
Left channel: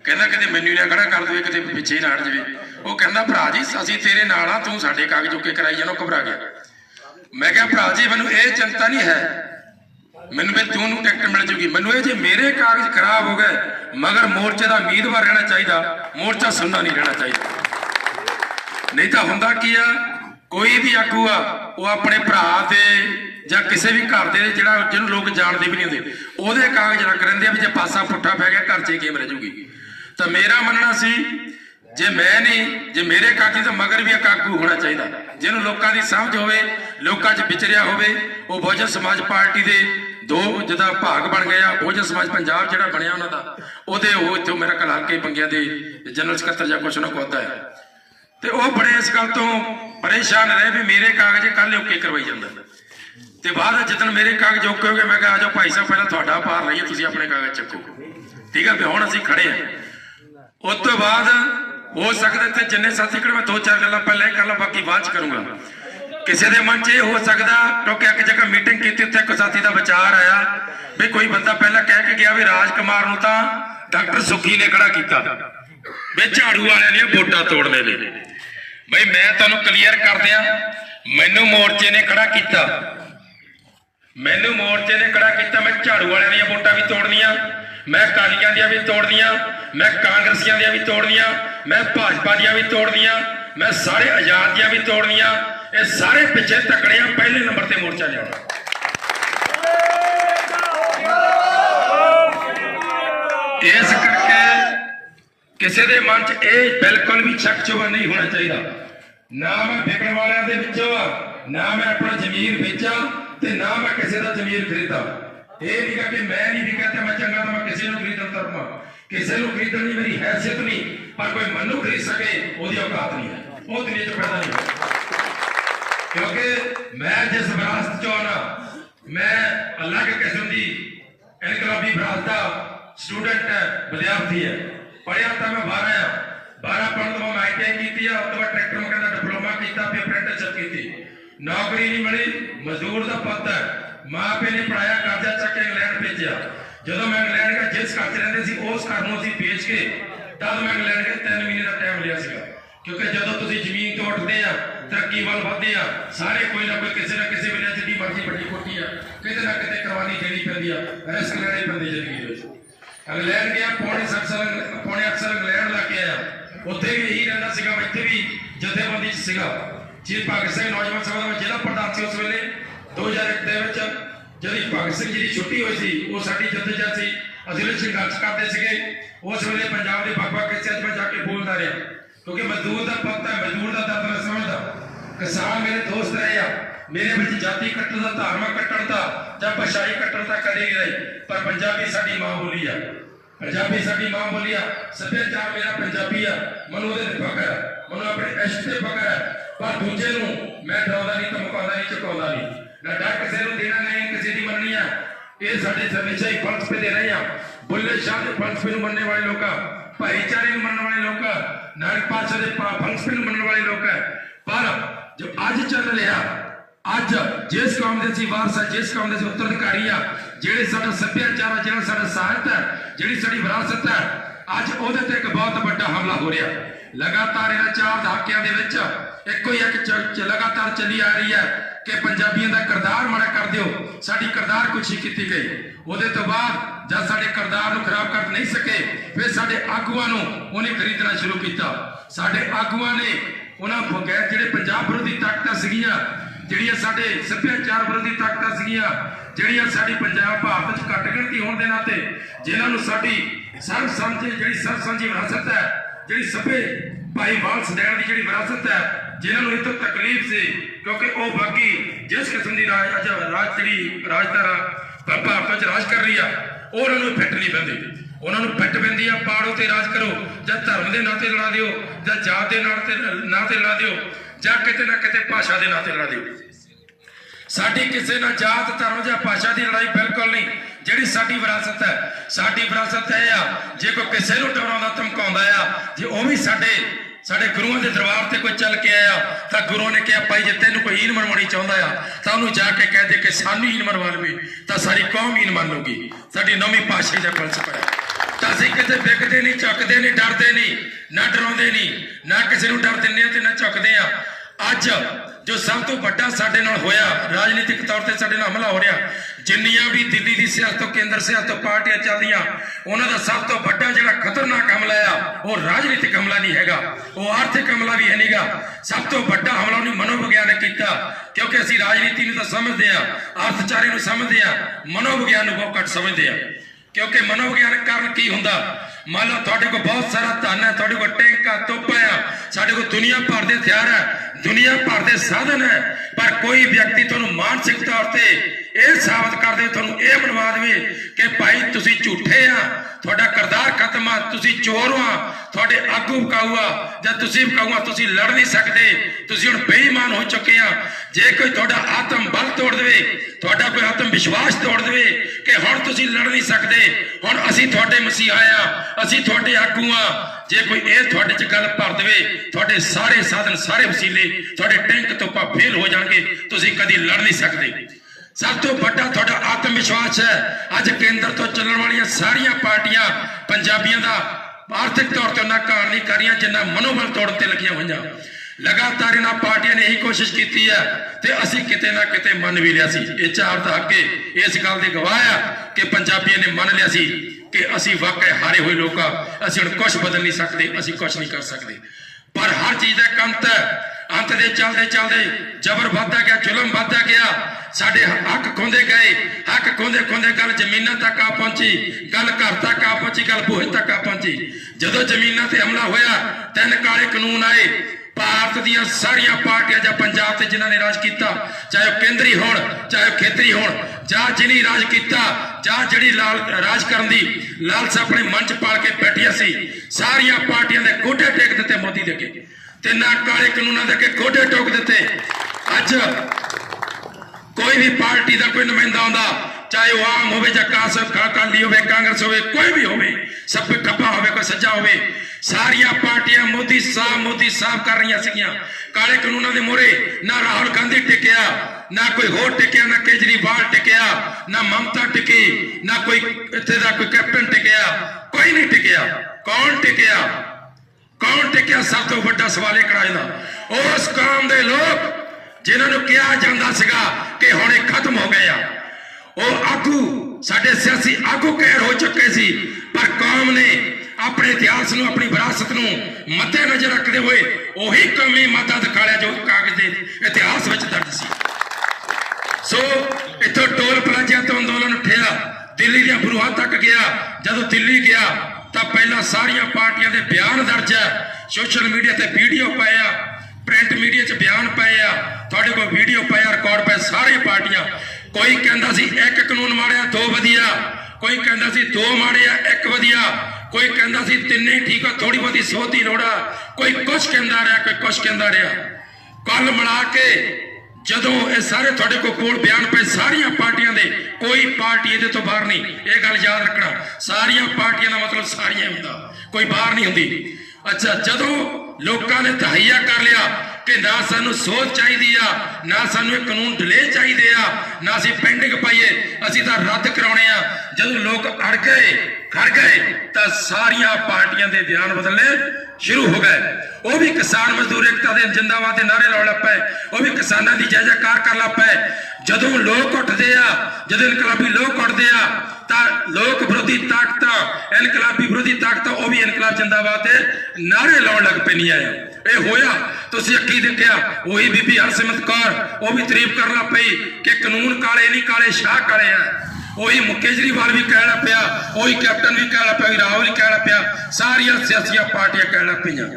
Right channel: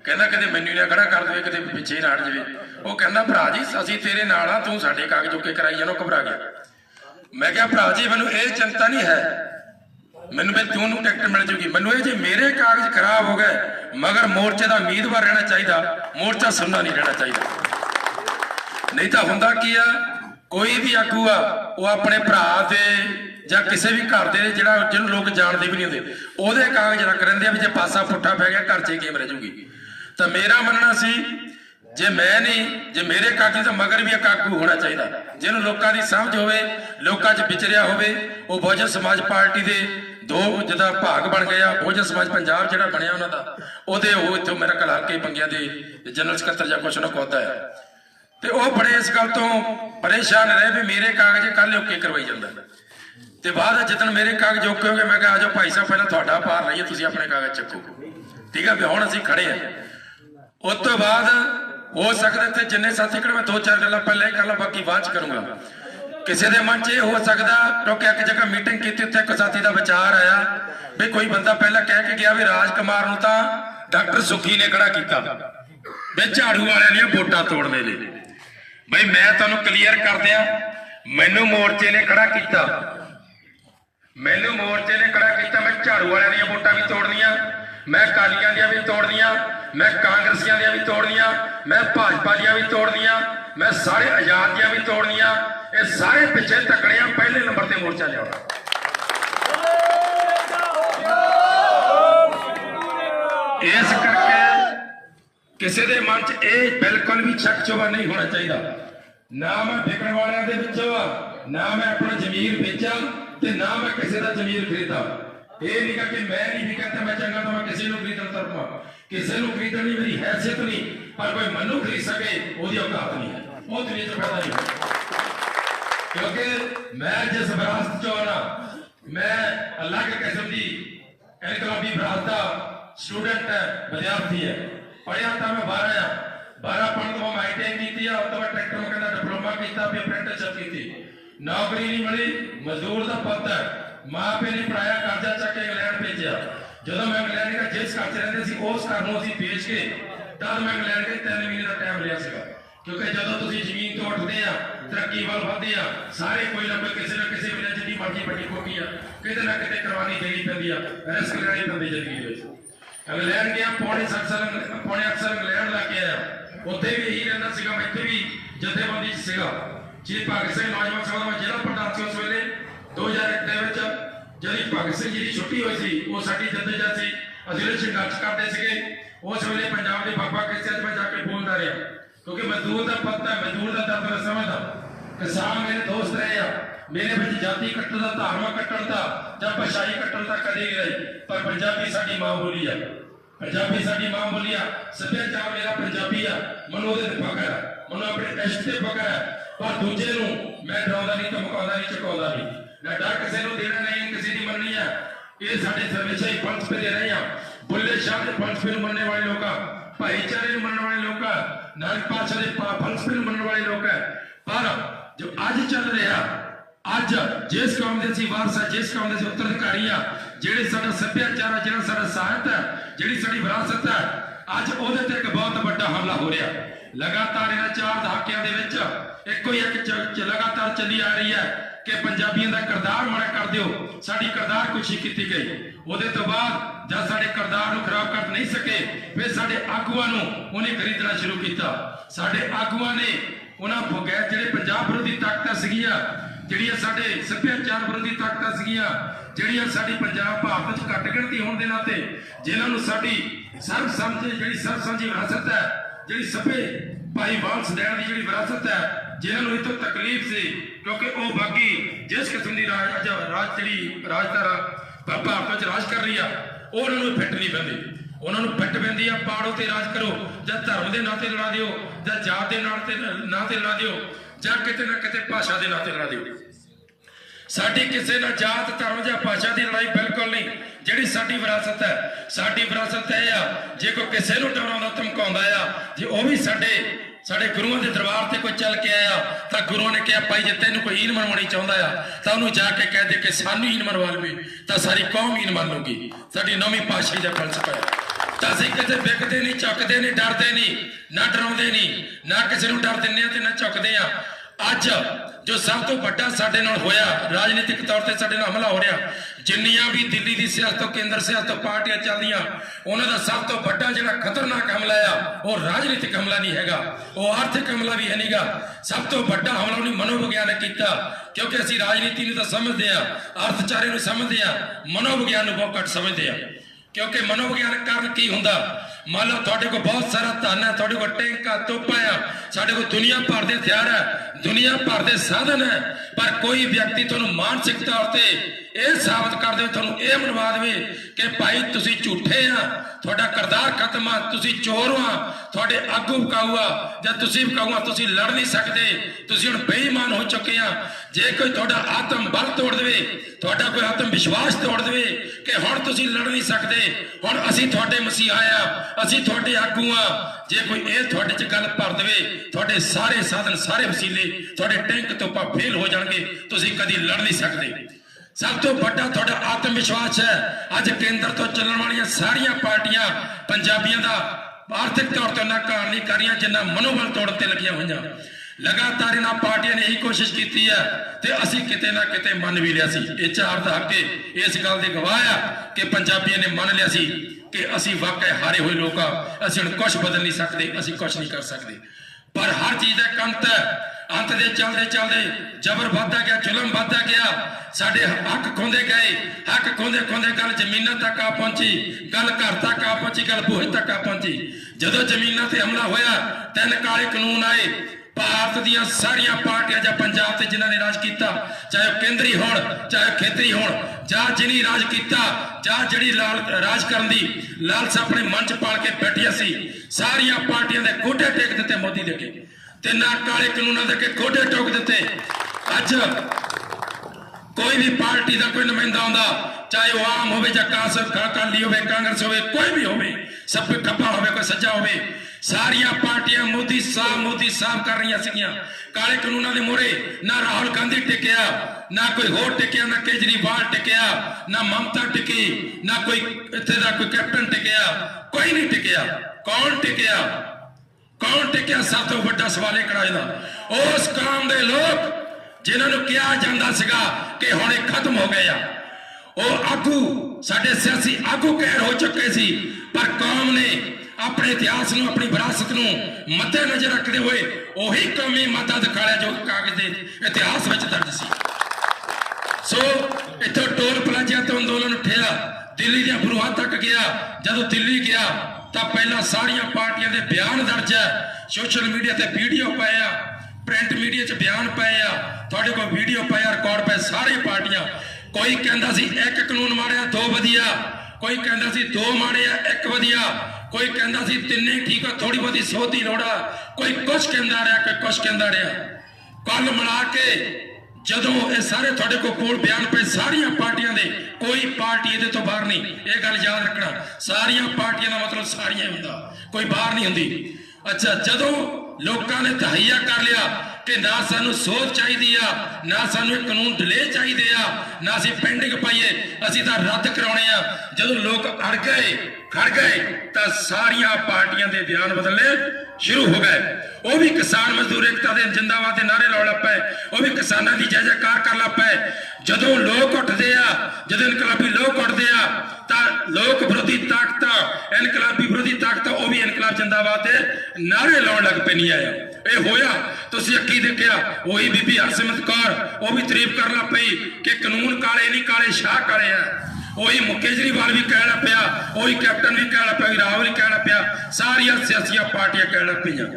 ਕਹਿੰਦਾ ਕਿਤੇ ਮੈਨੂੰ ਨਾ ਖੜਾ ਕਰ ਦੇਵੇ, ਕਿਤੇ ਪਿੱਛੇ ਨਾ ਹਟ ਜਾਵੇ। ਉਹ ਕਹਿੰਦਾ ਭਰਾ ਜੀ ਅਸੀਂ ਤੇਰੇ ਨਾਲ ਆ, ਤੂੰ ਸਾਡੇ ਕਾਗਜ਼ ਓਕੇ ਕਰਾਈ ਜਾਣਾ। ਘਬਰਾ ਗਿਆ। ਮੈਂ ਕਿਹਾ ਭਰਾ ਜੀ ਮੈਨੂੰ ਇਹ ਚਿੰਤਾ ਨਹੀਂ ਹੈ, ਮੈਨੂੰ ਵੀ ਤੁਹਾਨੂੰ ਟਿਕਟ ਮਿਲ ਜੂਗੀ। ਮੈਨੂੰ ਇਹ ਜੇ ਮੇਰੇ ਕਾਗਜ਼ ਖਰਾਬ ਹੋ ਗਏ, ਮਗਰ ਮੋਰਚੇ ਦਾ ਉਮੀਦਵਾਰ ਰਹਿਣਾ ਚਾਹੀਦਾ, ਮੋਰਚਾ ਸੁਣਨਾ ਨਹੀਂ ਰਹਿਣਾ ਚਾਹੀਦਾ। ਨਹੀਂ ਤਾਂ ਹੁੰਦਾ ਕੀ ਆ, ਕੋਈ ਵੀ ਆਗੂ ਆ ਉਹ ਆਪਣੇ ਭਰਾ ਦੇ ਜਾਂ ਕਿਸੇ ਵੀ ਘਰ ਦੇ ਜਿਹਨੂੰ ਲੋਕ ਜਾਣਦੇ ਵੀ ਨਹੀਂ ਹੁੰਦੇ, ਉਹਦੇ ਕਾਗਜ਼ ਰੱਖ ਲੈਂਦੇ ਆ ਵੀ ਜੇ ਪਾਸਾ ਪੁੱਠਾ ਪੈ ਗਿਆ ਘਰ 'ਚ ਗੇਮ ਰਹਿ ਜੂਗੀ। ਤਾਂ ਮੇਰਾ ਮੰਨਣਾ ਸੀ ਜੇ ਮੈਂ ਨਹੀਂ, ਜੇ ਮੇਰੇ ਕਾਗਜ਼ ਤੋਂ ਮਗਰ ਵੀ ਇੱਕ ਆਗੂ ਹੋਣਾ ਚਾਹੀਦਾ, ਜਿਹਨੂੰ ਲੋਕਾਂ ਦੀ ਸਮਝ ਹੋਵੇ, ਲੋਕਾਂ 'ਚ ਵਿਚਰਿਆ ਹੋਵੇ। ਉਹ ਬਹੁਜਨ ਸਮਾਜ ਪਾਰਟੀ ਦੇ 2 ਜਿਹਦਾ ਭਾਗ ਬਣ ਗਏ ਆ, ਬਹੁਜਨ ਸਮਾਜ ਪੰਜਾਬ ਜਿਹੜਾ ਬਣਿਆ ਉਹਨਾਂ ਦਾ, ਉਹਦੇ ਉਹ ਇੱਥੋਂ ਮੇਰਾ ਕਲਾ ਕੇ ਬੰਗਿਆਂ ਦੇ ਜਨਰਲ ਸਕੱਤਰ ਜਾਂ ਕੁਛ ਨਾ ਕੋਦਾ ਹੈ। ਤੇ ਉਹ ਬੜੇ ਇਸ ਗੱਲ ਤੋਂ ਪਰੇਸ਼ਾਨ ਰਹੇ ਵੀ ਮੇਰੇ ਕਾਗਜ਼ ਕੱਲ੍ਹ ਓਕੇ ਕਰਵਾਈ ਜਾਂਦਾ। ਤੇ ਬਾਅਦ ਜਿੱਦਣ ਮੇਰੇ ਕਾਗਜ਼ ਓਕੇ ਹੋ ਗਏ, ਮੈਂ ਕਿਹਾ ਆ ਜਾਓ ਭਾਈ ਸਾਹਿਬ ਪਹਿਲਾਂ ਤੁਹਾਡਾ ਭਾਰ ਲਈਏ, ਤੁਸੀਂ ਆਪਣੇ ਕਾਗਜ਼ ਚੱਕੋ। ਠੀਕ ਹੈ ਵੀ ਹੁਣ ਅਸੀਂ ਖੜੇ ਹਾਂ। ਉਸ ਤੋਂ ਬਾਅਦ ਹੋ ਸਕਦਾ ਇੱਥੇ ਜਿੰਨੇ ਸਾਥੀ ਖੜੇ, ਮੈਂ 2-4 ਗੱਲਾਂ ਪਹਿਲਾਂ ਇਹ ਗੱਲਾਂ ਬਾਕੀ ਬਾਅਦ 'ਚ ਕਰੂੰਗਾ। ਕਿਸੇ ਦੇ ਮਨ 'ਚ ਇਹ ਹੋ ਸਕਦਾ, ਕਿਉਂਕਿ ਇੱਕ ਜਗ੍ਹਾ ਮੀਟਿੰਗ ਕੀਤੀ, ਉੱਥੇ ਇੱਕ ਸਾਥੀ ਦਾ ਵਿਚਾਰ ਆਇਆ ਵੀ ਕੋਈ ਬੰਦਾ ਪਹਿਲਾਂ ਕਹਿ ਕੇ ਗਿਆ ਵੀ ਰਾਜ ਕੁਮਾਰ ਨੂੰ ਤਾਂ ਡਾਕਟਰ ਸੁੱਖੀ ਨੇ ਖੜਾ ਕੀਤਾ ਵੀ ਝਾੜੂ ਵਾਲਿਆਂ ਦੀਆਂ ਵੋਟਾਂ ਤੋੜਨੇ ਨੇ। ਬਈ ਮੈਂ ਤੁਹਾਨੂੰ ਕਲੀਅਰ ਕਰ ਦਿਆਂ, ਮੈਨੂੰ ਮੋਰਚੇ ਨੇ ਖੜਾ ਕੀਤਾ, ਮੈਨੂੰ ਮੋਰਚੇ ਨੇ ਖੜਾ ਕੀਤਾ। ਮੈਂ ਝਾੜੂ ਵਾਲਿਆਂ ਦੀਆਂ ਵੋਟਾਂ ਵੀ ਤੋੜਨੀਆਂ, ਮੈਂ ਅਕਾਲੀਆਂ ਦੀਆਂ ਵੀ ਤੋੜਨੀਆਂ, ਮੈਂ ਕਾਂਗਰਸੀਆਂ ਦੀਆਂ ਵੀ ਤੋੜਨੀਆਂ, ਮੈਂ ਭਾਜਪਾ ਦੀਆਂ ਵੀ ਤੋੜਨੀਆਂ, ਮੈਂ ਸਾਰੇ ਆਜ਼ਾਦੀਆਂ ਵੀ ਤੋੜਨੀਆਂ, ਇਹ ਸਾਰੇ ਪਿੱਛੇ ਤੱਕਣੇ ਆ, ਪਹਿਲੇ ਨੰਬਰ ਤੇ ਮੋਰਚਾ ਲਿਆਉਣਾ। ਇਸ ਕਰਕੇ ਕਿਸੇ ਦੇ ਮਨ 'ਚ ਇਹ ਬਿਲਕੁਲ ਵੀ ਸ਼ੱਕ ਸ਼ੁਬਾ ਨਹੀਂ ਹੋਣਾ ਚਾਹੀਦਾ। ਨਾ ਮੈਂ ਵਿਕਣ ਵਾਲਿਆਂ ਦੇ ਵਿੱਚੋਂ ਆ, ਨਾ ਮੈਂ ਆਪਣਾ ਜ਼ਮੀਰ ਵੇਚਾਂ ਤੇ ਨਾ ਮੈਂ ਕਿਸੇ ਦਾ ਜ਼ਮੀਰ ਖਰੀਦਾਂ। ਇਹ ਨਹੀਂ ਕਿ ਮੈਂ ਨਹੀਂ ਵਿਕਿਆ ਤੇ ਮੈਂ ਚੰਗਾ ਤਾਂ ਮੈਂ ਕਿਸੇ ਨੂੰ ਖਰੀਦਣ ਤਰਫਾਂ, ਕਿਸੇ ਨੂੰ ਖਰੀਦਣ ਦੀ ਮੇਰੀ ਹੈਸੀਅਤ ਨਹੀਂ, ਪਰ ਕੋਈ ਮੈਨੂੰ ਖਰੀਦ ਸਕੇ ਉਹਦੀ ਔਕਾਤ ਨਹੀਂ ਹੈ, ਉਹ ਦੁਨੀਆ 'ਚ ਫਾਇਦਾ ਨਹੀਂ। ਕਿਉਂਕਿ ਮੈਂ ਜਿਸ ਵਿਰਾਸਤ 'ਚੋਂ ਆਉਣਾ, ਮੈਂ ਅਲੱਗ ਕਿਸਮ ਦੀ ਇਨਕਲਾਬੀ ਵਿਰਾਸਤ ਦਾ ਸਟੂਡੈਂਟ ਹੈ, ਵਿਦਿਆਰਥੀ ਹੈ। ਪੜ੍ਹਿਆ ਤਾਂ ਮੈਂ 12 ਆ, 12 ਪੜ੍ਹਨ ਤੋਂ ਮੈਂ ITI ਕੀਤੀ ਆ, ਉਸ ਤੋਂ ਬਾਅਦ ਟਰੈਕਟਰ ਮਕੈਨਿਕ ਦਾ ਡਿਪਲੋਮਾ ਕੀਤਾ, ਫਿਰ ਅਪ੍ਰੈਂਟਿਸਸ਼ਿਪ ਕੀਤੀ। ਨੌਕਰੀ ਨਹੀਂ ਮਿਲੀ, ਮਜ਼ਦੂਰ ਦਾ ਪੁੱਤ ਹੈ। ਮਾਂ ਪਿਓ ਨੇ ਪੜਾਇਆ, ਕਰਜ਼ਾ ਚੱਕ ਕੇ ਇੰਗਲੈਂਡ ਭੇਜਿਆ। ਜਦੋਂ ਮੈਂ ਇੰਗਲੈਂਡ ਦਾ ਜਿਸ ਘਰ 'ਚ ਰਹਿੰਦੇ ਸੀ ਉਸ ਘਰ ਨੂੰ ਅਸੀਂ ਵੇਚ ਕੇ ਤਦ ਮੈਂ ਇੰਗਲੈਂਡ ਦੇ 3 ਮਹੀਨੇ ਦਾ ਟਾਈਮ ਲਿਆ ਸੀਗਾ। ਕਿਉਂਕਿ ਜਦੋਂ ਤੁਸੀਂ ਜ਼ਮੀਨ ਤੋਂ ਉੱਠਦੇ ਆ, ਤਰੱਕੀ ਵੱਲ ਵਧਦੇ ਆ, ਸਾਰੇ ਕੋਈ ਨਾ ਕੋਈ ਕਿਸੇ ਨਾ ਕਿਸੇ ਵੇਲੇ ਜਿੱਡੀ ਮਰਜ਼ੀ ਵੱਡੀ ਕੋਠੀ ਆ, ਕਿਤੇ ਨਾ ਕਿਤੇ ਕੁਰਬਾਨੀ ਦੇਣੀ ਪੈਂਦੀ ਆ, ਰਿਸਕ ਲੈਣੇ ਪੈਂਦੇ ਜ਼ਿੰਦਗੀ ਦੇ ਵਿੱਚ। ਇੰਗਲੈਂਡ ਗਿਆ, ਪੌਣੇ 8 ਸਾਲ ਇੰਗਲੈਂਡ ਲਾ ਕੇ ਆਇਆ, ਉੱਥੇ ਵੀ ਇਹੀ ਰਹਿੰਦਾ ਸੀਗਾ। ਮੈਂ ਇੱਥੇ ਵੀ ਜਥੇਬੰਦੀ 'ਚ ਸੀਗਾ, ਸ਼ਹੀਦ ਭਗਤ ਸਿੰਘ ਨੌਜਵਾਨ ਸਭਾ ਦਾ ਜ਼ਿਲ੍ਹਾ ਪ੍ਰਧਾਨ ਸੀ ਉਸ ਵੇਲੇ। 2001 ਦੇ ਵਿੱਚ ਜਿਹੜੀ ਭਗਤ ਸਿੰਘ ਜੀ ਦੀ ਛੁੱਟੀ ਹੋਈ ਸੀ, ਉਹ ਸਾਡੀ ਜੱਦੋਜਹਿਦ ਸੀ, ਅਸੀਂ ਉਹਦੇ ਸੰਘਰਸ਼ ਕਰਦੇ ਸੀਗੇ। ਉਸ ਵੇਲੇ ਪੰਜਾਬ ਦੇ ਵੱਖ-ਵੱਖ ਹਿੱਸਿਆਂ 'ਚ ਮੈਂ ਜਾ ਕੇ ਬੋਲਦਾ ਰਿਹਾ, ਕਿਉਂਕਿ ਮਜ਼ਦੂਰ ਦਾ ਪੁੱਤ ਹੈ, ਮਜ਼ਦੂਰ ਦਾ ਦਰਦ ਮੈਂ ਸਮਝਦਾ। ਕਿਸਾਨ ਮੇਰੇ ਦੋਸਤ ਰਹੇ ਆ, ਮੇਰੇ ਵਿੱਚ ਜਾਤੀ ਕੱਟਣ ਦਾ, ਧਾਰਮਿਕ ਕੱਟਣ ਦਾ ਜਾਂ ਭਾਸ਼ਾਈ ਕੱਟਣ ਦਾ ਕਦੇ ਨਹੀਂ ਰਹੀ, ਪਰ ਪੰਜਾਬੀ ਸਾਡੀ ਮਾਂ ਬੋਲੀ ਆ, ਪੰਜਾਬੀ ਸਾਡੀ ਮਾਂ ਬੋਲੀ ਆ। ਸੱਭਿਆਚਾਰ ਮੇਰਾ ਪੰਜਾਬੀ ਆ, ਮੈਨੂੰ ਉਹਦੇ ਤੇ ਫਖਰ ਹੈ, ਮੈਨੂੰ ਆਪਣੇ ਇਸ਼ਕ ਤੇ ਫਖਰ ਹੈ। ਪਰ ਦੂਜੇ ਨੂੰ ਮੈਂ ਡਰਾਉਂਦਾ ਨਹੀਂ, ਧਮਕਾਉਂਦਾ ਨਹੀਂ, ਝੁਕਾਉਂਦਾ ਨਹੀਂ। ਮੈਂ ਡਰ ਕਿਸੇ ਨੂੰ ਦੇਣਾ ਨਹੀਂ, ਕਿਸੇ ਦੀ ਮੰਨਣੀ ਆ। ਇਹ ਸਾਡੇ ਹਮੇਸ਼ਾ ਹੀ ਫਲਸਫੇ ਦੇ ਰਹੇ ਆ। ਬੁੱਲੇ ਸ਼ਾਹ ਦੇ ਫਲਸਫੇ ਨੂੰ ਮੰਨਣ ਵਾਲੇ ਲੋਕ, ਭਾਈਚਾਰੇ ਨੂੰ ਮੰਨਣ ਵਾਲੇ ਲੋਕ, ਨਾਨਕ ਪਾਤਸ਼ਾਹ ਦੇ ਫਲਸਫੇ ਨੂੰ ਮੰਨਣ ਵਾਲੇ ਲੋਕ। ਪਰ ਜੋ ਅੱਜ ਚੱਲ ਰਿਹਾ, ਅੱਜ ਜਿਸ ਕੌਮ ਦੇ ਅਸੀਂ ਵਾਰਸ ਆ, ਜਿਸ ਕੌਮ ਦੇ ਅਸੀਂ ਉੱਤਰਾਧਿਕਾਰੀ ਆ, ਜਿਹੜੇ ਸਾਡਾ ਸੱਭਿਆਚਾਰ ਆ, ਜਿਹੜਾ ਸਾਡਾ ਸਾਹਿਤ ਹੈ, ਜਿਹੜੀ ਸਾਡੀ ਵਿਰਾਸਤ ਹੈ, ਅੱਜ ਉਹਦੇ ਤੇ ਇੱਕ ਬਹੁਤ ਵੱਡਾ ਹਮਲਾ ਹੋ ਰਿਹਾ। ਲਗਾਤਾਰ ਇਹਨਾਂ 4 ਦਹਾਕਿਆਂ ਦੇ ਵਿੱਚ ਇੱਕੋ ਹੀ ਇੱਕ ਲਗਾਤਾਰ ਚੱਲੀ ਆ ਰਹੀ ਹੈ ਕਿ ਪੰਜਾਬੀਆਂ ਦਾ ਕਿਰਦਾਰ ਮਾੜਾ ਕਰ ਦਿਓ, ਸਾਡੀ ਕਿਰਦਾਰ ਕੁਸ਼ੀ ਕੀਤੀ ਗਈ। ਉਹਦੇ ਤੋਂ ਬਾਅਦ ਜਦ ਸਾਡੇ ਕਿਰਦਾਰ ਨੂੰ ਖਰਾਬ ਕਰ ਨਹੀਂ ਸਕੇ, ਫਿਰ ਸਾਡੇ ਆਗੂਆਂ ਨੂੰ ਉਹਨੇ ਖਰੀਦਣਾ ਸ਼ੁਰੂ ਕੀਤਾ। ਸਾਡੇ ਆਗੂਆਂ ਨੇ ਉਹਨਾਂ ਬਗੈਰ ਜਿਹੜੇ ਪੰਜਾਬ ਵਿਰੋਧੀ ਤਾਕਤਾਂ ਸੀਗੀਆਂ, ਜਿਹੜੀਆਂ ਸਾਡੇ ਸੱਭਿਆਚਾਰ ਵਿਰੋਧੀ ਤਾਕਤਾਂ ਸੀਗੀਆਂ, ਜਿਹੜੀਆਂ ਸਾਡੀ ਪੰਜਾਬ ਭਾਰਤ 'ਚ ਘੱਟ ਗਿਣਤੀ ਹੋਣ ਦੇ ਨਾਤੇ, ਜਿਨ੍ਹਾਂ ਨੂੰ ਸਾਡੀ ਸਰਬ ਸਮਝੀ ਜਿਹੜੀ ਸਰਬ ਸਾਂਝੀ ਵਿਰਾਸਤ ਹੈ, ਜਿਹੜੀ ਸਭੇ ਭਾਈਵਾਲ ਸਦੈਣ ਦੀ ਜਿਹੜੀ ਵਿਰਾਸਤ ਹੈ, ਜਿਨ੍ਹਾਂ ਨੂੰ ਇਹ ਤੋਂ ਤਕਲੀਫ ਸੀ ਕਿਉਂਕਿ ਉਹ ਬਾਕੀ ਜਿਸ ਕਿਸਮ ਦੀ ਰਾਜਧਾਰਾ ਭਾਰਤ 'ਚ ਰਾਜ ਕਰ ਰਹੀ ਆ, ਉਹਨਾਂ ਨੂੰ ਫਿੱਟ ਨਹੀਂ ਪੈਂਦੀ। ਉਹਨਾਂ ਨੂੰ ਫਿੱਟ ਪੈਂਦੀ ਆ ਪਾੜੋ ਤੇ ਰਾਜ ਕਰੋ, ਜਾਂ ਧਰਮ ਦੇ ਨਾਂ ਤੇ ਲੜਾ ਦਿਓ, ਜਾਂ ਜਾਤ ਦੇ ਨਾਂ ਤੇ ਲੜਾ ਦਿਓ, ਜਾਂ ਕਿਤੇ ਨਾ ਕਿਤੇ ਭਾਸ਼ਾ ਦੇ ਨਾਂ ਤੇ ਲੜਾ ਦਿਓ। ਸਾਡੀ ਕਿਸੇ ਨਾਲ ਜਾਤ, ਧਰਮ ਜਾਂ ਭਾਸ਼ਾ ਦੀ ਲੜਾਈ ਬਿਲਕੁਲ ਨਹੀਂ। ਜਿਹੜੀ ਸਾਡੀ ਵਿਰਾਸਤ ਹੈ, ਸਾਡੀ ਵਿਰਾਸਤ ਇਹ ਆ, ਜੇ ਕੋਈ ਕਿਸੇ ਨੂੰ ਡਰਾਉਂਦਾ ਧਮਕਾਉਂਦਾ ਆ, ਜੇ ਉਹ ਵੀ ਸਾਡੇ ਗੁਰੂਆਂ ਦੇ ਦਰਬਾਰ ਤੇ ਕੋਈ ਚੱਲ ਕੇ ਆਇਆ, ਤਾਂ ਗੁਰੂਆਂ ਨੇ ਕਿਹਾ ਭਾਈ ਜੇ ਤੈਨੂੰ ਕੋਈ ਹੀਨ ਮਨਵਾਉਣੀ ਚਾਹੁੰਦਾ ਆ ਤਾਂ ਉਹਨੂੰ ਜਾ ਕੇ ਕਹਿ ਦੇ ਕਿ ਸਾਨੂੰ ਹੀਨ ਮਨਵਾ ਲਵੇ, ਤਾਂ ਸਾਰੀ ਕੌਮ ਹੀਨ ਮੰਨ ਲੂਗੀ। ਸਾਡੀ ਨੌਵੀਂ ਪਾਤਸ਼ਾਹੀ ਦਾ ਫਲਸਫਾ ਹੈ। ਤਾਂ ਅਸੀਂ ਕਿਤੇ ਵਿਕਦੇ ਨਹੀਂ, ਝੁਕਦੇ ਨਹੀਂ, ਡਰਦੇ ਨਹੀਂ, ਨਾ ਡਰਾਉਂਦੇ ਨਹੀਂ, ਨਾ ਕਿਸੇ ਨੂੰ ਡਰ ਦਿੰਦੇ ਆ ਤੇ ਨਾ ਝੁਕਦੇ ਆ। ਅੱਜ ਜੋ ਸਭ ਤੋਂ ਵੱਡਾ ਸਾਡੇ ਨਾਲ ਹੋਇਆ, ਰਾਜਨੀਤਿਕ ਤੌਰ ਤੇ ਸਾਡੇ ਨਾਲ ਹਮਲਾ ਹੋ ਰਿਹਾ, ਜਿੰਨੀਆਂ ਵੀ ਦਿੱਲੀ ਦੀ ਸਿਆਸਤ ਤੋਂ, ਕੇਂਦਰ ਸਿਆਸਤ ਤੋਂ ਪਾਰਟੀਆਂ ਚੱਲਦੀਆਂ, ਉਹਨਾਂ ਦਾ ਸਭ ਤੋਂ ਵੱਡਾ ਜਿਹੜਾ ਖਤਰਨਾਕ ਹਮਲਾ ਆ, ਉਹ ਰਾਜਨੀਤਿਕ ਹਮਲਾ ਨਹੀਂ ਹੈਗਾ, ਉਹ ਆਰਥਿਕ ਹਮਲਾ ਵੀ ਹੈ ਨਹੀਂਗਾ। ਸਭ ਤੋਂ ਵੱਡਾ ਹਮਲਾ ਉਹਨੇ ਮਨੋਵਿਗਿਆਨਕ ਕੀਤਾ, ਕਿਉਂਕਿ ਅਸੀਂ ਰਾਜਨੀਤੀ ਨੂੰ ਤਾਂ ਸਮਝਦੇ ਆ, ਅਰਥਚਾਰੇ ਨੂੰ ਸਮਝਦੇ ਆ, ਮਨੋਵਿਗਿਆਨ ਨੂੰ ਬਹੁਤ ਘੱਟ ਸਮਝਦੇ ਆ। ਕਿਉਂਕਿ ਮਨੋਵਿਗਿਆਨਕ ਕਾਰਨ ਕੀ ਹੁੰਦਾ, ਮੰਨ ਲਓ ਤੁਹਾਡੇ ਕੋਲ ਬਹੁਤ ਸਾਰਾ ਧਨ ਹੈ, ਤੁਹਾਡੇ ਕੋਲ ਟੈਂਕਾਂ, ਤੋਪਾਂ ਆ, ਸਾਡੇ ਕੋਲ ਦੁਨੀਆ ਭਰ ਦੇ ਹਥਿਆਰ ਹੈ, ਦੁਨੀਆ ਭਰ ਦੇ ਸਾਧਨ ਹੈ, ਪਰ ਕੋਈ ਵਿਅਕਤੀ ਤੁਹਾਨੂੰ ਮਾਨਸਿਕ ਤੌਰ ਤੇ ਇਹ ਸਾਬਤ ਕਰ ਦੇਵੇ, ਤੁਹਾਨੂੰ ਇਹ ਮਨਵਾ ਦੇਵੇ ਕਿ ਭਾਈ ਤੁਸੀਂ ਝੂਠੇ ਆ, ਤੁਹਾਡਾ ਕਿਰਦਾਰ ਖਤਮ ਆ, ਤੁਸੀਂ ਚੋਰ ਆ, ਤੁਹਾਡੇ ਆਗੂ ਵਿਕਾਊ ਆ, ਜਾਂ ਤੁਸੀਂ ਵਿਕਾਊ ਆ, ਤੁਸੀਂ ਲੜ ਨਹੀਂ ਸਕਦੇ, ਤੁਸੀਂ ਹੁਣ ਬੇਈਮਾਨ ਹੋ ਚੁੱਕੇ ਆ। ਜੇ ਕੋਈ ਤੁਹਾਡਾ ਆਤਮ ਬਲ ਤੋੜ ਦੇਵੇ, ਤੁਹਾਡਾ ਕੋਈ ਆਤਮ ਵਿਸ਼ਵਾਸ ਤੋੜ ਦੇਵੇ ਕਿ ਹੁਣ ਤੁਸੀਂ ਲੜ ਨਹੀਂ ਸਕਦੇ, ਹੁਣ ਅਸੀਂ ਤੁਹਾਡੇ ਮਸੀਹਾ ਆ, ਅਸੀਂ ਤੁਹਾਡੇ ਆਗੂ ਆ, ਜੇ ਕੋਈ ਇਹ ਤੁਹਾਡੇ 'ਚ ਗੱਲ ਭਰ ਦੇਵੇ, ਤੁਹਾਡੇ ਸਾਰੇ ਸਾਧਨ, ਸਾਰੇ ਵਸੀਲੇ, ਤੁਹਾਡੇ ਟੈਂਕ ਤੋਪਾਂ ਫੇਲ ਹੋ ਜਾਣਗੇ, ਤੁਸੀਂ ਕਦੀ ਲੜ ਨਹੀਂ ਸਕਦੇ। ਸਭ ਤੋਂ ਵੱਡਾ ਤੁਹਾਡਾ ਆਤਮ ਵਿਸ਼ਵਾਸ ਹੈ। ਅੱਜ ਕੇਂਦਰ ਤੋਂ ਚੱਲਣ ਵਾਲੀਆਂ ਸਾਰੀਆਂ ਪਾਰਟੀਆਂ ਪੰਜਾਬੀਆਂ ਦਾ ਆਰਥਿਕ ਤੌਰ ਤੇ ਉਹਨਾਂ ਕਾਰਨ ਨਹੀਂ ਕਰ ਰਹੀਆਂ ਜਿੰਨਾ ਮਨੋਬਲ ਤੋੜਨ ਤੇ ਲੱਗੀਆਂ ਹੋਈਆਂ। ਲਗਾਤਾਰ ਇਹਨਾਂ ਪਾਰਟੀਆਂ ਨੇ ਇਹੀ ਕੋਸ਼ਿਸ਼ ਕੀਤੀ ਹੈ ਤੇ ਅਸੀਂ ਕਿਤੇ ਨਾ ਕਿਤੇ ਮੰਨ ਵੀ ਲਿਆ ਸੀ। ਇਹ 4 ਦਹਾਕੇ ਇਸ ਗੱਲ ਦੀ ਗਵਾਹ ਆ ਕਿ ਪੰਜਾਬੀਆਂ ਨੇ ਮੰਨ ਲਿਆ ਸੀ ਕਿ ਅਸੀਂ ਵਾਕਈ ਹਾਰੇ ਹੋਏ ਲੋਕ ਆ, ਅਸੀਂ ਹੁਣ ਕੁਝ ਬਦਲ ਨਹੀਂ ਸਕਦੇ, ਅਸੀਂ ਕੁਝ ਨਹੀਂ ਕਰ ਸਕਦੇ। ਪਰ ਹਰ ਚੀਜ਼ ਦਾ ਇੱਕ ਅੰਤ ਹੈ। ਅੰਤ ਦੇ ਚਲਦੇ ਚਲਦੇ ਜ਼ਬਰ ਵੱਧਦਾ ਗਿਆ, ਜ਼ੁਲਮ ਵੱਧਦਾ ਗਿਆ, ਸਾਡੇ ਹੱਕ ਖੋਂਦੇ ਗਏ। ਹੱਕ ਖੋਂਦੇ ਖੋਂਦੇ ਗੱਲ ਜ਼ਮੀਨਾਂ ਤੱਕ ਆ ਪਹੁੰਚੀ, ਗੱਲ ਘਰ ਤੱਕ ਆ ਪਹੁੰਚੀ, ਗੱਲ ਬੂਹੇ ਤੱਕ ਆ ਪਹੁੰਚੀ। ਜਦੋਂ ਜ਼ਮੀਨਾਂ ਤੇ ਹਮਲਾ ਹੋਇਆ 3 ਕਾਲੇ ਕਾਨੂੰਨ ਆਏ। ਭਾਰਤ ਦੀਆਂ ਸਾਰੀਆਂ ਪਾਰਟੀਆਂ ਜਾਂ ਪੰਜਾਬ ਤੇ ਜਿਨ੍ਹਾਂ ਨੇ ਰਾਜ ਕੀਤਾ, ਚਾਹੇ ਉਹ ਕੇਂਦਰੀ ਹੋਣ ਚਾਹੇ ਉਹ ਖੇਤਰੀ ਹੋਣ, ਜਾਂ ਜਿਹਨੇ ਰਾਜ ਕੀਤਾ ਜਾਂ ਜਿਹੜੀ ਰਾਜ ਕਰਨ ਦੀ ਲਾਲਸਾ ਆਪਣੇ ਮਨ ਚ ਪਾਲ ਕੇ ਬੈਠੀਆਂ ਸੀ, ਸਾਰੀਆਂ ਪਾਰਟੀਆਂ ਦੇ ਗੋਡੇ ਟੇਕ ਦਿੱਤੇ ਮੋਦੀ ਦੇ ਅੱਗੇ, ਤੇ ਨਾ ਕਾਲੇ ਕਾਨੂੰਨਾਂ ਦੇ ਅੱਗੇ ਗੋਡੇ ਟੋਕ ਦਿੱਤੇ। ਅੱਜ ਕੋਈ ਵੀ ਪਾਰਟੀ ਦਾ ਕੋਈ ਨੁਮਾਇੰਦਾ ਆਉਂਦਾ, ਚਾਹੇ ਉਹ ਆਮ ਹੋਵੇ ਜਾਂ ਅਕਾਲੀ ਹੋਵੇ, ਕਾਂਗਰਸ ਹੋਵੇ, ਕੋਈ ਵੀ ਹੋਵੇ, ਸਭ ਖੱਬਾ ਹੋਵੇ ਕੋਈ ਸੱਜਾ ਹੋਵੇ, ਸਾਰੀਆਂ ਪਾਰਟੀਆਂ ਮੋਦੀ ਸਾਹਿਬ ਕਰ ਰਹੀਆਂ ਸੀਗੀਆਂ। ਕਾਲੇ ਕਾਨੂੰਨਾਂ ਦੇ ਮੋਹਰੇ ਨਾ ਰਾਹੁਲ ਗਾਂਧੀ ਟਿਕਿਆ, ਨਾ ਕੋਈ ਹੋਰ ਟਿਕਿਆ, ਨਾ ਕੇਜਰੀਵਾਲ ਟਿਕਿਆ, ਨਾ ਮਮਤਾ ਟਿਕੀ, ਨਾ ਕੋਈ ਇੱਥੇ ਦਾ ਕੋਈ ਕੈਪਟਨ ਟਿਕਿਆ, ਕੋਈ ਨਹੀਂ ਟਿਕਿਆ। ਕੌਣ ਟਿਕਿਆ? ਕੌਣ ਟਿਕਿਆ? ਸਭ ਤੋਂ ਵੱਡਾ ਸਵਾਲ ਇਹ ਖੜਾ ਜਾਂਦਾ। ਉਸ ਕੌਮ ਦੇ ਲੋਕ ਜਿਨ੍ਹਾਂ ਨੂੰ ਕਿਹਾ ਜਾਂਦਾ ਸੀਗਾ ਕਿ ਹੁਣ ਇਹ ਖਤਮ ਹੋ ਗਏ ਆ, ਉਹ ਆਗੂ, ਸਾਡੇ ਸਿਆਸੀ ਆਗੂ ਕਹਿਰ ਹੋ ਚੁੱਕੇ ਸੀ, ਪਰ ਕੌਮ ਨੇ ਆਪਣੇ ਇਤਿਹਾਸ ਨੂੰ, ਆਪਣੀ ਵਿਰਾਸਤ ਨੂੰ ਮੱਦੇ ਨਜ਼ਰ ਰੱਖਦੇ ਹੋਏ ਉਹੀ ਕੌਮੀ ਮਾਦਾ ਦਿਖਾ ਲਿਆ ਜੋ ਕਾਗਜ਼ ਦੇ ਇਤਿਹਾਸ ਵਿੱਚ ਦਰਜ ਸੀ। ਸੋ ਇੱਥੋਂ ਟੋਲ ਪਲਾਜ਼ਿਆਂ ਤੋਂ ਅੰਦੋਲਨ ਉੱਠਿਆ, ਦਿੱਲੀ ਦੀਆਂ ਬਰੂਹਾਂ ਤੱਕ ਗਿਆ। ਜਦੋਂ ਦਿੱਲੀ ਗਿਆ ਤਾਂ ਪਹਿਲਾਂ ਸਾਰੀਆਂ ਪਾਰਟੀਆਂ ਦੇ ਬਿਆਨ ਦਰਜ ਹੈ, ਸੋਸ਼ਲ ਮੀਡੀਆ ਤੇ ਵੀਡੀਓ ਪਏ ਆ, ਪ੍ਰਿੰਟ ਮੀਡੀਆ 'ਚ ਬਿਆਨ ਪਏ ਆ, ਤੁਹਾਡੇ ਕੋਲ ਵੀਡੀਓ ਪਏ ਆ, ਰਿਕਾਰਡ ਪਏ, ਸਾਰੀਆਂ ਪਾਰਟੀਆਂ। ਕੋਈ ਕਹਿੰਦਾ ਸੀ 1 ਕਾਨੂੰਨ ਮਾੜਿਆ 2 ਵਧੀਆ, ਕੋਈ ਕਹਿੰਦਾ ਸੀ 2 ਮਾੜਿਆ 1 ਵਧੀਆ, ਕੋਈ ਕਹਿੰਦਾ ਸੀ 3 ਠੀਕ ਆ, ਥੋੜੀ ਬਹੁਤੀ ਸੋਧ ਦੀ ਲੋੜ ਆ, ਕੋਈ ਕੁਛ ਕਹਿੰਦਾ ਰਿਹਾ, ਕੋਈ ਕੁਛ ਕਹਿੰਦਾ ਰਿਹਾ। ਕੱਲ ਮਿਲਾ ਕੇ ਜਦੋਂ ਇਹ ਸਾਰੇ ਤੁਹਾਡੇ ਕੋਲ ਬਿਆਨ ਪਏ ਸਾਰੀਆਂ ਪਾਰਟੀਆਂ ਦੇ, ਕੋਈ ਪਾਰਟੀ ਇਹਦੇ ਤੋਂ ਬਾਹਰ ਨਹੀਂ। ਇਹ ਗੱਲ ਯਾਦ ਰੱਖਣਾ, ਸਾਰੀਆਂ ਪਾਰਟੀਆਂ ਦਾ ਮਤਲਬ ਸਾਰੀਆਂ ਹੁੰਦਾ, ਕੋਈ ਬਾਹਰ ਨਹੀਂ ਹੁੰਦੀ। ਅੱਛਾ, ਜਦੋਂ ਲੋਕਾਂ ਨੇ ਤਹਈਆ ਕਰ ਲਿਆ ਕਿ ਨਾ ਸਾਨੂੰ ਸੋਧ ਚਾਹੀਦੀ ਆ, ਨਾ ਸਾਨੂੰ ਇਹ ਕਾਨੂੰਨ ਡਿਲੇ ਚਾਹੀਦੇ ਆ, ਨਾ ਅਸੀਂ ਪੈਂਡਿੰਗ ਪਾਈਏ, ਅਸੀਂ ਤਾਂ ਰੱਦ ਕਰਾਉਣੇ ਆ, ਜਦੋਂ ਲੋਕ ਅੜ ਗਏ, ਖੜ ਗਏ, ਤਾਂ ਸਾਰੀਆਂ ਪਾਰਟੀਆਂ ਦੇ ਬਿਆਨ ਬਦਲਣੇ ਸ਼ੁਰੂ ਹੋ ਗਏ। ਉਹ ਵੀ ਕਿਸਾਨ ਮਜ਼ਦੂਰ ਏਕਤਾ ਦੇ ਜਿੰਦਾਬਾਦ ਦੇ ਨਾਰੇ ਲਾਉਣ ਲੱਗ ਪਏ, ਉਹ ਵੀ ਕਿਸਾਨਾਂ ਦੀ ਜੈ ਜੈਕਾਰ ਕਰਨ ਲੱਗ ਪਏ। ਜਦੋਂ ਲੋਕ ਉੱਠਦੇ ਆ, ਜਦੋਂ ਇਨਕਲਾਬੀ ਲੋਕ ਉੱਠਦੇ ਆ, ਤਾਂ ਲੋਕ ਵਿਰੋਧੀ ਤਾਕਤਾਂ, ਇਨਕਲਾਬੀ ਵਿਰੋਧੀ ਤਾਕਤਾਂ, ਉਹ ਵੀ ਇਨਕਲਾਬ ਜਿੰਦਾਬਾਦ ਦੇ ਨਾਰੇ ਲਾਉਣ ਲੱਗ ਪੈਣੀਆਂ ਆ। ਇਹ ਹੋਇਆ, ਤੁਸੀਂ ਅੱਖੀਂ ਦੇਖਿਆ। ਉਹੀ ਬੀਬੀ ਹਰਸਿਮਰਤ ਕੌਰ, ਉਹ ਵੀ ਤਾਰੀਫ ਕਰਨ ਲੱਗ ਪਈ ਕਿ ਕਾਨੂੰਨ ਕਾਲੇ ਨਹੀਂ, ਕਾਲੇ ਸ਼ਾਹ ਕਾਲੇ ਆ। ਉਹੀ ਕੇਜਰੀਵਾਲ ਵੀ ਕਹਿਣਾ ਪਿਆ, ਉਹੀ ਕੈਪਟਨ ਵੀ ਕਹਿਣਾ ਪਿਆ, ਰਾਹੁਲ ਵੀ ਕਹਿਣਾ ਪਿਆ, ਸਾਰੀਆਂ ਸਿਆਸੀਆਂ ਪਾਰਟੀਆਂ ਕਹਿਣਾ ਪਈਆਂ।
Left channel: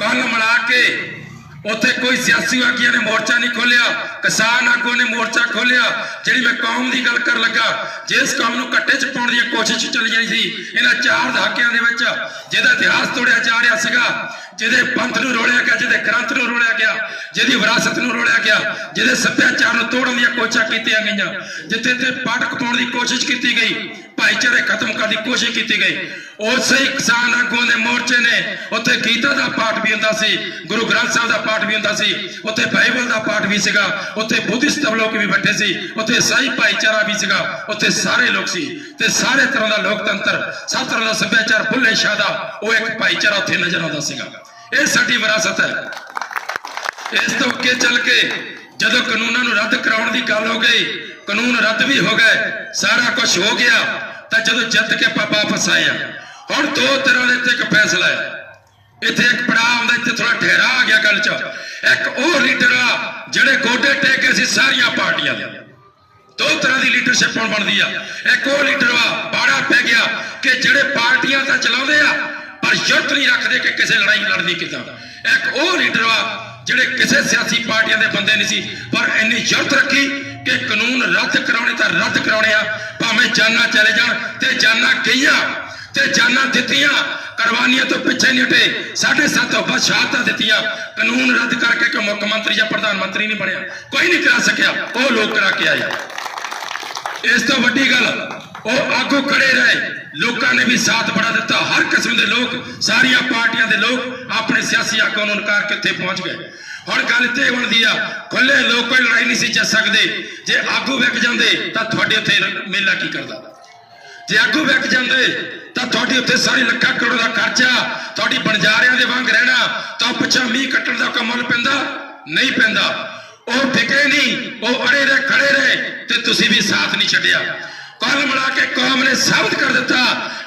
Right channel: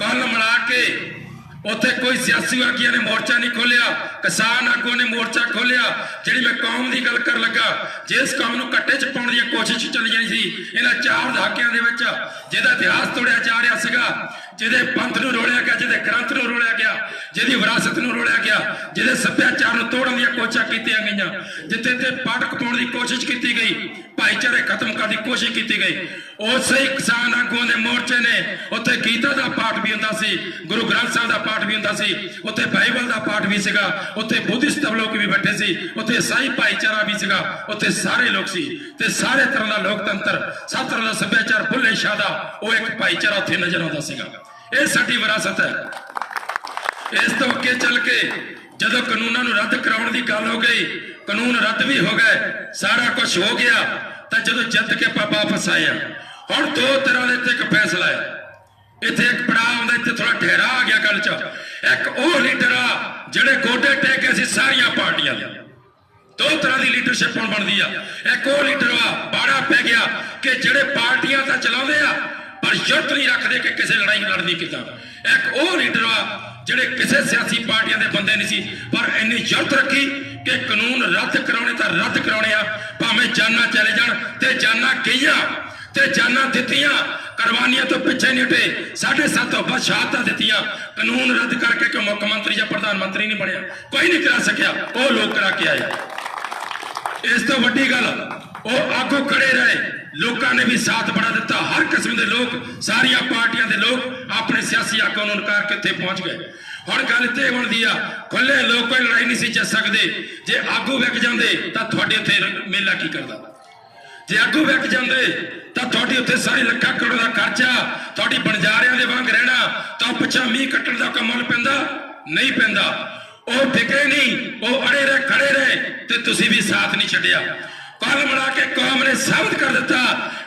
ਕੱਲ ਮਿਲਾ ਕੇ ਉੱਥੇ ਕੋਈ ਸਿਆਸੀ ਆਗੂਆਂ ਨੇ ਮੋਰਚਾ ਨਹੀਂ ਖੋਲਿਆ, ਕਿਸਾਨ ਆਗੂ ਨੇ ਮੋਰਚਾ ਖੋਲਿਆ। ਜਿਹੜੀ ਮੈਂ ਕੌਮ ਦੀ ਗੱਲ ਕਰਨ ਲੱਗਾ, ਜਿਸ ਕੌਮ ਨੂੰ ਕੱਟੇ 'ਚ ਪਾਉਣ ਦੀ ਕੋਸ਼ਿਸ਼ ਚੱਲੀ ਜਾਣੀ ਸੀ ਇਹਨਾਂ 4 ਦਹਾਕਿਆਂ ਦੇ ਵਿੱਚ, ਜਿਹਦਾ ਇਤਿਹਾਸ ਤੋੜਿਆ ਜਾ ਰਿਹਾ ਸੀਗਾ, ਜਿਹਦੇ ਪੰਥ ਨੂੰ ਰੋਲਿਆ ਗਿਆ, ਜਿਹਦੇ ਗ੍ਰੰਥ ਨੂੰ ਰੋਲਿਆ ਗਿਆ, ਜਿਹਦੀ ਵਿਰਾਸਤ ਨੂੰ ਰੋਲਿਆ ਗਿਆ, ਜਿਹਦੇ ਸੱਭਿਆਚਾਰ ਨੂੰ ਤੋੜਨ ਦੀਆਂ ਕੋਸ਼ਿਸ਼ਾਂ ਕੀਤੀਆਂ ਗਈਆਂ, ਜਿੱਥੇ ਤੇ ਪਾਟਕ ਪਾਉਣ ਦੀ ਕੋਸ਼ਿਸ਼ ਕੀਤੀ ਗਈ, ਭਾਈਚਾਰੇ ਖਤਮ ਕਰਨ ਦੀ ਕੋਸ਼ਿਸ਼ ਕੀਤੀ ਗਈ, ਉਸੇ ਹੀ ਕਿਸਾਨ ਆਗੂਆਂ ਦੇ ਮੋਰਚੇ ਨੇ ਉੱਥੇ ਗੀਤਾ ਦਾ ਪਾਠ ਵੀ ਹੁੰਦਾ ਸੀ, ਗੁਰੂ ਗ੍ਰੰਥ ਸਾਹਿਬ ਦਾ ਪਾਠ ਵੀ ਹੁੰਦਾ ਸੀ, ਉੱਥੇ ਬਾਈਬਲ ਦਾ ਪਾਠ ਵੀ ਸੀਗਾ, ਉੱਥੇ ਬੁੱਧਿਸਟ ਲੋਕ ਵੀ ਬੈਠੇ ਸੀ, ਉੱਥੇ ਈਸਾਈ ਭਾਈਚਾਰਾ ਵੀ ਸੀਗਾ, ਉੱਥੇ ਸਾਰੇ ਲੋਕ ਸੀ, ਤੇ ਸਾਰੇ ਤਰ੍ਹਾਂ ਦਾ ਲੋਕਤੰਤਰ, ਸਭ ਤਰ੍ਹਾਂ ਦਾ ਸੱਭਿਆਚਾਰ, ਬੁੱਲੇ ਸ਼ਾਹ ਦਾ ਉਹ ਇੱਕ ਭਾਈਚਾਰਾ ਉੱਥੇ ਨਜ਼ਰ ਆਉਂਦਾ ਸੀਗਾ। ਇਹ ਸਾਡੀ ਵਿਰਾਸਤ ਹੈ। ਇਸ ਤੋਂ ਅੱਗੇ ਚੱਲ ਕੇ ਜਦੋਂ ਕਾਨੂੰਨਾਂ ਨੂੰ ਰੱਦ ਕਰਾਉਣ ਦੀ ਗੱਲ ਹੋ ਗਈ, ਕਾਨੂੰਨ ਰੱਦ ਵੀ ਹੋ ਗਏ, ਸਾਰਾ ਕੁਝ ਹੋ ਗਿਆ, ਤਾਂ ਜਦੋਂ ਜਿੱਤ ਕੇ ਆਪਾਂ ਵਾਪਸ ਆਏ ਆ, ਹੁਣ 2 ਤਰ੍ਹਾਂ ਦੇ ਇੱਕ ਫੈਸਲਾ ਹੈ। ਇੱਥੇ ਇੱਕ ਪੜਾਅ ਆਉਂਦਾ, ਇੱਥੇ ਥੋੜਾ ਠਹਿਰਾ ਆ ਗਿਆ ਗੱਲ 'ਚ। ਇੱਕ ਉਹ ਲੀਡਰ ਆ ਜਿਹੜੇ ਗੋਡੇ ਟੇਕ ਕੇ ਸੀ ਸਾਰੀਆਂ ਪਾਰਟੀਆਂ ਦੇ, 2 ਤਰ੍ਹਾਂ ਦੀ ਲੀਡਰਸ਼ਿਪ ਹੁਣ ਬਣਦੀ ਆ। ਇੱਕ ਉਹ ਲੀਡਰ ਆ, ਬਾੜਾ ਪੈ ਗਿਆ ਕਿ ਜਿਹੜੇ ਪਾਰਟੀਆਂ ਤਾਂ ਚਲਾਉਂਦੇ ਆ ਪਰ ਯੁੱਧ ਨਹੀਂ ਰੱਖਦੇ ਕਿ ਕਿਸੇ ਲੜਾਈ ਲੜਨੀ ਕਿੱਦਾਂ। ਇੱਕ ਉਹ ਲੀਡਰ ਆ ਜਿਹੜੇ ਕਿਸੇ ਸਿਆਸੀ ਪਾਰਟੀਆਂ ਦੇ ਬੰਦੇ ਨਹੀਂ ਸੀ, ਪਰ ਇੰਨੀ ਯੁੱਧ ਰੱਖੀ ਕਿ ਕਾਨੂੰਨ ਰੱਦ ਕਰਾਉਣੇ ਤਾਂ ਰੱਦ ਕਰਾਉਣੇ ਆ, ਭਾਵੇਂ ਜਾਨਾਂ ਚਲੇ ਜਾਣ, ਤੇ ਜਾਨਾਂ ਗਈਆਂ ਤੇ ਜਾਨਾਂ ਦਿੱਤੀਆਂ, ਕੁਰਬਾਨੀਆਂ ਤੋਂ ਪਿੱਛੇ ਨਹੀਂ ਹਟੇ। 7.5 ਤੋਂ ਵੱਧ ਸ਼ਹਾਦਤਾਂ ਦਿੱਤੀਆਂ, ਕਾਨੂੰਨ ਰੱਦ ਕਰਕੇ ਕਿ ਮੁੱਖ ਮੰਤਰੀ ਜਾਂ ਪ੍ਰਧਾਨ ਮੰਤਰੀ ਨਹੀਂ ਬਣਿਆ, ਕੋਈ ਨਹੀਂ ਕਰਾ ਸਕਿਆ, ਉਹ ਲੋਕ ਕਰਾ ਕੇ ਆਏ। ਇਸ ਤੋਂ ਵੱਡੀ ਗੱਲ, ਉਹ ਆਗੂ ਖੜੇ ਰਹੇ, ਲੋਕਾਂ ਨੇ ਵੀ ਸਾਥ ਬੜਾ ਦਿੱਤਾ, ਹਰ ਕਿਸਮ ਦੇ ਲੋਕ, ਸਾਰੀਆਂ ਪਾਰਟੀਆਂ ਦੇ ਲੋਕ ਆਪਣੇ ਸਿਆਸੀ ਆਗੂਆਂ ਨੂੰ ਨਕਾਰ ਕੇ ਉੱਥੇ ਪਹੁੰਚ ਗਏ। ਹੁਣ ਗੱਲ ਇੱਥੇ ਬਣਦੀ ਆ, ਖੁੱਲੇ ਲੋਕ ਕੋਈ ਲੜਾਈ ਨਹੀਂ ਸੀ ਜਿੱਤ ਸਕਦੇ। ਜੇ ਆਗੂ ਵਿਕ ਜਾਂਦੇ ਤਾਂ ਤੁਹਾਡੇ ਉੱਥੇ ਮੇਲਾ ਕੀ ਕਰਦਾ, ਜੇ ਆਗੂ ਵਿਕ ਜਾਂਦੇ ਤਾਂ ਤੁਹਾਡੀ ਉੱਥੇ ਸਾਰੀ ਲੱਖਾਂ ਕਰੋੜ ਦਾ ਖਰਚਾ, ਤੁਹਾਡੀ ਬਣਜਾਰਿਆਂ ਦੇ ਵਾਂਗ ਰਹਿਣਾ, ਤਾਂ ਪਿੱਛੇ ਮੀਂਹ ਕੱਟਣ ਦਾ ਕਮਲ ਪੈਂਦਾ ਨਹੀਂ ਪੈਂਦਾ। ਉਹ ਟਿਕੇ ਨਹੀਂ, ਉਹ ਅੜੇ ਰਹੇ, ਖੜੇ ਰਹੇ, ਤੇ ਤੁਸੀਂ ਵੀ ਸਾਥ ਨਹੀਂ ਛੱਡਿਆ। ਕੱਲ ਮਿਲਾ ਕੇ ਕੌਮ ਨੇ ਸਾਬਤ ਕਰ ਦਿੱਤਾ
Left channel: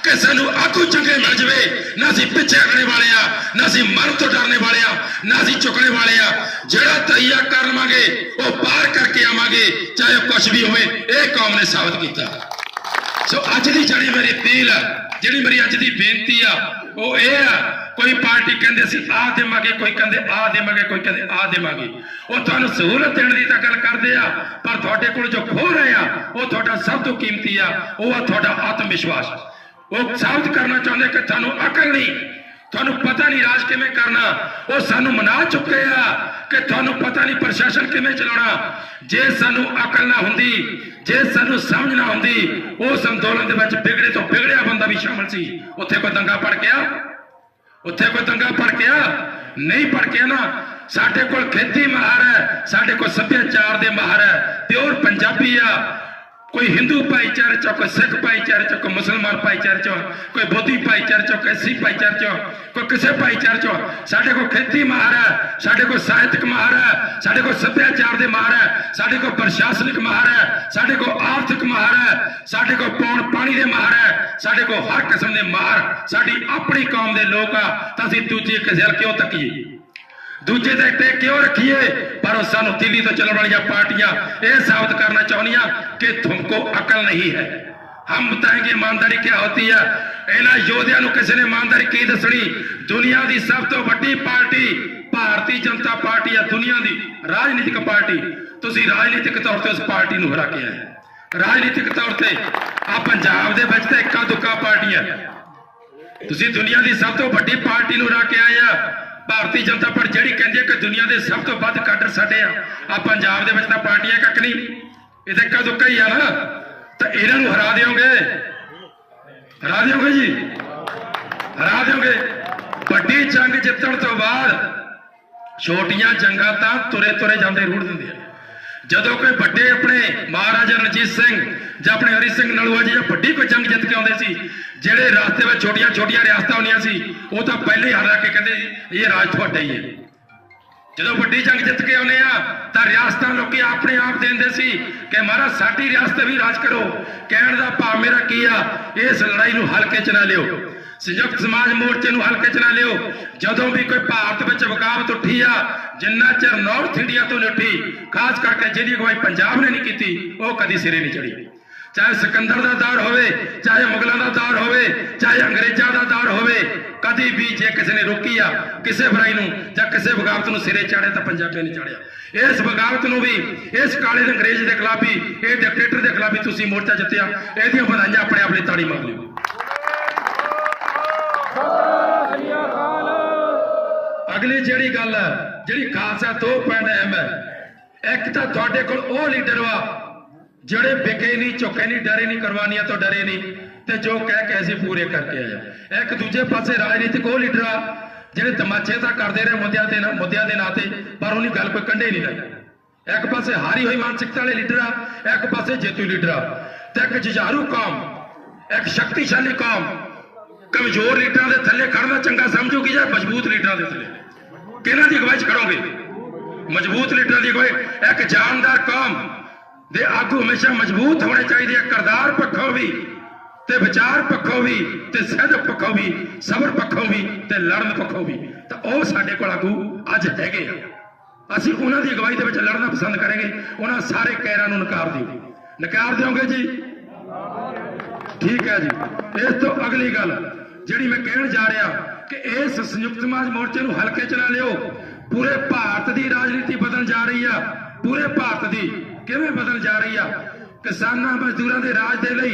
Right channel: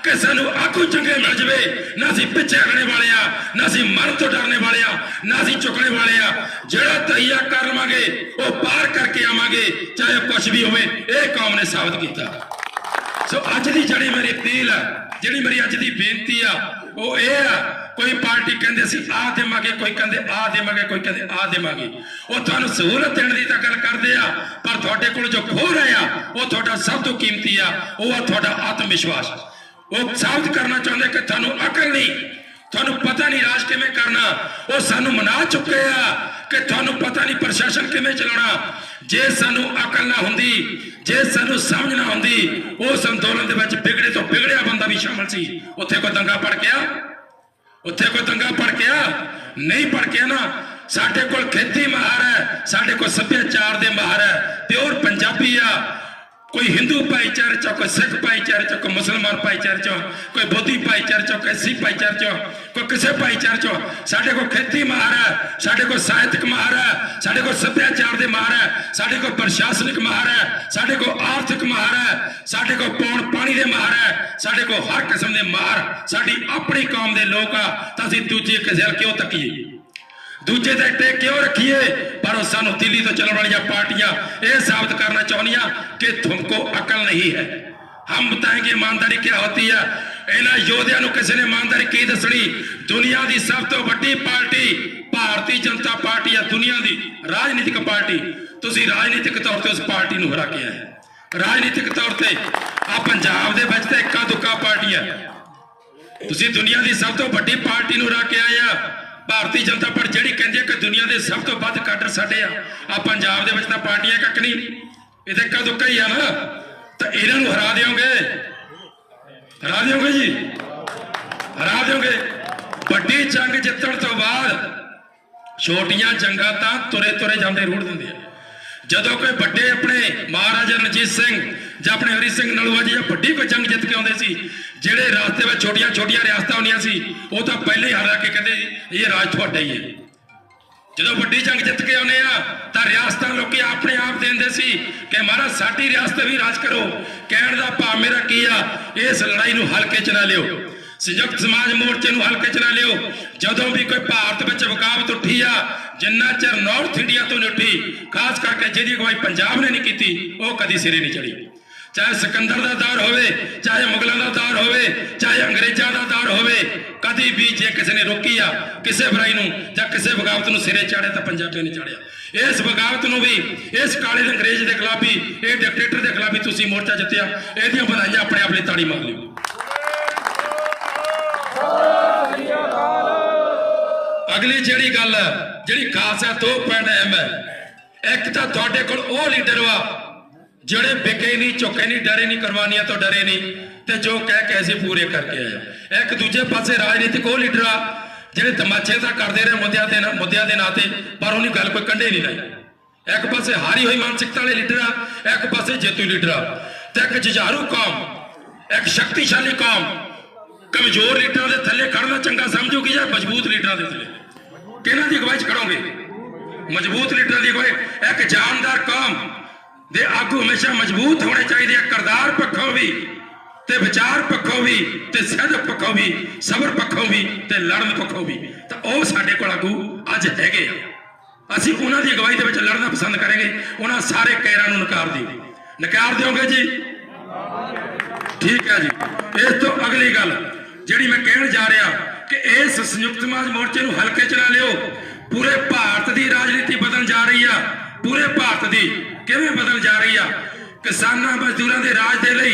ਕਿ ਸਾਨੂੰ ਆਗੂ ਚੰਗੇ ਮਿਲ ਜਵੇ, ਨਾ ਅਸੀਂ ਪਿੱਛੇ ਹਟਣੇ ਵਾਲੇ ਆ, ਨਾ ਅਸੀਂ ਮਰਨ ਤੋਂ ਡਰਨੇ ਵਾਲੇ ਆ, ਨਾ ਅਸੀਂ ਝੁਕਣੇ ਵਾਲੇ ਆ। ਜਿਹੜਾ ਤਈਆ ਕਰ ਲਵਾਂਗੇ ਉਹ ਪਾਰ ਕਰਕੇ ਆਵਾਂਗੇ, ਚਾਹੇ ਕੁਝ ਵੀ ਹੋਵੇ। ਇਹ ਕੌਮ ਨੇ ਸਾਬਤ ਕੀਤਾ। ਸੋ ਅੱਜ ਦੀ ਜਿਹੜੀ ਮੇਰੀ ਅਪੀਲ ਹੈ, ਜਿਹੜੀ ਮੇਰੀ ਅੱਜ ਦੀ ਬੇਨਤੀ ਆ, ਉਹ ਇਹ ਆ, ਕੋਈ ਪਾਰਟੀ ਕਹਿੰਦੇ ਅਸੀਂ ਆਹ ਦੇਵਾਂਗੇ, ਕੋਈ ਕਹਿੰਦੇ ਆਹ ਦੇਵਾਂਗੇ, ਕੋਈ ਕਹਿੰਦੇ ਆਹ ਦੇਵਾਂਗੇ। ਉਹ ਤੁਹਾਨੂੰ ਸਹੂਲਤ ਦੇਣ ਦੀ ਤਾਂ ਗੱਲ ਕਰਦੇ ਆ, ਪਰ ਤੁਹਾਡੇ ਕੋਲ ਜੋ ਖੋ ਰਹੇ ਆ ਉਹ ਤੁਹਾਡਾ ਸਭ ਤੋਂ ਕੀਮਤੀ ਆ, ਉਹ ਆ ਤੁਹਾਡਾ ਆਤਮ ਵਿਸ਼ਵਾਸ। ਉਹ ਸਾਬਤ ਕਰਨਾ ਚਾਹੁੰਦੇ ਕਿ ਤੁਹਾਨੂੰ ਅਕਲ ਨਹੀਂ, ਤੁਹਾਨੂੰ ਪਤਾ ਨਹੀਂ ਰਾਜ ਕਿਵੇਂ ਕਰਨਾ। ਉਹ ਸਾਨੂੰ ਮਨਾ ਚੁੱਕੇ ਆ ਕਿ ਤੁਹਾਨੂੰ ਪਤਾ ਨਹੀਂ ਪ੍ਰਸ਼ਾਸਨ ਕਿਵੇਂ ਚਲਾਉਣਾ। ਜੇ ਸਾਨੂੰ ਅਕਲ ਨਾ ਹੁੰਦੀ, ਜੇ ਸਾਨੂੰ ਸਮਝ ਨਾ ਹੁੰਦੀ, ਉਸ ਅੰਦੋਲਨ ਦੇ ਵਿੱਚ ਵਿਗੜੇ ਤੋਂ ਵਿਗੜਿਆ ਬੰਦਾ ਵੀ ਸ਼ਾਮਲ ਸੀ। ਉੱਥੇ ਕੋਈ ਦੰਗਾ ਭੜਕਿਆ? ਉੱਥੇ ਕੋਈ ਦੰਗਾ ਭੜਕਿਆ? ਨਹੀਂ ਭੜਕਿਆ ਨਾ। ਸਾਡੇ ਕੋਲ ਖੇਤੀ ਮਾਹਰ ਹੈ, ਸਾਡੇ ਕੋਲ ਸੱਭਿਆਚਾਰ ਦੇ ਮਾਹਰ ਹੈ, ਪਿਓਰ ਪੰਜਾਬੀ ਆ। ਕੋਈ ਹਿੰਦੂ ਭਾਈਚਾਰੇ ਚੋਂ, ਕੋਈ ਸਿੱਖ ਭਾਈਚਾਰੇ ਚੋਂ, ਕੋਈ ਮੁਸਲਮਾਨ ਭਾਈਚਾਰੇ ਚੋਂ, ਕੋਈ ਬੋਧੀ ਭਾਈਚਾਰੇ ਚੋਂ, ਕੋਈ ਸਿੱਖ ਭਾਈਚਾਰੇ ਚੋਂ, ਕੋਈ ਕਿਸੇ ਭਾਈਚਾਰੇ ਚੋਂ। ਸਾਡੇ ਕੋਲ ਖੇਤੀ ਮਾਹਰ ਹੈ, ਸਾਡੇ ਕੋਲ ਸਾਹਿਤਕ ਮਾਹਰ ਹੈ, ਸਾਡੇ ਕੋਲ ਸੱਭਿਆਚਾਰ ਦੇ ਮਾਹਰ ਹੈ, ਸਾਡੇ ਕੋਲ ਪ੍ਰਸ਼ਾਸਨਿਕ ਮਾਹਰ ਹੈ, ਸਾਡੇ ਕੋਲ ਆਰਥਿਕ ਮਾਹਰ ਹੈ, ਸਾਡੇ ਕੋਲ ਪੌਣ ਪਾਣੀ ਦੇ ਮਾਹਰ ਹੈ, ਸਾਡੇ ਕੋਲ ਹਰ ਕਿਸਮ ਦੇ ਮਾਹਰ। ਸਾਡੀ ਆਪਣੀ ਕੌਮ ਦੇ ਲੋਕ ਆ, ਤਾਂ ਅਸੀਂ ਦੂਜੇ ਕਿਸੇ ਵੱਲ ਕਿਉਂ ਤੱਕੀਏ, ਦੂਜੇ ਦੇ ਉੱਤੇ ਕਿਉਂ ਰੱਖੀਏ? पर सानू दिल्ली तो चलने वाली पार्टियां ये साबित करना चाहनिया कि तुमको अकल नहीं है। हम बताएंगे ईमानदारी क्या होती है। इन्होंने योद्धा नूं किसी ने ईमानदारी की दसनी। दुनिया की सब तो बड़ी पार्टी भारतीय जनता पार्टी है, दुनिया की राजनीतिक पार्टी। तुसीं राजनीतिक तौर पर उस पार्टी नूं हरा के आए, राजनीतिक तौर पर आ पंजाब दे विच तां इक्का दुक्का पार्टियां। तुसीं दुनिया की सब तो बड़ी पार्टी नूं हरा के आए आ भारतीय जनता पार्टी, जिहड़ी कहंदी है कि दुनिया के सब तो वध काडर साडे आ पंजाब दे विच तां पार्टियां कख नहीं, ये तां इक्का दुक्का ही आ ना। तो इन्हां नूं हरा दिओगे, हरा दिओगे जी, हरा दिओगे। वड्डी जंग जितण तो बाद छोटियां जंगां तां तुरे तुरे जांदे रूढ़ दिंदे आ। ਜਦੋਂ कोई ਵੱਡੇ अपने महाराजा रणजीत सिंह ਜਾਂ अपने हरी सिंह नलूआ जी ਵੱਡੀ कोई जंग जित के आते सी, ਜਿਹੜੇ रास्ते में छोटिया छोटिया रियासतां होंदियां सी वो तो पहले ही हरा के कहते ये राज तुहाडा ही है। ਜਦੋਂ ਵੱਡੀ जंग जित के आने तो रियासतां लोग अपने आप देंदे सी कि महाराज साडी रियासत भी राज करो। कहण दा भाव मेरा की आ, इस लड़ाई नूं हल्के च ना लिओ, संयुक्त समाज मोर्चे नूं हल्के च ना लिओ। जदों भी कोई भारत विच बगावत उठी आ, जिन्ना चिर नॉर्थ इंडिया तो नहीं उठी, खास करके जिहदी अगवाई पंजाब ने नहीं की, वो कदी सिरे नहीं चढ़ी। चाहे सिकंदर का दौर होवे, चाहे मुगलों का दौर होवे, चाहे अंग्रेजों का दौर होवे, कदी भी जे किसी ने रोकी आ किसी बुराई नूं जां किसी बगावत नूं सिरे चाढ़े तो पंजाबी नहीं चढ़िया। इस बगावत नूं भी, इस काले अंग्रेज के खिलाफ भी, इस डिक्टेटर के खिलाफ भी तुसीं मोर्चा जित्तिया, इहदियां बधाइयां अपने आप लिए ताड़ी मार लिओ। अगली जिहड़ी गल है, जिहड़ी खास है, 2 अहम है। एक तो तुहाडे कोल ओह लीडर वा ਜਿਹੜੇ ਵਿਕੇ नहीं, झुके नहीं, डरे नहीं, कुर्बानियां तो डरे नहीं, ते जो कह के ਅਸੀਂ पूरे करके आए। एक दूजे पासे राजनीतिक ਉਹ ਲੀਡਰ ਆ ਜਿਹੜੇ ਤਮਾਚੇ ਤਾਂ ਕਰਦੇ ਰਹੇ ਮੁੱਦਿਆਂ ਦੇ ਨਾਂ ਤੇ, ਪਰ ਉਹਨੀ ਗੱਲ ਕੋਈ ਕੰਢੇ ਨਹੀਂ ਲਾਈ। ਇੱਕ ਪਾਸੇ ਹਾਰੀ ਹੋਈ ਮਾਨਸਿਕਤਾ ਵਾਲੇ ਲੀਡਰ ਆ, ਇੱਕ ਪਾਸੇ ਜੇਤੂ ਲੀਡਰ ਆ, ਤੇ ਇੱਕ ਜੁਝਾਰੂ ਕੌਮ, ਇੱਕ ਸ਼ਕਤੀਸ਼ਾਲੀ ਕੌਮ ਕਮਜ਼ੋਰ ਲੀਡਰਾਂ ਦੇ ਥੱਲੇ ਖੜਨਾ ਚੰਗਾ ਸਮਝੂਗੀ ਜਾਂ ਮਜ਼ਬੂਤ ਲੀਡਰਾਂ ਦੇ ਥੱਲੇ? ਕਿਹਨਾਂ ਦੀ ਅਗਵਾਈ 'ਚ ਖੜੋਗੇ? ਮਜ਼ਬੂਤ ਲੀਡਰਾਂ ਦੀ ਅਗਵਾਈ। ਇੱਕ ਜਾਨਦਾਰ ਕੌਮ ਦੇ ਆਗੂ ਹਮੇਸ਼ਾ ਮਜ਼ਬੂਤ ਹੋਣੇ ਚਾਹੀਦੇ ਆ, ਕਿਰਦਾਰ ਪੱਖੋਂ ਵੀ ਤੇ ਵਿਚਾਰ ਪੱਖੋਂ ਵੀ ਤੇ ਸਿਹਤ ਪੱਖੋਂ ਵੀ, ਸਬਰ ਪੱਖੋਂ ਵੀ ਤੇ ਲੜਨ ਪੱਖੋਂ ਵੀ। ਤਾਂ ਉਹ ਸਾਡੇ ਕੋਲ ਆਗੂ ਅੱਜ ਹੈਗੇ ਆ। ਅਸੀਂ ਉਹਨਾਂ ਦੀ ਅਗਵਾਈ ਦੇ ਵਿੱਚ ਲੜਨਾ ਪਸੰਦ ਕਰਾਂਗੇ। ਉਹਨਾਂ ਸਾਰੇ ਕਹਿਰਾਂ ਨੂੰ ਨਕਾਰ ਦਿਓਗੇ ਜੀ? ਠੀਕ ਹੈ ਜੀ। ਇਸ ਤੋਂ ਅਗਲੀ ਗੱਲ ਜਿਹੜੀ ਮੈਂ ਕਹਿਣ ਜਾ ਰਿਹਾ ਕਿ ਇਸ ਸੰਯੁਕਤ ਸਮਾਜ ਮੋਰਚੇ ਨੂੰ ਹਲਕੇ 'ਚ ਨਾ ਲਿਓ। ਪੂਰੇ ਭਾਰਤ ਦੀ ਰਾਜਨੀਤੀ ਬਦਲਣ ਜਾ ਰਹੀ ਆ। पूरे भारत की किवें बदल जा रही है। किसानां मजदूरां दे राज दे लई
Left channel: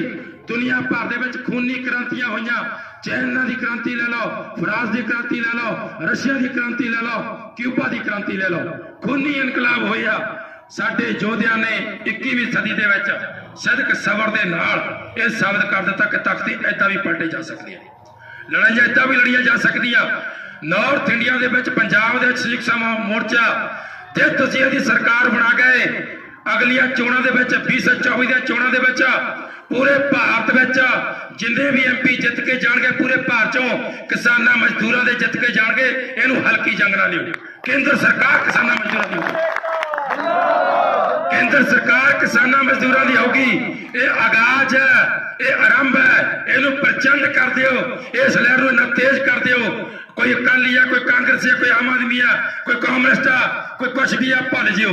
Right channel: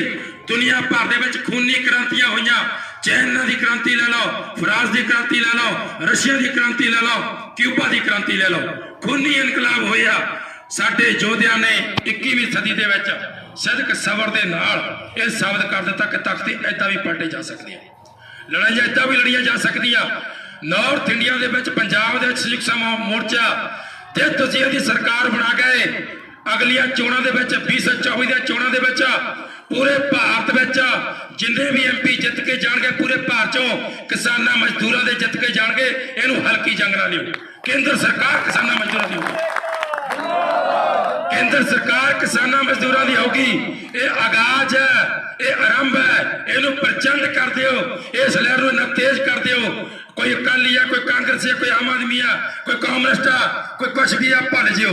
दुनिया भर दे विच खूनी क्रांतियां होईयां। चाइना की क्रांति ले लो, फ्रांस की क्रांति ले लो, रशिया की क्रांति ले लो, क्यूबा की क्रांति ले लो, खूनी इनकलाब होया। साडे योद्धियां ने 21वीं सदी दे विच सदक सबर दे नाल इह साबित कर दिता कि तख्ती इदां भी पलटे जा सकदी है, लड़ाइयां इदां भी लड़ियां जा सकदियां। नॉर्थ इंडिया दे विच पंजाब दे संयुक्त समाज मोर्चा जे तुसीं इहदी सरकार बना गए, अगलियां चोणां दे विच 2024 दी चोणां दे विच पूरे भारत विच जिन्ने भी MP जित के जाणगे, पूरे भारत चों किसानां मजदूरां दे जित के जाणगे। इहनूं हल्की जंग ना लिओ। केंद्र सरकार किसानां मजदूरां दी होगी, केंद्र सरकार किसानां मजदूरां दी होगी। ये आगाज है, ਇਹ ਆਰੰਭ ਹੈ, ਇਹਨੂੰ ਪ੍ਰਚੰਡ ਕਰ ਦਿਓ, ਇਸ ਲਹਿਰ ਨੂੰ ਇੰਨਾ ਤੇਜ਼ ਕਰ ਦਿਓ। ਕੋਈ ਅਕਾਲੀ ਆ, ਕੋਈ ਕਾਂਗਰਸੀ ਆ, ਕੋਈ ਆਮ ਆਦਮੀ ਆ, ਕੋਈ ਕਾਮਰੇਸਟ ਆ, ਕੋਈ ਕੁਛ ਵੀ ਆ, ਭੁੱਲ ਜਿਓ।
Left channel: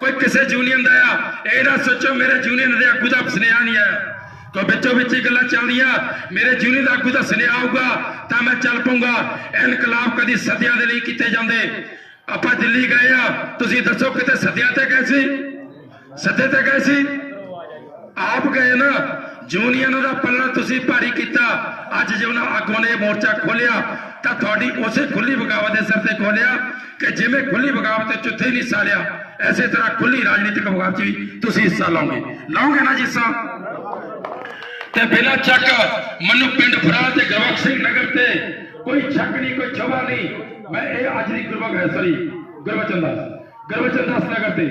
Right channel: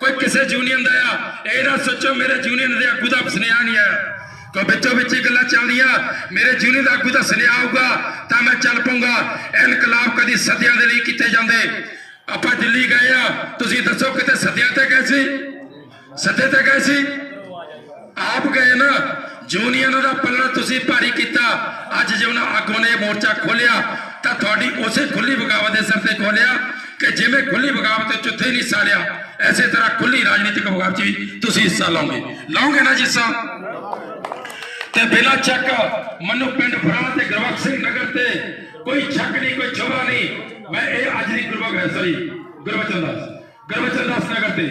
ਕੋਈ ਕਿਸੇ ਯੂਨੀਅਨ ਦਾ ਆ, ਇਹ ਨਾ ਸੋਚੋ ਮੇਰੇ ਯੂਨੀਅਨ ਦੇ ਆਗੂ ਦਾ ਸੁਨੇਹਾ ਨਹੀਂ ਆ। तो ਵਿੱਚੋਂ ਵਿੱਚ ਹੀ ਗੱਲਾਂ ਚੱਲਦੀਆਂ, ਮੇਰੇ ਯੂਨੀਅਨ ਦਾ ਆਗੂ ਦਾ ਸੁਨੇਹਾ ਆਊਗਾ ਤਾਂ ਮੈਂ ਚੱਲ ਪਊਂਗਾ। ਇਨਕਲਾਬ ਕਦੀ ਸਦੀਆਂ ਦੇ ਲਈ ਕੀਤੇ ਜਾਂਦੇ। ਆਪਾਂ ਦਿੱਲੀ ਗਏ ਆ, ਤੁਸੀਂ ਦੱਸੋ ਕਿਤੇ ਸਦੀਆਂ ਤੇ ਗਏ ਸੀ? ਸਦੇ ਤੇ ਗਏ ਸੀ? ਆਪ ਗਏ ਨਾ। ਯੂਨੀਅਨ ਦਾ ਪੱਲਾ ਤੁਸੀਂ ਭਾਰੀ ਕੀਤਾ। ਅੱਜ ਜੇ ਉਹਨਾਂ ਆਗੂਆਂ ਨੇ ਮੋਰਚਾ ਖੋਲਿਆ ਤਾਂ ਤੁਹਾਡੀ ਉਸੇ ਖੁੱਲੀ ਬਗਾਵਤ ਦੇ ਸਿਰ ਤੇ ਖੋਲਿਆ ਕਿ ਜਿਵੇਂ ਖੁੱਲੀ ਬਗਾਵਤ ਤੇ ਚੁੱਥੇ ਨਹੀਂ ਹਿੱਸਾ ਲਿਆ, ਐਸੇ ਤਰ੍ਹਾਂ ਖੁੱਲੀ ਰਾਜਨੀਤਿਕ ਬਗਾਵਤ ਵੀ ਤੁਸੀਂ ਹਿੱਸਾ ਲਾਓਗੇ ਨਾ ਜਿੱਸਾ। ਤੇ ਬਿਨਾਂ ਚੱਕ ਮੈਨੂੰ ਪਿੰਡ ਫਰਾਲ ਤੇ ਗੁਰਬਖਸ਼ ਸਿੰਘ ਨਗਰ ਤੇ ਕੋਈ ਸ਼ੱਕ ਨਹੀਂ, ਕੋਈ ਛੋਵਾ ਨਹੀਂ। ਮੈਂ ਇਹ ਅੱਜ ਦੀ ਗੁਰਬਚਨ ਦਾਸ ਨਗਰ ਤੇ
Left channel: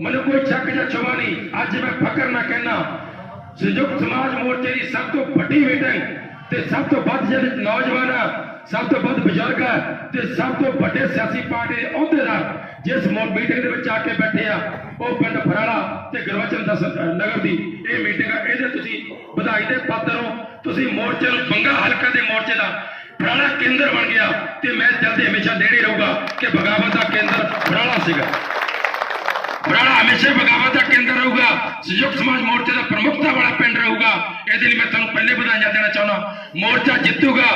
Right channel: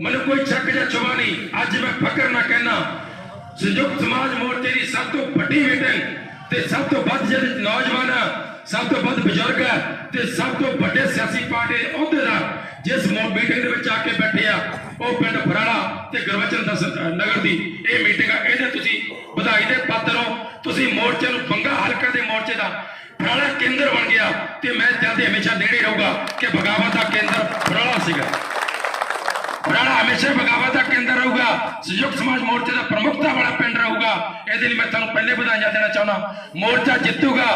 ਮੈਨੂੰ ਕੋਈ ਸ਼ੱਕ ਜਾਂ ਛੋਵਾ ਨਹੀਂ। ਅੱਜ ਮੈਂ ਫਕਰ ਨਾ ਕਹਿਣਾ, ਸੰਯੁਕਤ ਸਮਾਜ ਮੋਰਚੇ ਦੀ ਸਭ ਤੋਂ ਵੱਡੀ ਮੀਟਿੰਗ ਤੇ ਸਭ ਤੋਂ ਵੱਧ ਜਿਹੜੇ ਨੌਜਵਾਨ, ਸਭ ਤੋਂ ਵੱਧ ਬਜ਼ੁਰਗ ਤੇ ਸਭ ਤੋਂ ਵੱਡੇ ਸਿਆਸੀ ਪਾਰਟੀ ਦੇ ਅਹੁਦੇਦਾਰ ਜਿਸ ਮੀਟਿੰਗ ਦੇ ਵਿੱਚ ਆ ਕੇ ਬੈਠੇ ਆ, ਉਹ ਪਿੰਡ ਫਰਾਲਾ ਤੇ ਗੁਰਬਚਨ ਦਾਸ ਨਗਰ ਦੀ ਇਹ ਮੀਟਿੰਗ ਆ। ਇਹਦੇ ਤੁਸੀਂ ਵਧਾਈ ਦੇ ਪਾਤਰ ਹੋ। ਤੁਸੀਂ ਮੋਰਚੇ ਨੂੰ ਬੰਗਾ ਹਲਕਾ ਦੇ ਮੋਰਚੇ ਦਾ ਫਰਾਲਾ ਕੇਂਦਰ ਬਣ ਗਿਆ ਤੇ ਮੈਂ ਚਾਹਤੇ ਹਮੇਸ਼ਾ ਨੇੜੇ ਰਹੂਗਾ ਕਿ ਬਗਾਵਤ ਦਾ ਕੇਂਦਰ ਫਰਾਲਾ ਸੀਗਾ। ਫਰਾਲਾ ਹਮੇਸ਼ਾ ਬਗਾਵਤ ਦਾ ਕੇਂਦਰ ਰਹੂਗਾ, ਸੰਯੁਕਤ ਸਮਾਜ ਮੋਰਚੇ ਦਾ ਪ੍ਰਮੁੱਖਤਾ ਵਾਲਾ ਪਿੰਡ ਰਹੂਗਾ। ਇਹਦੇ ਲਈ ਮੈਂ ਤੁਹਾਨੂੰ ਪਹਿਲੇ ਵਧਾਈਆਂ ਦੇਣਾ ਚਾਹੁੰਦਾ। ਮੋਰਚਾ ਜਿੱਤੂਗਾ,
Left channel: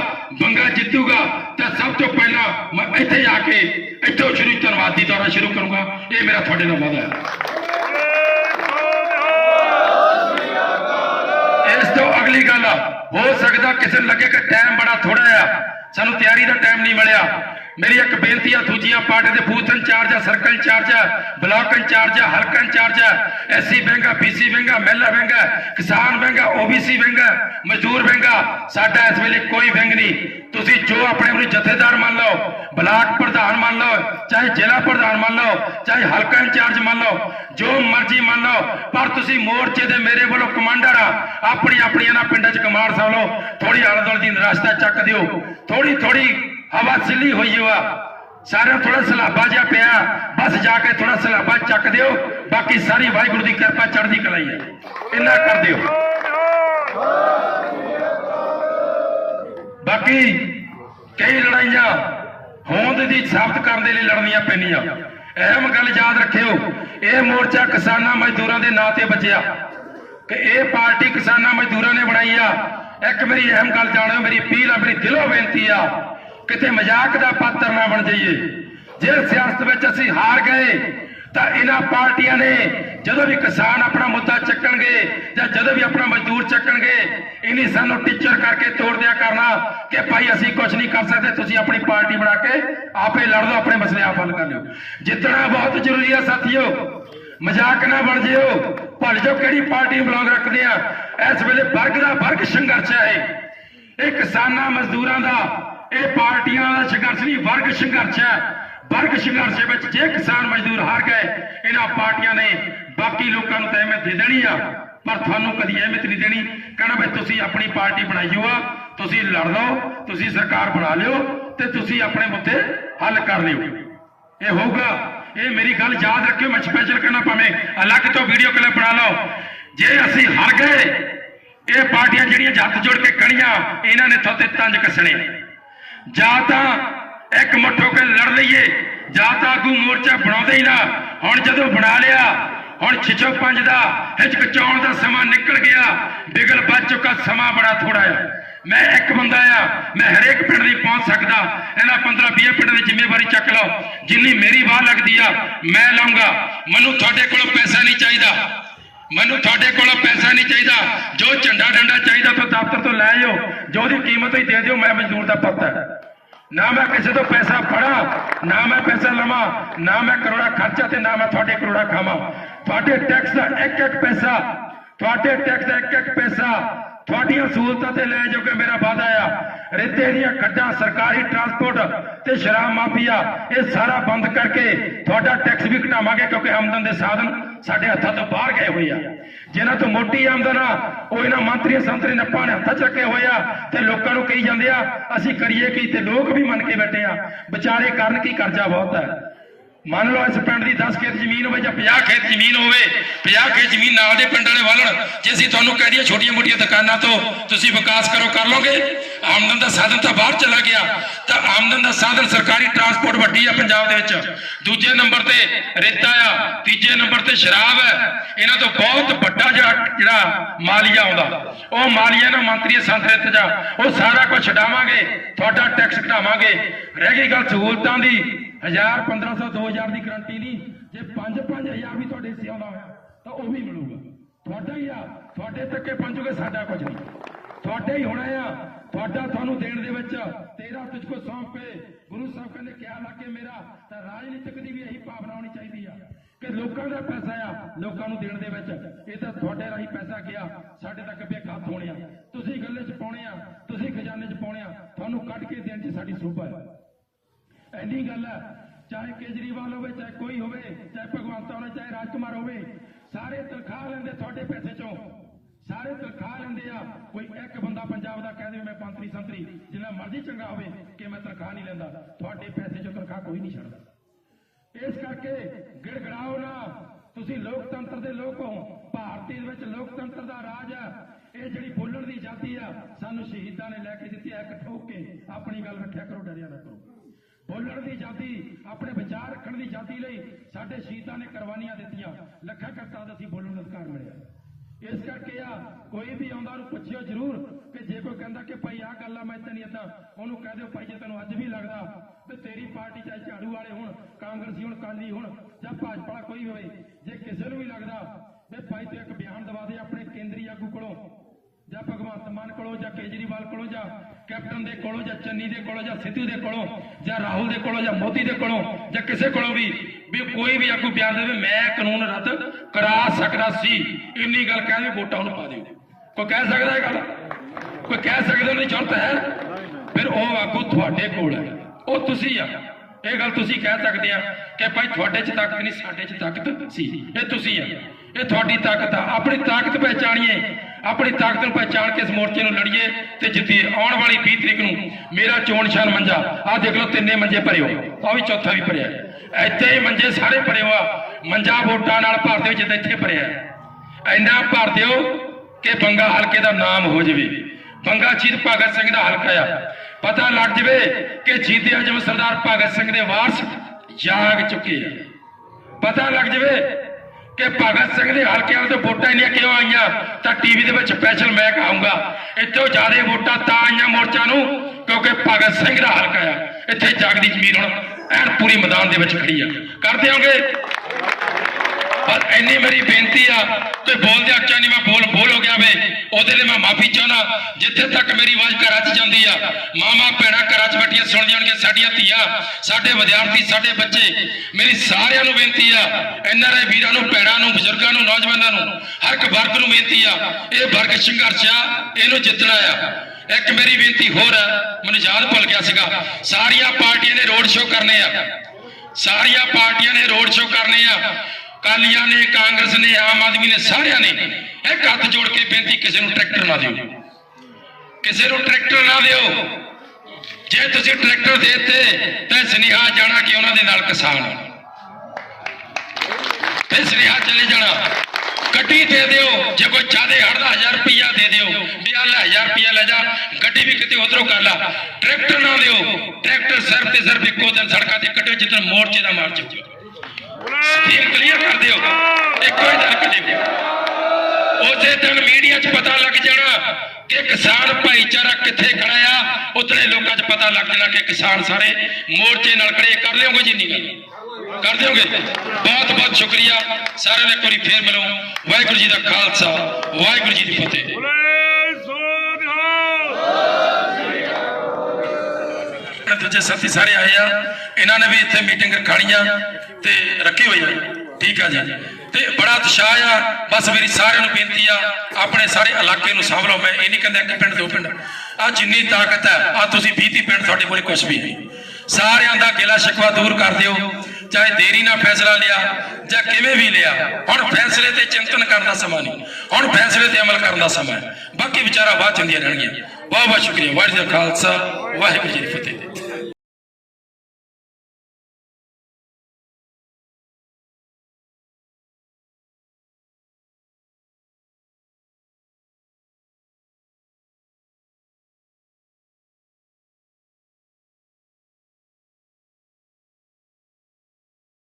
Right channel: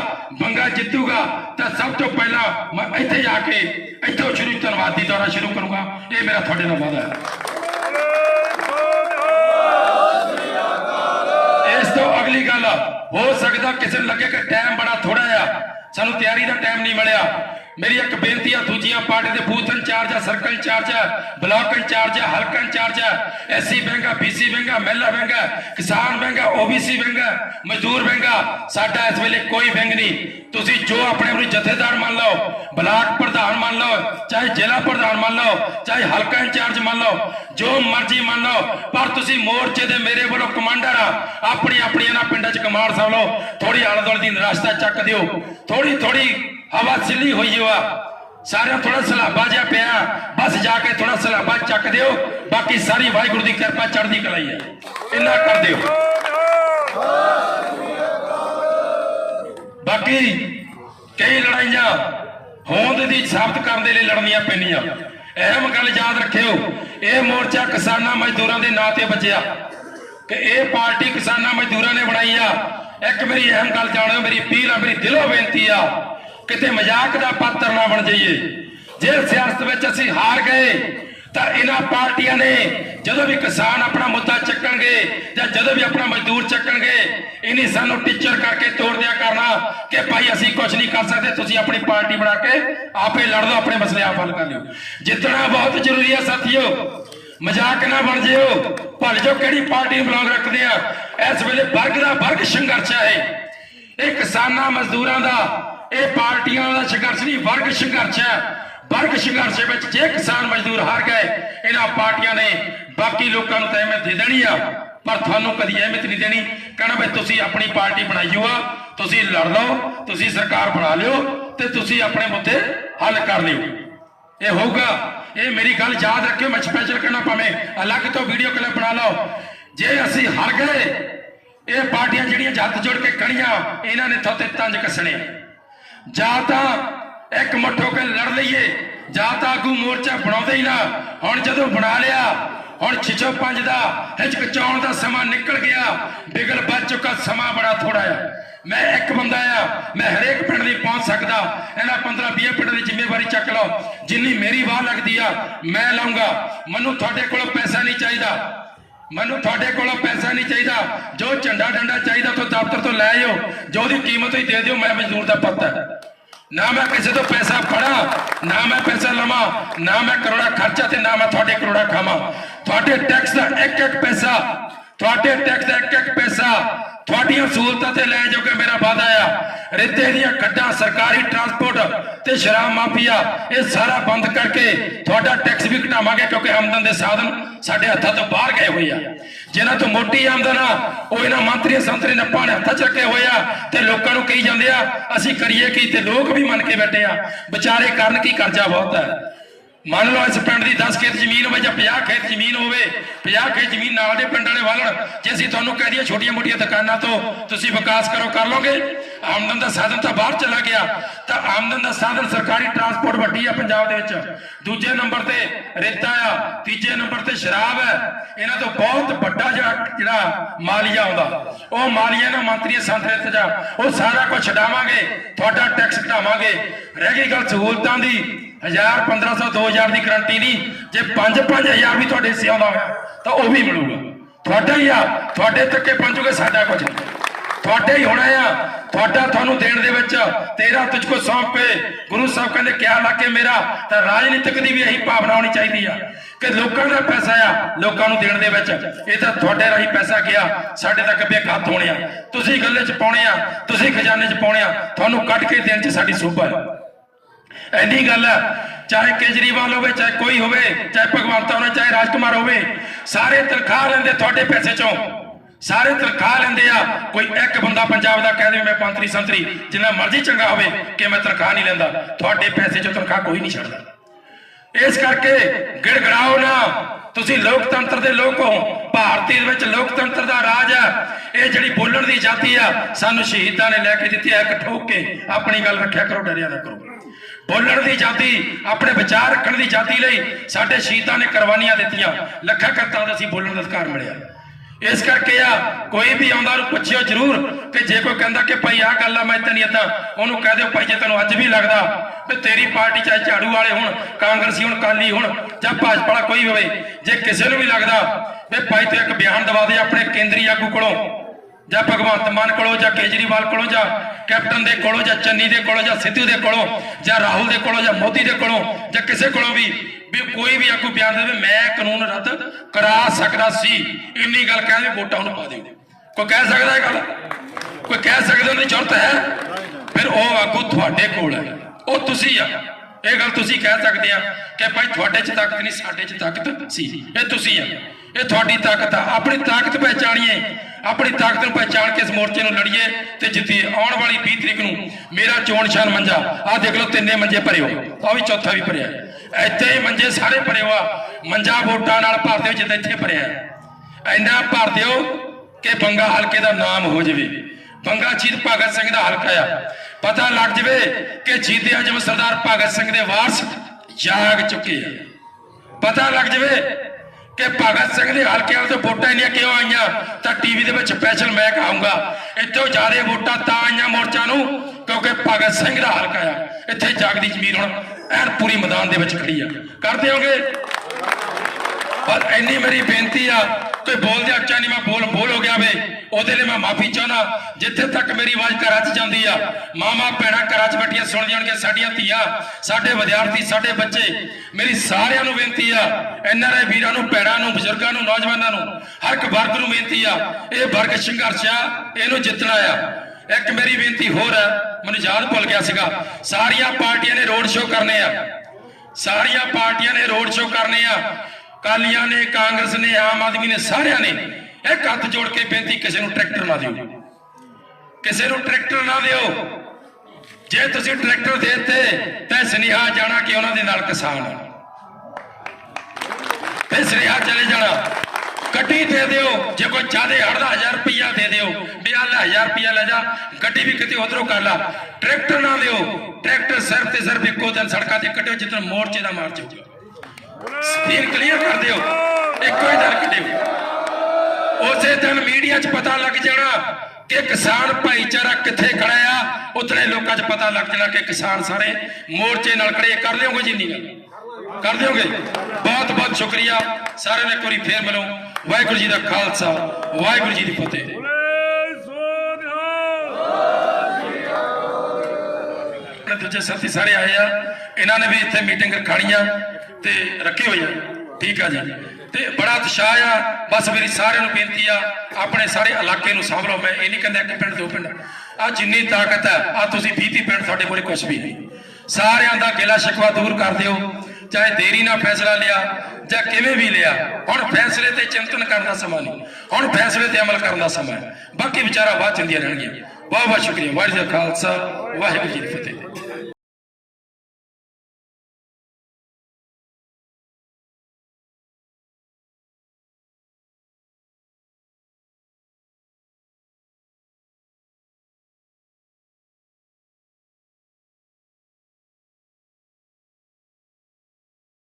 ਬੰਗਾ ਜਿੱਤੂਗਾ ਤਾਂ ਸਭ ਤੋਂ ਪਹਿਲਾਂ ਮੈਂ ਇੱਥੇ ਆ ਕੇ ਇੱਥੋਂ ਸ਼ੁਰੂ ਧੰਨਵਾਦ ਦੀ ਦੌਰਾ ਸ਼ੁਰੂ ਕਰੂੰਗਾ। ਇਹ ਮੇਰਾ ਤੁਹਾਡੇ ਨਾਲ ਵਾਅਦਾ ਹੈ। ਇਸ ਤੋਂ ਅਗਲੀ ਗੱਲ, ਹੋ ਸਕਦਾ ਕਿਸੇ ਨੂੰ ਲੱਗੇ ਕਿ ਟਾਈਮ ਬੜਾ ਥੋੜਾ ਆ, ਸਾਨੂੰ ਤਿਆਰੀ ਦਾ ਟਾਈਮ ਨਹੀਂ ਮਿਲਿਆ। ਮੇਰੀ ਇੱਕ ਬੇਨਤੀ ਆ, ਦੂਜੀਆਂ ਪਾਰਟੀ ਦੇ ਬੂਥ ਇੰਚਾਰਜ ਆ, ਸਰਕਲ ਇੰਚਾਰਜ ਆ, ਬਲਾਕ ਇੰਚਾਰਜ ਆ, ਹਲਕਾ ਇੰਚਾਰਜ ਆ, ਐਸਸੀ ਵਿੰਗ ਆ, ਬੀਸੀ ਵਿੰਗ ਆ, ਮਹਿਲਾ ਵਿੰਗ ਆ, ਕਿਸਾਨ ਵਿੰਗ ਆ, ਓਬੀਸੀ ਵਿੰਗ ਆ, ਮਜ਼ਦੂਰ ਵਿੰਗ ਆ। ਸਾਡਾ ਇਸ ਵੇਲੇ ਕੋਈ ਵਿੰਗ ਨਹੀਂ। ਤੁਸੀਂ ਜੋ ਆਪਣੇ ਨੂੰ ਜਥੇਦਾਰ ਮੰਨ ਲਓ, ਬਲਾਕ ਪ੍ਰਧਾਨ ਮੰਨ ਲਓ, ਚਾਹੇ ਜ਼ਿਲ੍ਹਾ ਪ੍ਰਧਾਨ ਮੰਨ ਲਓ, ਚਾਹੇ ਹਲਕਾ ਇੰਚਾਰਜ ਮੰਨ ਲਓ, ਜੋ ਮਰਜ਼ੀ ਮੰਨ ਲਓ, ਪਰ ਤੁਸੀਂ ਮੋਰਚੇ ਦੇ ਮੇਰੇ ਵੱਲੋਂ ਕਮਾਂਡਰ ਆ। ਆਪਣੀਆਂ ਨਾ ਪਿੰਡਾਂ 'ਚ ਕਮਾਂਡ ਸਾਂਭ ਲਓ। ਥੋੜੀ ਆਲੇ ਦੁਆਲੇ ਦੀ ਨਿਰਾਸ਼ਤਾ ਚੱਕ ਦਿਓ। ਥੋੜੀ ਹਵਾ ਸਿੱਲੀ ਹੋਈ ਆ, ਸਾਰਿਆਂ ਥੋੜਾ ਸਲਾਬਾ ਜਿਹਾ ਪਿਆ, ਬਸ ਜਾ ਕੇ ਥੋੜਾ ਸਲਾਬਾ ਚੱਕ ਦਿਓ। ਬਾਕੀ ਸਾਰੀ ਵਾਹਿਗੁਰੂ ਦੀ ਕਿਰਪਾ ਚੜ੍ਹਦੀ ਕਲਾਈ ਹੈ, ਇੰਨਾ ਕਰ ਦਿਓ। ਬਾਕੀ ਕਈ ਲੜਾਈਆਂ ਹੋਂਦ ਦੀ ਸਾਬਤ ਕਰਨ ਦੇ ਲਈ ਲੜਨੀਆਂ ਪੈਣੀਆਂ। ਅਹਿਮ ਗੱਲ ਯਾਦ ਰੱਖਿਓ, ਇਹ ਮੋਰਚਾ ਕਿਸਾਨਾਂ ਮਜ਼ਦੂਰਾਂ ਦੇ ਨਾਂ ਤੇ ਬਚਿਆ ਕਿ ਇਹ ਪਾਰਟੀ ਕਿਸਾਨਾਂ ਮਜ਼ਦੂਰਾਂ ਨੇ ਬਣਾਈ ਆ। ਇੱਕ ਮੇਰੀ ਅਹਿਮ ਗੱਲ ਜਾਣੋ, ਮੇਰੀ ਅਪੀਲ ਆ, ਮੇਰੀ ਦਿਲੋਂ ਬੇਨਤੀ ਆ, ਕਿਤੇ ਮਜ਼ਾਕ ਦਾ ਪਾਤਰ ਨਾ ਬਣ ਜਾਈਏ। ਜੇ ਸਿਆਸਤ ਵਿੱਚ ਅਸੀਂ ਹਾਰ ਗਏ ਤਾਂ ਇਹਨਾਂ ਪਾਰਟੀਆਂ ਨੇ ਜਦੋਂ ਵੀ ਕਿਸਾਨ ਆਪਣਾ ਮੁੱਦਾ ਚੱਕਣਗੇ ਜਾਂ ਜਦੋਂ ਵੀ ਆਪਣਾ ਮਜ਼ਦੂਰ ਚੱਕਣਗੇ, ਇਹਨੇ ਸਾਨੂੰ ਟੀਚਰ ਕਰਕੇ ਤੋੜ ਦਿਆ ਕਰਨਾ ਕਿ ਭਾਈ ਅਸੀਂ ਕੁਝ ਨਹੀਂ ਕਰ ਸਕਦੇ, ਤੁਸੀਂ ਆਪਣੀ ਪਾਰਟੀ ਬਣਾ ਕੇ ਆਪੇ ਲੜ ਲਓ, ਆਪਣੇ ਮਸਲੇ ਆਪ ਹੱਲ ਕਰ ਲਿਓ। ਜਿੱਤਣਾ ਬਹੁਤ ਜ਼ਰੂਰੀ ਹੈ ਸਾਥੀਓ, ਮਜ਼ਾਕ ਨਾ ਬਣ ਜਿਓ। ਭੁੱਲ ਜਾਓ ਕਿਹੜੀ ਪਾਰਟੀ ਬਿਲੋਂਗ ਰੱਖਦੇ ਆ। ਇਸ ਵੇਲੇ ਵਰਗ ਦਾ ਵਰਗ ਸੰਘਰਸ਼ ਹੈ। ਇਹ ਕਿਸਾਨਾਂ ਮਜ਼ਦੂਰਾਂ ਦਾ, ਇਹ ਪਾਰਟੀਆਂ ਦਾ ਸੰਘਰਸ਼ ਨਹੀਂ, ਵਰਗ ਸੰਘਰਸ਼ ਹੈ। ਵਰਗ ਸੰਘਰਸ਼ ਵਿੱਚ ਜੇ ਕਿਸਾਨ ਮਜ਼ਦੂਰ ਹਾਰ ਗਏ, ਇਹਨਾਂ ਪਾਰਟੀਆਂ ਨੇ ਬਾਕੀ ਲੋਕਾਂ ਨੂੰ ਤਾਂ ਅਹਿਮੀਅਤ ਦੇ ਦੇਣੀ ਆ, ਪਰ ਤੁਹਾਨੂੰ ਕਦੀ ਅਹਿਮੀਅਤ ਨਹੀਂ ਦੇਣੀ। ਕਹਿਣਾ ਵੀ ਤੁਸੀਂ ਆਪਣੀ ਪਾਰਟੀ ਬਣਾਈ ਹੋ ਆ, ਤੁਸੀਂ ਲੜ ਲਓ, ਤੁਸੀਂ ਸਰਕਾਰ ਬਣਾ ਲਿਓ ਤੇ ਤੁਸੀਂ ਆਪਣੇ ਮੁੱਦੇ ਹੱਲ ਕਰ ਲਿਓ। ਇਹ ਹੋਊਗਾ। ਇਹ ਮੇਰੀ ਗੱਲ ਯਾਦ ਰੱਖਿਓ, ਮੈਂ ਸਪੈਸ਼ਲ ਕਹਿਣਾ, ਭਾਵੇਂ ਅਲੱਗ ਤੋਂ ਵੀਡੀਓ ਕਲਿੱਪ ਬਣਾ ਲਓ। ਜੇ ਅਸੀਂ ਹਾਰ ਗਏ, ਇਹ ਪਾਰਟੀਆਂ ਜਿਹੜੀਆਂ ਹੱਥ ਜੋੜ ਕੇ ਖੜੀਆਂ, ਇਹਨਾਂ ਨੇ ਥੋਤੇ ਤੰਜ ਕੱਸਣੇ। ਜਾਂ ਤਾਂ ਇੱਕ ਮੁੱਠ ਹੋ ਕੇ ਲੜ ਲਈਏ, ਜਾਂ ਤਾਂ ਆਗੂ ਮੋਰਚਾ ਬਣਾਉਂਦੇ ਹੀ ਨਾ। ਹੁਣ ਜਦੋਂ ਬਣਾ ਲਿਆ, ਹੁਣ 605 ਦਾ ਹਿਚਕਚਾਉਣ ਦਾ ਸਮਾਂ ਨਿਕਲ ਗਿਆ, ਬਿਗਲ ਵੱਜ ਚੁੱਕਾ, ਸਮਾਂ ਬੜਾ ਥੋੜਾ ਆ। ਮੈਂ ਇੱਕ ਬੰਦਾ ਆ, ਮੈਂ ਹਰੇਕ ਪਿੰਡ ਨਹੀਂ ਪਹੁੰਚ ਸਕਦਾ। ਇਹਨਾਂ 15-20 ਪਿੰਡ ਦੀ ਜ਼ਿੰਮੇਵਾਰੀ ਚੱਕ ਲਓ। ਜਿੰਨੀ ਮੇਰੀ ਵਾਹ ਲੱਗਦੀ ਆ ਮੈਂ ਲਾਉਂਗਾ। ਮੈਨੂੰ ਤੁਹਾਡੇ ਕੋਲੋਂ ਪੈਸਾ ਨਹੀਂ ਚਾਹੀਦਾ, ਮੈਨੂੰ ਤੁਹਾਡੇ ਕੋਲੋਂ ਪੈਸਾ ਨਹੀਂ ਚਾਹੀਦਾ। ਜੋ ਝੰਡਾ ਡੰਡਾ ਚਾਹੀਦਾ ਤਾਂ ਦਫ਼ਤਰ ਤੋਂ ਲੈ ਆਇਓ, ਜੋ ਉਹਦੀ ਕੀਮਤ ਹੀ ਦੇ ਦਿਓ। ਮੈਂ ਮਜ਼ਦੂਰ ਦਾ ਪੁੱਤ ਹੈ, ਨਾ ਮੈਂ ਕਿਸੇ ਤੋਂ ਪੈਸਾ ਫੜਾਂ, ਨਾ ਮੈਂ ਪੈਸਾ ਲਵਾਂ, ਨਾ ਮੈਂ ਕਰੋੜਾ ਖਰਚਾ ਤੇ ਨਾ ਮੈਂ ਤੁਹਾਡੇ ਕਰੋੜਾ ਖਾਵਾਂ। ਤੁਹਾਡੇ ਟੈਕਸ ਦਾ ਇੱਕ ਪੈਸਾ, ਤੁਹਾਡੇ ਟੈਕਸ ਦਾ ਇੱਕ ਪੈਸਾ ਤੁਹਾਡੀਆਂ ਸਹੂਲਤਾਂ ਤੇ ਲੈ ਜਾਓਗੇ, ਮੇਰਾ ਵਾਅਦਾ ਆ। ਰੇਤੇ ਦੀਆਂ ਖੱਡਾਂ, ਸਰਕਾਰੀ ਟਰਾਂਸਪੋਰਟ ਤੇ ਸ਼ਰਾਬ ਮਾਫੀਆ, ਇਹ ਸਾਰਾ ਬੰਦ ਕਰਕੇ ਤੁਹਾਡਾ ਟੈਕਸ ਵੀ ਘਟਾਵਾਂਗੇ, ਕਿਉਂਕਿ ਆਮਦਨ ਦੇ ਸਾਧਨ ਸਾਡੇ ਹੱਥਾਂ ਤੋਂ ਬਾਹਰ ਗਏ ਹੋਏ ਆ। ਜਿਨ੍ਹਾਂ ਤੋਂ ਮੋਟੀ ਆਮਦਨ ਆ, ਉਹ ਇਹਨਾਂ ਮੰਤਰੀ ਸੰਤਰੀ ਨੱਪਾਂ ਨੇ ਹੱਥਾਂ 'ਚ ਰੱਖੇ ਹੋਏ ਆ ਤੇ ਲੋਕਾਂ ਨੂੰ ਕਹੀ ਜਾਂਦੇ ਆ ਅਸੀਂ ਕਰੀਏ ਕੀ, ਤੇ ਲੋਕ ਵੀ ਮੰਨ ਕੇ ਬੈਠੇ ਆ। ਵਿਚਾਰੇ ਕਾਰਨ ਕੀ, ਕਰਜ਼ਾ ਬਹੁਤ ਹੈ। ਮੰਨ ਲਓ ਇਸ ਪਿੰਡ ਦੀ 10 ਖੇਤ ਜ਼ਮੀਨ ਹੋਵੇ ਜਾਂ 50 ਖੇਤ ਜ਼ਮੀਨ ਹੋਵੇ, 50 ਖੇਤ ਜ਼ਮੀਨ ਨਾਲ ਦੇ ਪਿੰਡ ਵਾਲੇ ਵਾਲਣ, ਜੇ ਅਸੀਂ ਤੁਹਾਨੂੰ ਕਹਿ ਦਈਏ ਛੋਟੀਆਂ ਮੋਟੀਆਂ ਦੁਕਾਨਾਂ ਤੋਂ ਤੁਸੀਂ ਵਿਕਾਸ ਕਰੋ, ਕਰ ਲੋਗੇ? ਆਮਦਨ ਦਾ ਸਾਧਨ ਤਾਂ ਬਾਹਰ ਚਲਾ ਗਿਆ। ਤਾਂ ਆਮਦਨ ਦਾ ਸਾਧਨ ਸਰਕਾਰੀ ਟਰਾਂਸਪੋਰਟ ਵੱਡੀ ਆ ਪੰਜਾਬ ਦੇ ਵਿੱਚ, ਦੂਜੇ ਨੰਬਰ ਤੇ ਰੇਤਾ ਆ, ਤੀਜੇ ਨੰਬਰ ਤੇ ਸ਼ਰਾਬ ਹੈ। ਇਹਨਾਂ ਤੋਂ ਬਹੁਤ ਵੱਡਾ ਜਿਹੜਾ ਮਾਲੀਆ ਆਉਂਦਾ, ਉਹ ਮਾਲੀਆ ਨਾ ਮੰਤਰੀ ਸੰਤਰਿਤ ਜਾ, ਉਹ ਸਾਰਾ ਕੁਝ ਛਡਾਵਾਂਗੇ, ਤੁਹਾਡਾ ਟੈਕਸ ਘਟਾਵਾਂਗੇ। ਰਹਿ ਗਈ ਗੱਲ ਸਹੂਲਤਾਂ ਦੀ, 1000 1500 2000 ਦੀ ਗਰੰਟੀ ਨਹੀਂ, ਜੇ 5-5000 ਵੀ ਤੁਹਾਡੇ ਹਿੱਸੇ ਆਉਂਦਾ ਹੋਇਆ ਤਾਂ ਉਹ ਵੀ ਮਿਲੂਗਾ। ਤੁਹਾਡਾ ਹੀ ਆ, ਤੁਹਾਡੇ ਤੱਕੇ ਪਹੁੰਚੂਗੇ, ਸਾਡਾ ਕੁਝ ਨਹੀਂ, ਤੁਹਾਡੇ ਹੀ ਹੋਣਾ ਆ। ਤੁਹਾਡਾ ਤੁਹਾਨੂੰ ਦੇਣ ਦੇ ਵਿੱਚ ਤੇਰਾ ਤੁਝ ਕੋ ਸੌਂਪ ਕੇ, ਗੁਰੂ ਸਾਹਿਬ ਕਹਿੰਦੇ ਕਿਆ ਲਾ ਕੇ ਮੇਰਾ। ਤਾਂ ਰਾਜਨੀਤਿਕ ਦੀ ਵੀ ਇਹੀ ਭਾਵਨਾ ਹੋਣੀ ਚਾਹੀਦੀ ਆ ਕਿ ਲੋਕਾਂ ਦਾ ਪੈਸਾ ਆ, ਲੋਕਾਂ ਨੂੰ ਦੇਣ ਦੇ ਵਿੱਚ। ਇਹ ਤਾਂ ਤੁਹਾਡੇ ਰਾਹੀਂ ਪੈਸਾ ਗਿਆ, ਸਾਡੇ ਤੱਕ ਅੱਗੇ ਹੱਥ ਹੋਣੇ ਆ, ਤੁਸੀਂ ਗੱਲੇ 'ਚ ਪਾਉਣੇ ਆ, ਤੁਸੀਂ ਖਜ਼ਾਨੇ 'ਚ ਪਾਉਣੇ ਆ, ਤੁਹਾਨੂੰ ਕੱਢ ਕੇ ਦੇਣ 'ਚ ਸਾਡੀ ਸੋਭਾ ਹੈ। ਇੰਨੀ ਗੱਲ ਹੈ, ਚਾਹੇ ਕੇਜਰੀਵਾਲ ਹੋਵੇ, ਚਾਹੇ ਕੋਈ ਹੋਵੇ, ਚਾਹੇ ਭਗਵੰਤ ਹੋਵੇ, ਚਾਹੇ ਰਾਜਕੁਮਾਰ ਹੋਵੇ, ਸਾਰੇ ਤਨਖਾਹ ਲੈਂਦੇ ਤੁਹਾਡੇ ਪੈਸੇ 'ਚੋਂ, ਸਾਰੇ ਤਨਖਾਹ ਲੈਂਦੇ ਆ। ਕੋਈ ਇੱਕ ਬੰਦਾ ਪੰਜਾਬ ਦਾ ਕਹਿ ਦੇ ਮੈਂ ਮੰਤਰੀ ਸੰਤਰੀ ਜਿੰਨਾ ਮਰਜ਼ੀ ਚੰਗਾ ਹੋਵੇ ਕਿ ਮੈਂ ਤਨਖਾਹ ਨਹੀਂ ਲੈਂਦਾ, ਤੁਹਾਡੇ ਪੈਸੇ 'ਚੋਂ ਤਨਖਾਹ ਕੋਈ ਨਹੀਂ ਛੱਡਦਾ। ਇਸ ਕਰਕੇ ਗਿੜਗੜਾਓ ਨਾ, ਤੁਸੀਂ ਲੋਕਤੰਤਰ ਦੇ ਲੋਕ ਹੋ, ਭਾਰਤੀ ਦੇ ਵਿੱਚ ਲੋਕਤੰਤਰ ਦਾ ਰਾਜ ਆ। ਇਹ ਜਿਹੜੀ ਬੋਲਣ ਦੀ ਜਾਤੀ ਆ, ਸਾਨੂੰ ਸ਼ਹੀਦਾਂ ਨੇ ਲੈ ਕੇ ਦਿੱਤੀ ਹੈ, ਇੱਕ ਠੋਕ ਕੇ ਆਪਣੀ ਗੱਲ ਰੱਖਿਆ ਕਰੋ, ਡਰਿਆ ਨਾ ਕਰੋ। ਬੋਲਣ ਦੀ ਜਾਤੀ, ਆਪਣੇ ਵਿਚਾਰ ਰੱਖਣ ਦੀ ਜਾਤੀ ਲਈ ਸਾਡੇ ਸ਼ਹੀਦਾਂ ਨੇ ਕੁਰਬਾਨੀਆਂ ਦਿੱਤੀਆਂ, ਲੱਖਾਂ ਕਰਤਾਂ ਦਾ ਅਸੀਂ ਬੋਲਣ ਦਾ ਅਧਿਕਾਰ ਮਿਲਿਆ। ਇਸ ਕਰਕੇ ਆ ਕੋਈ ਵੀ ਆਉਂਦਾ ਉਹਨੂੰ ਪੁੱਛਿਓ ਜ਼ਰੂਰ ਕਿ ਜੇ ਕੋਈ ਕਹਿੰਦਾ ਕਿ ਭਾਈ ਆਹ ਗੱਲ ਆ ਮੈਂ ਤਾਂ ਨਹੀਂ ਏਦਾਂ, ਉਹਨੂੰ ਕਹਿ ਦਿਓ ਭਾਈ ਜੇ ਤੈਨੂੰ ਅੱਜ ਵੀ ਲੱਗਦਾ ਵੀ ਤੇਰੀ ਪਾਰਟੀ ਚਾਹੇ ਝਾੜੂ ਵਾਲੇ ਹੋਣ, ਕਾਂਗਰਸੀ ਹੋਣ, ਕਾਲੀ ਹੋਣ ਜਾਂ ਭਾਜਪਾ ਵਾਲਾ ਕੋਈ ਹੋਵੇ, ਜੇ ਕਿਸੇ ਨੂੰ ਵੀ ਲੱਗਦਾ ਵੀ ਭਾਈ ਤੂੰ ਇੱਕ ਬਿਆਨ ਦਵਾ ਦੇ ਆਪਣੇ ਕੇਂਦਰੀ ਆਗੂ ਕੋਲੋਂ ਜਾਂ ਭਗਵੰਤ ਮਾਨ ਕੋਲੋਂ ਜਾਂ ਕੇਜਰੀਵਾਲ ਕੋਲੋਂ ਜਾਂ ਕੈਪਟਨ ਦੇ ਕੋਲੋਂ ਜਾਂ ਚੰਨੀ ਦੇ ਕੋਲੋਂ ਜਾਂ ਸਿੱਧੂ ਦੇ ਕੋਲੋਂ ਜਾਂ ਰਾਹੁਲ ਦੇ ਕੋਲੋਂ ਜਾਂ ਮੋਦੀ ਦੇ ਕੋਲੋਂ ਜਾਂ ਕਿਸੇ ਕੋਲੋਂ ਵੀ ਕੋਈ ਵੀ ਆਗੂ ਬਿਆਨ ਦੇਵੇ ਮੈਂ ਕਾਨੂੰਨ ਰੱਦ ਕਰਾ ਸਕਦਾ ਸੀ, ਇੰਨੀ ਗੱਲ ਕਹਿ ਦੇ ਵੋਟਾਂ ਨੂੰ ਪਾ ਦਿਓ। ਕੋਈ ਕਹਿ ਸਕਦਾ ਇਹ ਗੱਲ? ਕੋਈ ਕਹਿ ਸਕਦਾ ਉਹਦੀ ਜ਼ਰੂਰਤ ਹੈ? ਫਿਰ ਉਹ ਆਗੂ ਤੁਹਾਡੇ ਕੋਲ ਹੈ, ਉਹ ਤੁਸੀਂ ਆ। ਇਹ ਗੱਲ ਤੁਸੀਂ ਕਹਿ ਸਕਦੇ ਆ ਕਿ ਭਾਈ ਤੁਹਾਡੇ 'ਚ ਤਾਕਤ ਨਹੀਂ, ਸਾਡੇ 'ਚ ਤਾਕਤ ਸੀ, ਇਹ ਤੁਸੀਂ ਆ, ਇਹ ਤੁਹਾਡੀ ਤਾਕਤ ਆ। ਆਪਣੀ ਤਾਕਤ ਪਹਿਚਾਣੀਏ, ਆਪਣੀ ਤਾਕਤ ਨੂੰ ਪਹਿਚਾਣ ਕੇ ਇਸ ਮੋਰਚੇ ਨੂੰ ਲੜੀਏ ਤੇ ਜਿੱਤੀਏ। ਆਉਣ ਵਾਲੀ 20 ਤਰੀਕ ਨੂੰ ਮੇਰਾ ਚੋਣ ਨਿਸ਼ਾਨ ਮੰਜਾ, ਆਹ ਦੇਖ ਲਓ ਤਿੰਨੇ ਮੰਜੇ ਭਰੇ ਹੋ, ਆਹ ਵੀ ਚੌਥਾ ਵੀ ਭਰਿਆ, ਇੱਥੇ ਹੀ ਮੰਜੇ ਸਾਰੇ ਭਰੇ ਹੋ ਆ। ਮੰਜਾ ਵੋਟਾਂ ਨਾਲ ਭਰ ਦਿਓ ਜਿੱਦਾਂ ਇੱਥੇ ਭਰਿਆ, ਇੰਨਾ ਭਰ ਦਿਓ ਕਿ ਬੰਗਾ ਹਲਕੇ ਦਾ ਨਾਮ ਹੋ ਜਾਵੇ। ਬੰਗਾ ਸ਼ਹੀਦ ਭਗਤ ਸਿੰਘ ਦਾ ਹਲਕਾ ਆ, ਪਤਾ ਲੱਗ ਜਾਵੇ ਕਿ ਸ਼ਹੀਦ ਆਜ਼ਮ ਸਰਦਾਰ ਭਗਤ ਸਿੰਘ ਦੇ ਵਾਰਸ ਜਾਗ ਚੁੱਕੇ ਆ। ਪਤਾ ਲੱਗ ਜਾਵੇ ਕਿ ਭਗਤ ਸਿੰਘ ਦੇ ਹਲਕਿਆਂ ਤੋਂ ਵੋਟਾਂ ਇੰਨੀਆਂ ਕਿਉਂ ਆਈਆਂ, ਤਾਂ ਟੀਵੀ ਦੇ ਵਿੱਚ ਸਪੈਸ਼ਲ ਮੈਂ ਕਹਾਂਗਾ ਇੱਥੋਂ ਜ਼ਿਆਦਾ ਵੋਟਾਂ ਤਾਂ ਆਈਆਂ ਮੋਰਚਾ ਨੂੰ ਕਿਉਂਕਿ ਭਗਤ ਸਿੰਘ ਦਾ ਹਲਕਾ ਆ। ਇੱਥੇ ਜਾਗਦੀ ਜ਼ਮੀਰ ਹੁਣ ਐਨ ਪੂਰੀ ਮੈਦਾਨ ਦੇ ਵਿੱਚ ਖੜੀ ਆ, ਕਰ ਦਿਓਗੇ? ਪਰ ਇੰਨੀ ਮੇਰੀ ਬੇਨਤੀ ਆ, ਕੋਈ ਬੋਲਦੇ ਆਖਿਆ ਨਹੀਂ, ਮੈਂ ਬੋਲ ਹੋ ਗਿਆ ਵੇ, ਉਹਦੇ ਲਈ ਮੈਂ ਮਾਫੀ ਚਾਹੁੰਦਾ। ਜਿੱਥੇ ਤੱਕ ਮੇਰੀ ਆਵਾਜ਼ ਘਰਾਂ 'ਚ ਜਾਂਦੀ ਆ, ਮਾਮਾ ਭੈਣਾਂ ਘਰਾਂ 'ਚ ਬੈਠੀਆਂ ਸੁਣ ਜਾਣਗੇ, ਸਾਡੀਆਂ ਧੀਆਂ, ਸਾਡੇ ਵਿਦਿਆਰਥੀ, ਸਾਡੇ ਬੱਚੇ, ਮੇਰੀ ਸਾਰਿਆਂ ਨੂੰ ਬੇਨਤੀ ਆ, NRI ਵੀਰਾਂ ਨੂੰ, ਭੈਣਾਂ ਨੂੰ, ਬਜ਼ੁਰਗਾਂ ਨੂੰ, ਨੌਜਵਾਨਾਂ ਨੂੰ, ਹਰ ਇੱਕ ਵਰਗ ਨੂੰ ਬੇਨਤੀ ਆ, ਇਹ ਵਰਗ ਸੰਘਰਸ਼ ਆ, ਇਹਨੂੰ ਜਿੱਤਣਾ ਆ। ਇੱਕ ਮੇਰੀ ਬੇਨਤੀ ਹੋਰ ਹੈ, ਮੈਨੂੰ ਯਾਦ ਭੁੱਲ ਗਿਆ ਸੀਗਾ, ਸਾਰੀਆਂ ਪਾਰਟੀਆਂ ਨੇ ਰੋਡ ਸ਼ੋਅ ਕਰਨੇ ਆ, ਸਾਰੀਆਂ ਪਾਰਟੀਆਂ ਨੇ ਰੋਡ ਸ਼ੋਅ ਕਰਨੇ ਆ, ਕਾਲੀਆਂ ਨੇ, ਕਾਂਗਰਸ ਨੇ, ਆਮ ਆਦਮੀ ਨੇ, ਸਾਰਿਆਂ ਨੇ ਇੱਕ ਹੱਥ ਜੋੜ ਕੇ ਬੇਨਤੀ, ਕਿਸੇ ਨੂੰ ਟਰੈਕਟਰ ਨਾ ਦਿਓ, ਕਿਸੇ ਨੂੰ ਟਰੈਕਟਰ ਨਾ ਦਿਓ। ਜੇ ਤੁਸੀਂ ਟਰੈਕਟਰ ਦੇਤੇ ਤਾਂ ਸੁਨੇਹਾ ਜਾਣਾ ਕਿ ਉਹਨਾਂ ਦੇ ਨਾਲ ਕਿਸਾਨ ਆ, ਫਿਰ ਸੁਨੇਹਾ ਚਲੇ ਜਾਣਾ। ਗੱਡੀ ਦੇ ਦਿਓ, ਜੇ ਕੋਈ ਜ਼ਿਆਦਾ ਹੜਦਾ 1000 ਰੁਪਇਆ ਦੇ ਦਿਓ, ਵੀ ਆ ਲੈ 1000 ਰੁਪਇਆ ਲੈ ਜਾ, ਗੱਡੀ ਵੀ ਕਿਤੇ ਉਧਰੋਂ ਕਰ ਲਾ। ਟਰੈਕਟਰ ਨਾ ਦਿਓ, ਟਰੈਕਟਰ ਸਿਰਫ ਤੇ ਸਿਰਫ ਇੱਕੋ ਦਿਨ ਸੜਕਾਂ ਤੇ ਕੱਢਿਓ ਜਿੱਦਣ ਮੋਰਚੇ ਦਾ ਮਾਰਚ ਹੋ। ਸਪੀਕ ਕਲੀਅਰ ਕਰ ਦਿਓ, ਇੱਕੋ ਦਿਨ ਕੱਢਿਓ, ਉਸੇ ਦਿਨ ਮੀਡੀਆ 'ਚ ਪਤਾ ਲੱਗ ਜਾਣਾ ਕਿ ਕਿਸਾਨ ਭਾਈਚਾਰਾ ਕਿੱਥੇ ਖੜਾ ਆ, ਉੱਥੇ ਲੋਕਾਂ 'ਚ ਪਤਾ ਲੱਗ ਜਾਣਾ ਕਿ ਕਿਸਾਨ ਸਾਰੇ ਮੋਰਚੇ ਨਾਲ ਖੜੇ। ਕਰ ਲਿਓਗੇ ਜੀ? ਨਹੀਂ ਗੱਲ ਕਰ ਦਿਓਗੇ? ਬਹੁਤ ਬਹੁਤ ਸ਼ੁਕਰੀਆ ਸਾਰਿਆਂ ਨੇ, ਇੱਕ ਵਾਰੀ ਫੇਰ ਮਿਲੋ। ਵਾਹਿਗੁਰੂ ਜੀ ਦਾ ਖਾਲਸਾ, ਵਾਹਿਗੁਰੂ ਜੀ ਦੀ ਫਤਿਹ। ਦੂਜੇ ਸਾਥੀ ਸਾਰੇ ਆਏ ਆ, ਇਹਨਾਂ ਨੇ ਵੀ ਇੱਥੇ ਮੀਟਿੰਗ ਰਖਾਣੀ ਆ ਤੇ ਰੱਖੀ ਹੋਈ ਆ, ਠੀਕ ਆ ਜੀ, ਤੇ ਬੜਾ ਉਤਸ਼ਾਹ ਆ। ਬਸ ਮੇਰੀ ਸਾਰਿਆਂ ਨੂੰ ਬੇਨਤੀ ਆ, ਆਪਣੇ ਸਾਰੇ ਇਲਾਕੇ ਨੂੰ ਸਾਂਭ ਲਓ। ਮੈਂ ਇਹ ਨਹੀਂ ਕਹਿੰਦਾ ਇੱਕ ਪਿੰਡ ਦੋ ਪਿੰਡ, ਆ ਜਿੰਨੀ ਤਾਕਤ ਹੈ ਆ ਤੁਸੀਂ 20 ਪਿੰਡ ਤੁਹਾਡੇ ਕੋਲ ਕੁਛ ਵੀ ਨਹੀਂ, ਸਾਰਿਆਂ ਦਾ ਗਿਲਾ ਸ਼ਿਕਵਾ ਦੂਰ ਕਰ ਦਿਓ। ਚਾਹੇ ਦੇਰੀ ਨਾਲ ਫੈਸਲਾ ਲਿਆ ਜਾਂ ਕਿਵੇਂ ਵੀ ਲਿਆ, ਹੁਣ ਫੈਸਲੇ ਤੇ ਚਿੰਤਨ ਕਰਨ ਦਾ ਸਮਾਂ ਨਹੀਂ, ਹੁਣ ਫੈਸਲੇ ਤੇ ਅਮਲ ਕਰਨ ਦਾ ਸਮਾਂ ਹੈ। ਬਾਕੀ ਵਿਚਾਰਾ ਬਾਅਦ ਚੰਦੀਆਂ ਰਹਿਣਗੀਆਂ। ਬਹੁਤ ਬਹੁਤ ਸ਼ੁਕਰੀਆ। ਵਾਹਿਗੁਰੂ ਜੀ ਕਾ ਖਾਲਸਾ, ਵਾਹਿਗੁਰੂ ਜੀ ਕੀ ਫਤਿਹ।